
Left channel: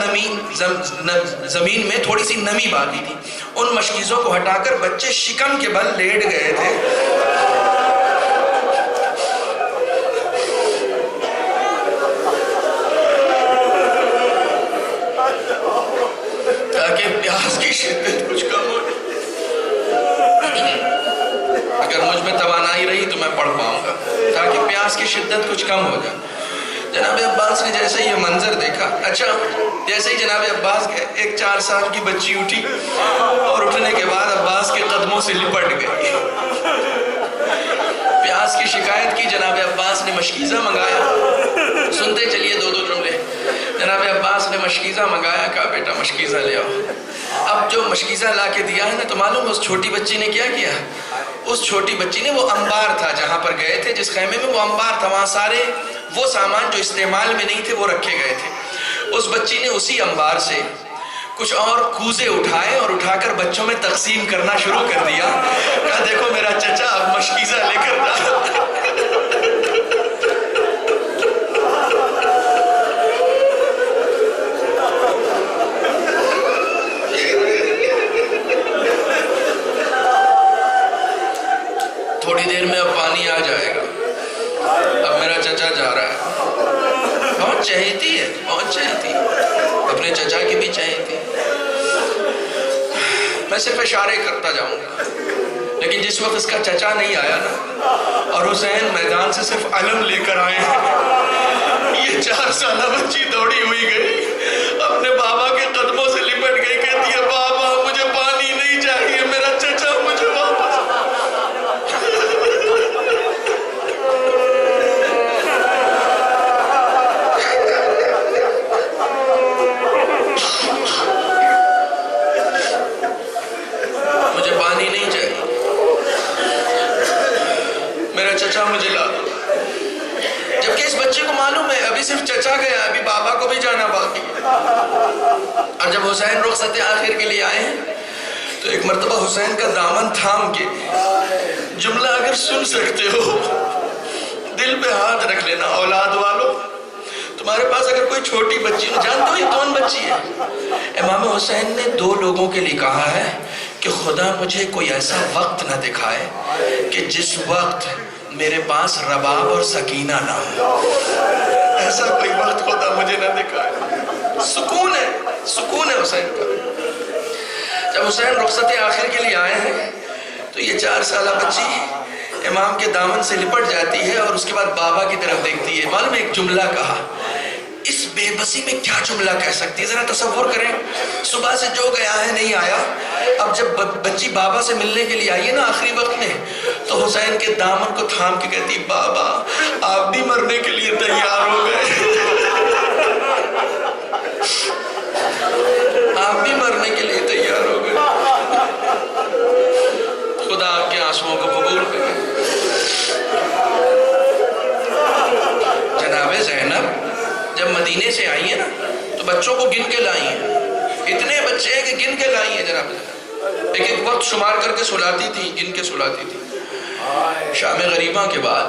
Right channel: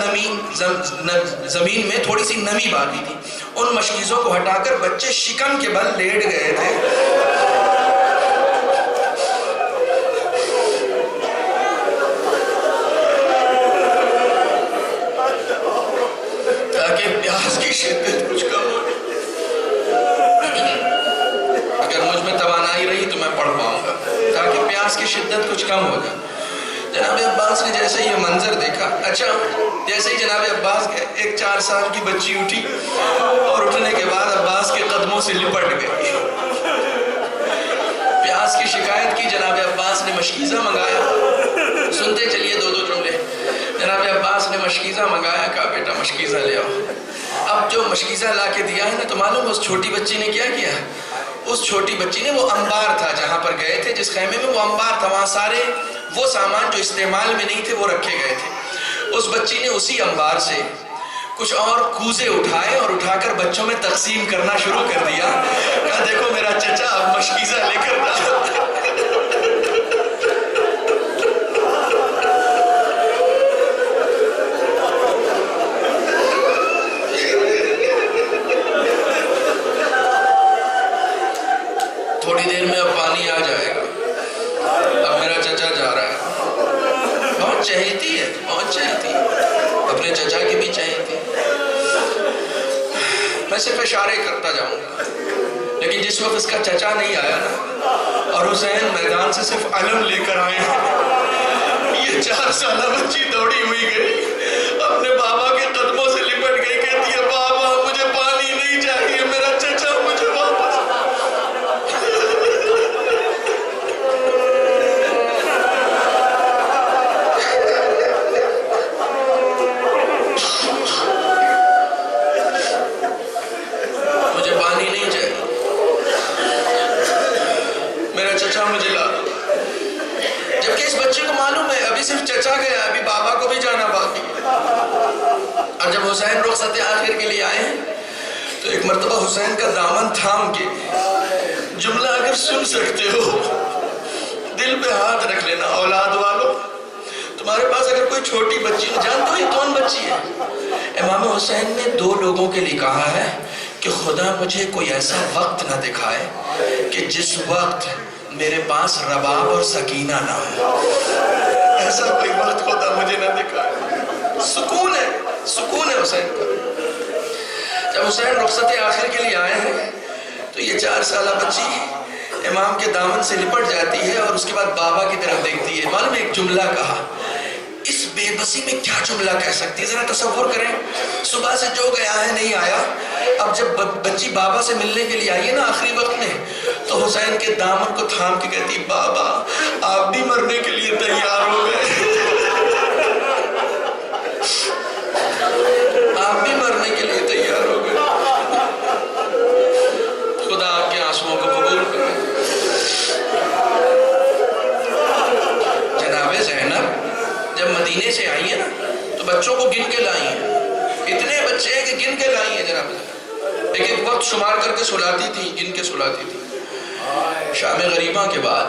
زمین میں تھوڑی سی نمی باقی تھی, ان مشکیزوں کو ہٹا کر بچے شکم کے بل لیٹ گئے تھے. تاکہ پیاس کی شدت کچھ کم ہو. اگر مجھ میں توانائی رہی تو میں پڑھ پاؤں گا, تاکہ پیاس کی شدت کچھ کم ہو جائے. جناب عباس نے جیسے یہ منظر دیکھا, اچھا جیسے ہی جناب عباس کے ایک 4 سال کی بچی اٹھی اور اٹھنے کے بعد عباس کے قدموں سے لپٹ گئی. پیاس کی شکایت کی, جناب عباس نے مشکیزہ منگایا. سنتے چلیے 2 جملے. جناب عباس نے مشکیزہ منگایا, کہا بیٹا مشکیزہ لے آؤ. اب جو مشکیزہ لا کے دیا ہے نا, تو معلوم اس چھوٹی بچی نے کیا کیا, اس چھوٹی بچی نے, وہ انبار تھا جہاں پر گئے تھے, جس خیمے میں وہ انبار تھا, وہاں سارے وہ سامان جو استعمال میں نہیں تھے وہ رکھے گئے تھے. اس بچی نے اسی انبار سے کچھ اور کوزے اٹھائے اور اٹھا کر بچوں میں تقسیم کرنا شروع کر دیا. کہا دیکھو میرا چچا اب مشکیزہ لے کر جا. تھوڑی دیر میں اب پانی آ جائے گا, اب میرا چچا جا رہا ہے. بہت چہیتی ہے, بہت چہیتی, اپنے چچا کی بھی چہیتی. میں صرف اشارے کرتا جاؤں گا, لیکن جس وقت اس کا چچا نہیں آیا نا, اور حسین میدان سے صرف علم لے کر آئے ہیں, 4 سالہ بچی دوڑی ہوئی گئی، اپنے بابا کے قدموں سے لپٹ گئی، کہتی ہے بابا مجھے پانی نہیں چاہیے، میرا چچا مجھے واپس۔ مجھے پانی نہیں چاہیے، میرا چچا مجھے لا دو۔ جبکہ اس بچے کو معلوم ہے ابھی صرف چچا گیا، ابھی بابا کو بھی جانا باقی ہے۔ اور جب حسین رخصت آخر کے لیے آئے ہیں تو ایک مرتبہ حسین کا دامن تھام کے جملہ اگر سن سکتے ہو دل پہ ہاتھ رکھ لینا، اولاد والو تمہارے پاس اگر کوئی چھوٹی بچی ہو، جانتے ہو یہ کون بچی ہے؟ امام حسین نے 2 لوگوں کے لیے کہا ہے کہ خدا مجھے کوئی ایسا وقت نہ دکھائے کہ جس وقت میرے پاس رباب اور سکینہ نہ ہو، ایسا کوئی وقت خدا مجھے نہ دکھائے۔ سکون ہے حسین کا۔ جب حسین رخصت آخر کے لیے آئے ہیں تو یہ 4 سالہ بچی امام کے دامن سے لپٹ جاتی ہے اور اس کے بعد بابا کی طرف دیکھتی ہے۔ معلوم ایک جملہ کہا، اس بے بسی میں کیا جملہ کہہ سکتی ہے؟ ذرا تصور کریں، صبح سے جو گیا ہے نہیں آیا، اب جب بچی بابا سے ملنے کے لیے آئی ہے نا آخری وقت میں، تو حسین کے دامن کو تھام کے کہتی بابا آپ بھی مرنے کے لیے تیار ہو گئے، آپ بھی مرنے کے لیے تیار ہو گئے، خدا آپ کے آنسوؤں کو قبول کرے۔ جناب زینب جب مدینے سے آئی ہے نا تو بچوں کو گن کے لائی ہیں، اتنے بچے ہیں کہ گن کے لائی ہیں جناب زینب، ایک وقت شمار کر کے سلاتی تھی، گن کے سلاتی تھی۔ شام غریبہ کے بعد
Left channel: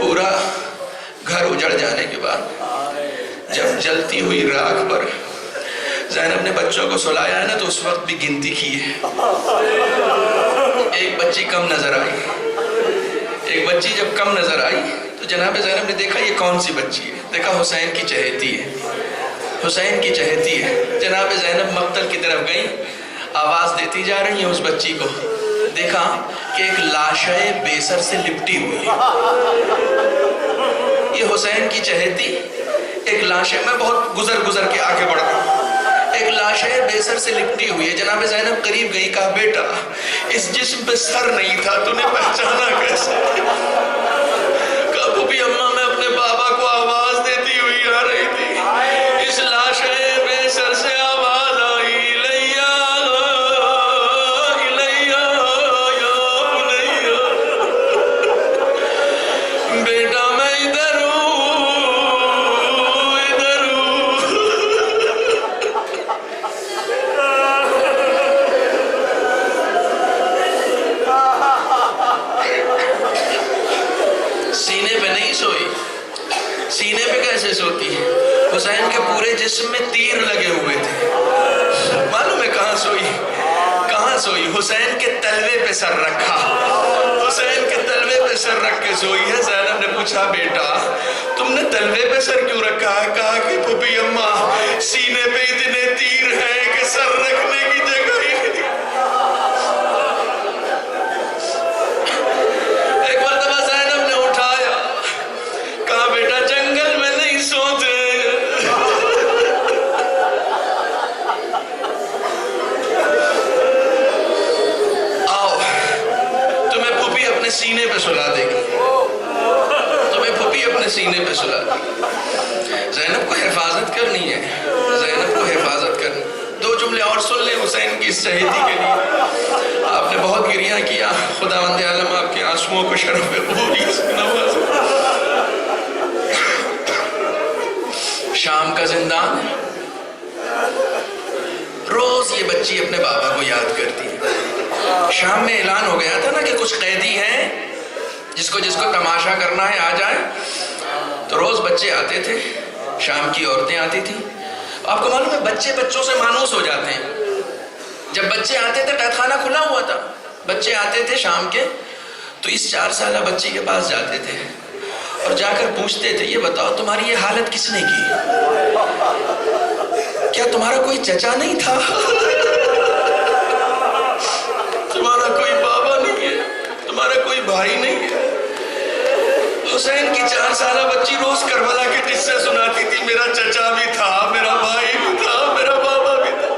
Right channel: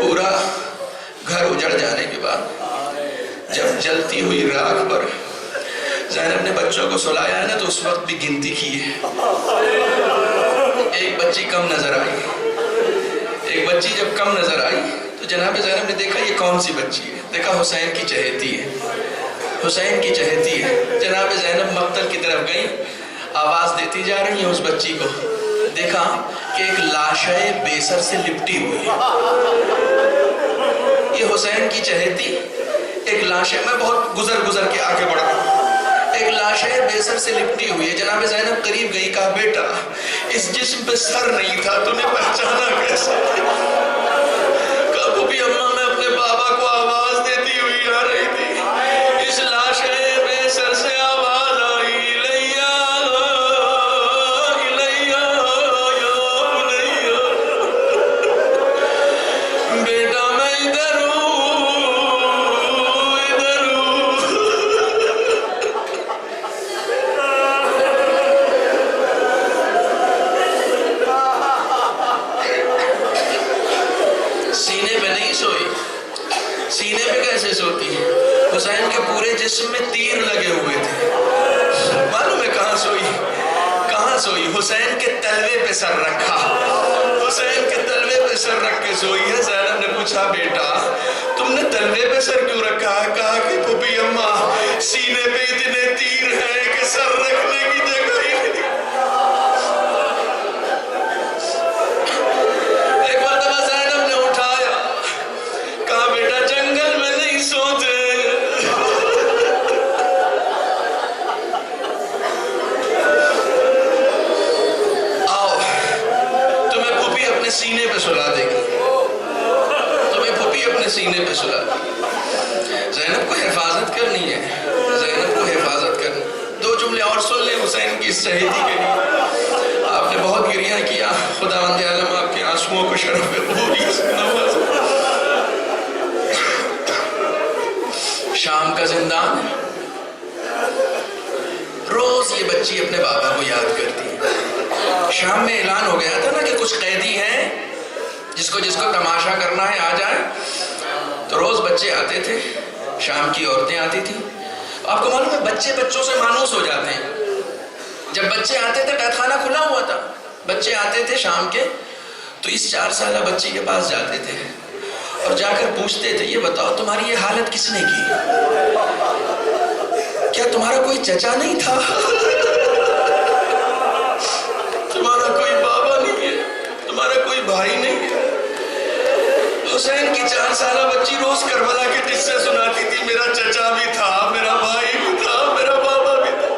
پورا گھر اجڑ جانے کے بعد جب جلتی ہوئی راکھ پر زینب نے بچوں کو سلایا ہے نا تو اس وقت بھی گنتی کی ہے، ایک بچی کم نظر آئی، ایک بچی جب کم نظر آئی تو جناب زینب نے دیکھا یہ کون سی بچی ہے، دیکھا حسین کی چہیتی ہے، حسین کی چہیتی ہے۔ جناب زینب مقتل کی طرف گئی، آواز دیتی جا رہی ہیں اس بچی کو، دیکھا کہ ایک لاشے بیسر سے لپٹی ہوئی ہے، یہ حسین کی چہیتی ایک لاشے، میں بہت گزر کے آگے بڑھ رہا ہوں، ایک لاشے بیسر سے لپٹی ہوئی ہے۔ جناب زینب قریب گئی، کہا بیٹا اس جسم پہ سر نہیں تھا، تو نے پہچانا کیسے؟ کہا بھوپی اماں میں اپنے بابا کو آواز دیتی ہوئی آ رہی تھی، اس لاشے بیسر سے آواز آئی لیا لیا یا بنیا، بیٹا میں ادھر ہوں ادھر ہوں۔ سینے پہ نہیں سوئی، سینے پہ کیسے سوتی ہے؟ حسین کے پورے جسم میں تیر لگے ہوئے تھے، معلوم ہے کہاں سوئی؟ کہاں سوئی؟ حسین کے تلوے پہ سر رکھا، حسین کے تلوے پہ سر رکھ کے سوئی ہے۔ زینب نے پوچھا بیٹا تم نے تلوے پہ سر کیوں رکھا ہے؟ کہا کہ پھوپھی اماں سینے پہ اتنے تیر ہیں کہ سر رکھنے کی جگہ ہی نہیں۔ ایک مرتبہ زینب نے اٹھایا، کہا بیٹا جنگل میں نہیں سوتے، آؤ تمہیں پھوپھی اپنے سینے پہ سلا دے گی، تمہیں پھوپھی اپنے سینے پہ سلا دے گی۔ زینب کو حفاظت کرنی ہے، زینب کو حفاظت کرنی۔ 2 جملے اور سن لیں حسین کی اس شہیدی کے لیے۔ آپ نے بہت گریہ کیا، خداوند عالم آپ کے آنسوؤں کو شرف قبولیت سے نوازے۔ شام کا زندان ہے، روز یہ بچی اپنے بابا کو یاد کرتی ہے۔ شام میں اعلان ہو گیا تھا نا کہ کچھ قیدی ہیں، جس کو تماشا کرنا ہے آ جائے، تو روز بچے آتے تھے، شام کی عورتیں آتی تھیں۔ آپ کو معلوم ہے بچے بچوں سے مانوس ہو جاتے ہیں، جب بچے آتے تھے قید خانہ کھلا ہوا تھا، بچے آتے تھے شام کے تو اس 4 سالہ بچی کے پاس جاتے تھے اور جا کر پوچھتے تھے یہ بتاؤ تمہاری یہ حالت کس نے کی؟ کیا تمہارا کوئی چچا نہیں تھا؟ تمہارا کوئی بابا نہیں ہے؟ تمہارا کوئی بھائی نہیں ہے؟ حسین کی 4 سالہ بچی روز کربلا کے قصے قصے سناتی تھی، میرا چچا بھی تھا، میرا بھائی بھی تھا، میرا بابا بھی تھا،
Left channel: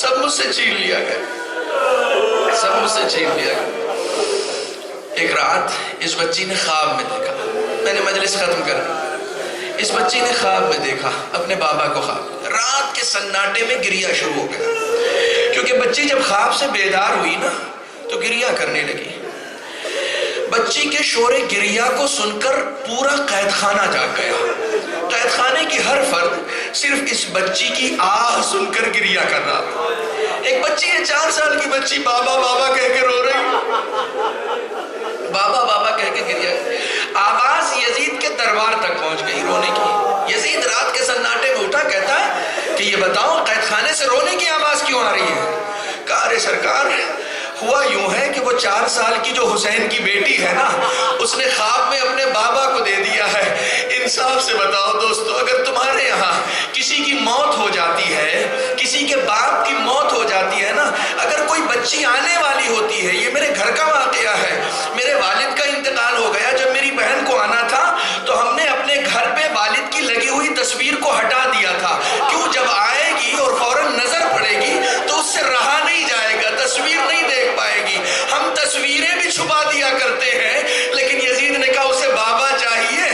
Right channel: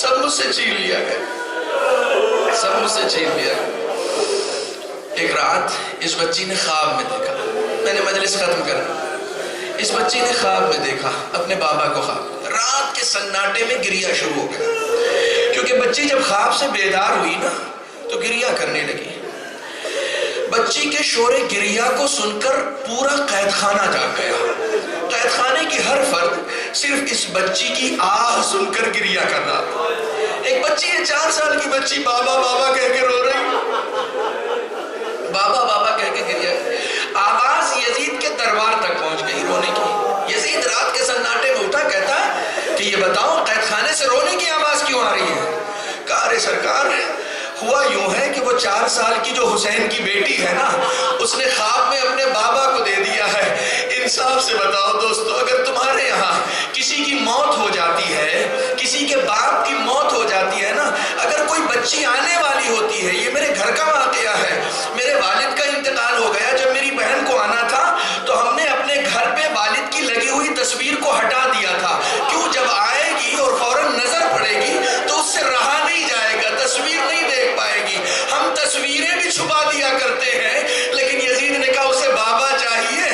سب مجھ سے چھین لیا گیا، سب مجھ سے چھین لیا گیا۔ ایک رات اس بچی نے خواب میں دیکھا، میں نے مجلس ختم کر دی، اس بچی نے خواب میں دیکھا اپنے بابا کو، خواب رات کے سناٹے میں گریا شروع ہو گیا، کیونکہ بچی جب خواب سے بیدار ہوئی نا تو گریا کرنے لگی۔ بچی کے شور گریا کو سن کر پورا قید خانہ جاگ گیا، قید خانے کی ہر فرد صرف اس بچی کی آہ سن کر گریا کر رہا تھا۔ ایک بچی ہے 4 سال کی بچی، بابا بابا کہہ کے رو رہی، بابا بابا کہہ کے گریا۔ آواز یزید کے دربار تک پہنچ گئی رونے کی۔ یزید رات کے سناٹے میں اٹھا، کہتا ہے کہ یہ بتاؤ قید خانے سے رونے کی آواز کیوں آ رہی ہے؟ کہا ارے سرکار، ہوا یوں ہے کہ وہ 4 سال کی جو حسین کی بیٹی ہے نا، اس نے خواب میں اپنے بابا کو دے دیا ہے۔ انصاف سے بتاؤ دوستو، اگر تمہارے یہاں کسی کی موت ہو جاتی ہے، کسی کے باپ کی موت ہو جاتی ہے نا، اگر کوئی بچی آنے والی ہوتی ہے، یہ میرے گھر کا واقعہ ہے، میرے والد کا انتقال ہو گیا، جب میری بہن کو آنا تھا تو ہم نے اپنے گھر پہ والد کی لگی ہوئی تصویر کو ہٹا دیا تھا، کیوں جب آئے گی اور فوراً نظر پڑے گی تو اس سے رہا نہیں جائے گا، تصویر نہیں دیکھ پائے گی، ہم تصویریں بھی چھپا دیا کرتے ہیں۔ لیکن یزید نے کہا اسے بابا چاہیے،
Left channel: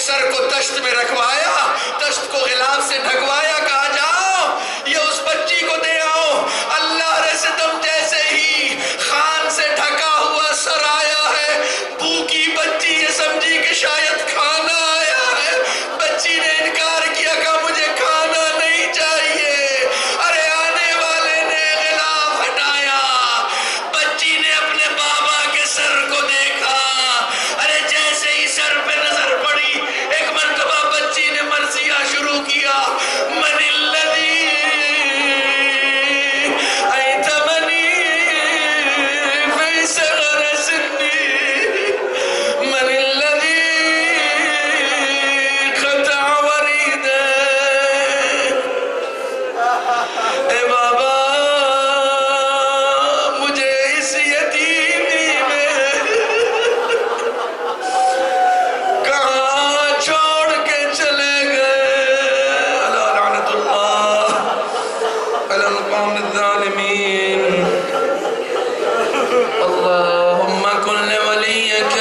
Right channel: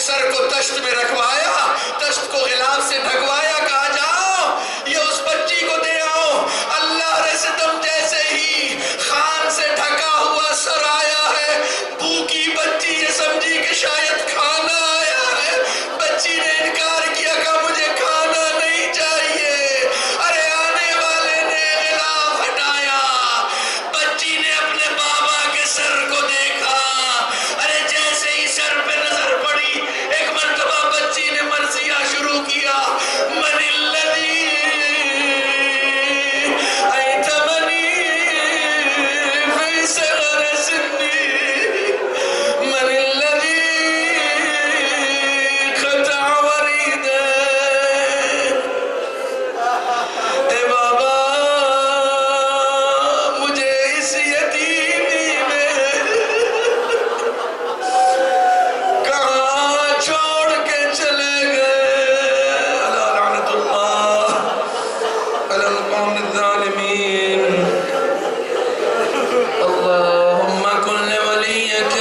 سر کو تشت میں رکھوایا، تشت کو غلاف سے ڈھکوایا، کہا جاؤ یہ اس بچی کو دے آؤ۔ اللہ رے ستم جیسے ہی خان سے ڈھکا ہوا سر آیا ہے، بھوکی بچی یہ سمجھی کہ شاید کھانا آیا ہے، بچی نے انکار کیا، کہا مجھے کھانا نہیں چاہیے۔ ارے آنے والے نے غلاف ہٹایا، بچی نے اپنے بابا کے سر کو دیکھا، ارے جیسے ہی سر پہ نظر پڑی، ایک مرتبہ بچی نے مرثیہ شروع کیا، من الذی ایتمنی فی صغر سنی، من الذی قطع وریدہ، اے بابا مجھے اس یتیمی میں کہاں چھوڑ کے چلے گئے، الا لعنت اللہ علی القوم الظالمین۔ اللہم کن لولیک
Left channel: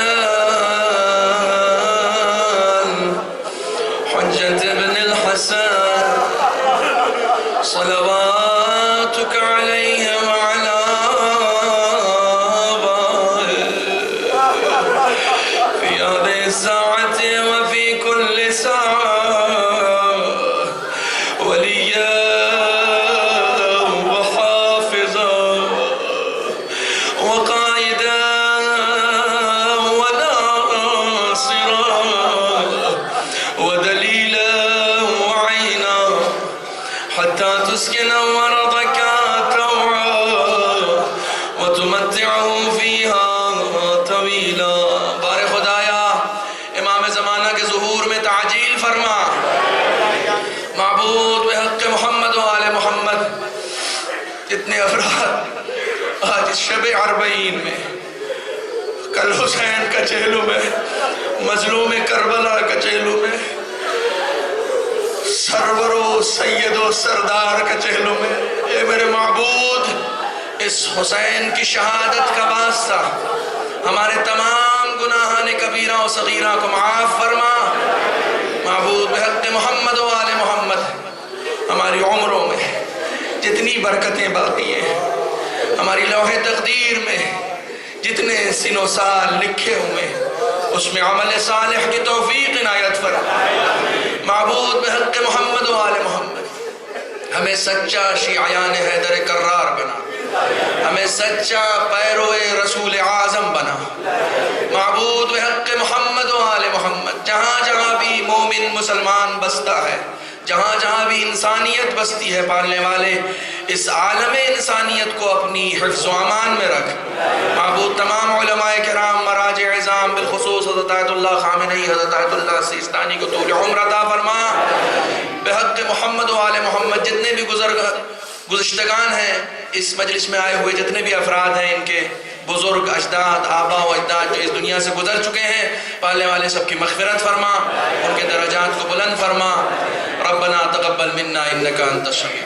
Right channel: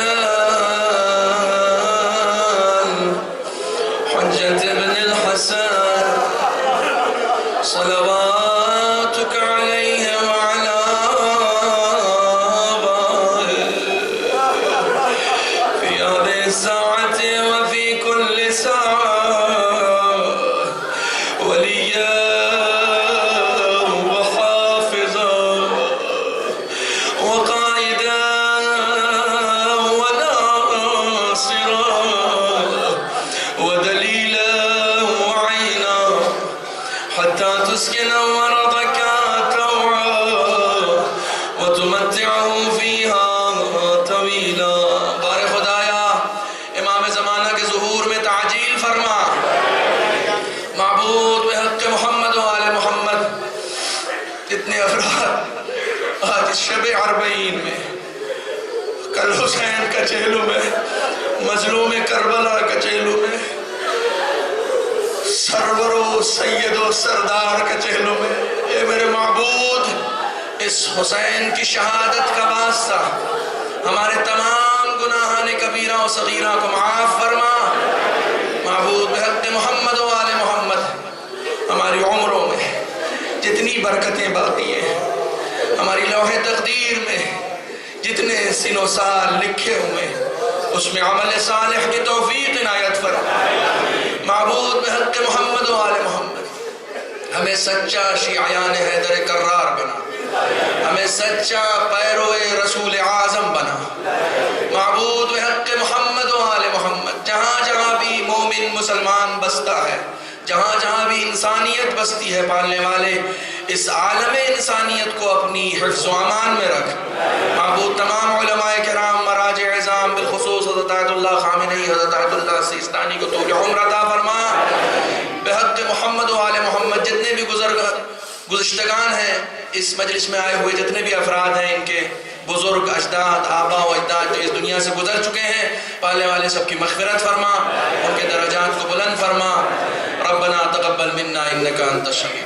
حجت ابن الحسن صلواتک علیہ وعلا آبائه فی هذه الساعة وفی كل ساعة ولیا وحافظا وقائدا وناصرا ودلیلا وعینا حتى تسكن ورضك طوعا وتمتعه فيها طويلا۔ بار خدایا امام زمانہ کے ظہور میں تعجیل فرما، معبود بحق محمد و آل محمد۔ اتنے افراد آج شب 40 میں، کل حسین کا چہلو میں، مظلوم کربلا کا چہلو میں، سرور و سید و سردار کا چہلوں میں، اے میرے معبود اس حسین کی شہادت کا واسطہ ہمارے تمام گناہان کبیرہ و صغیرہ کو معاف فرما۔ معبود بحق محمد و آل محمد ہماری عمروں میں جتنی برکتیں باقی ہیں، ہماری لوح تقدیر میں جتنے سن و سال لکھے ہوئے اس میں عمل صالح کی توفیق عنایت فرما۔ معبود بحق محمد و آل محمد ہمیں سچا شیعیان حیدر کرار بنا، ہمیں سچا پیرو رسول اعظم بنا۔ معبود بحق محمد و آل محمد جہاں جہاں بھی مومن مسلمان بستا ہے، جہاں جہاں بھی انسانیت بستی ہے، پالنے والے اس عالم انسانیت کو اپنی حفظ و امان میں رکھ۔ معبود تمام علماء کرام، مراجع عظام، بالخصوص حضرت آیت اللہ خامنئی، حضرت آیت اللہ سیستانی کو طول عمر عطا فرما۔ بحق محمد و آل محمد جتنے بھی گزشتگان ہیں، اس مجلس میں آئے ہوئے جتنے بھی افراد ہیں، ان کے بزرگ اجداد آبا و اجداد جو اس دنیا سے گزر چکے ہیں، پالنے والے سب کی مغفرت فرما، ان کے درجات کو بلند فرما۔ ربنا تقبل منا انک انت السمیع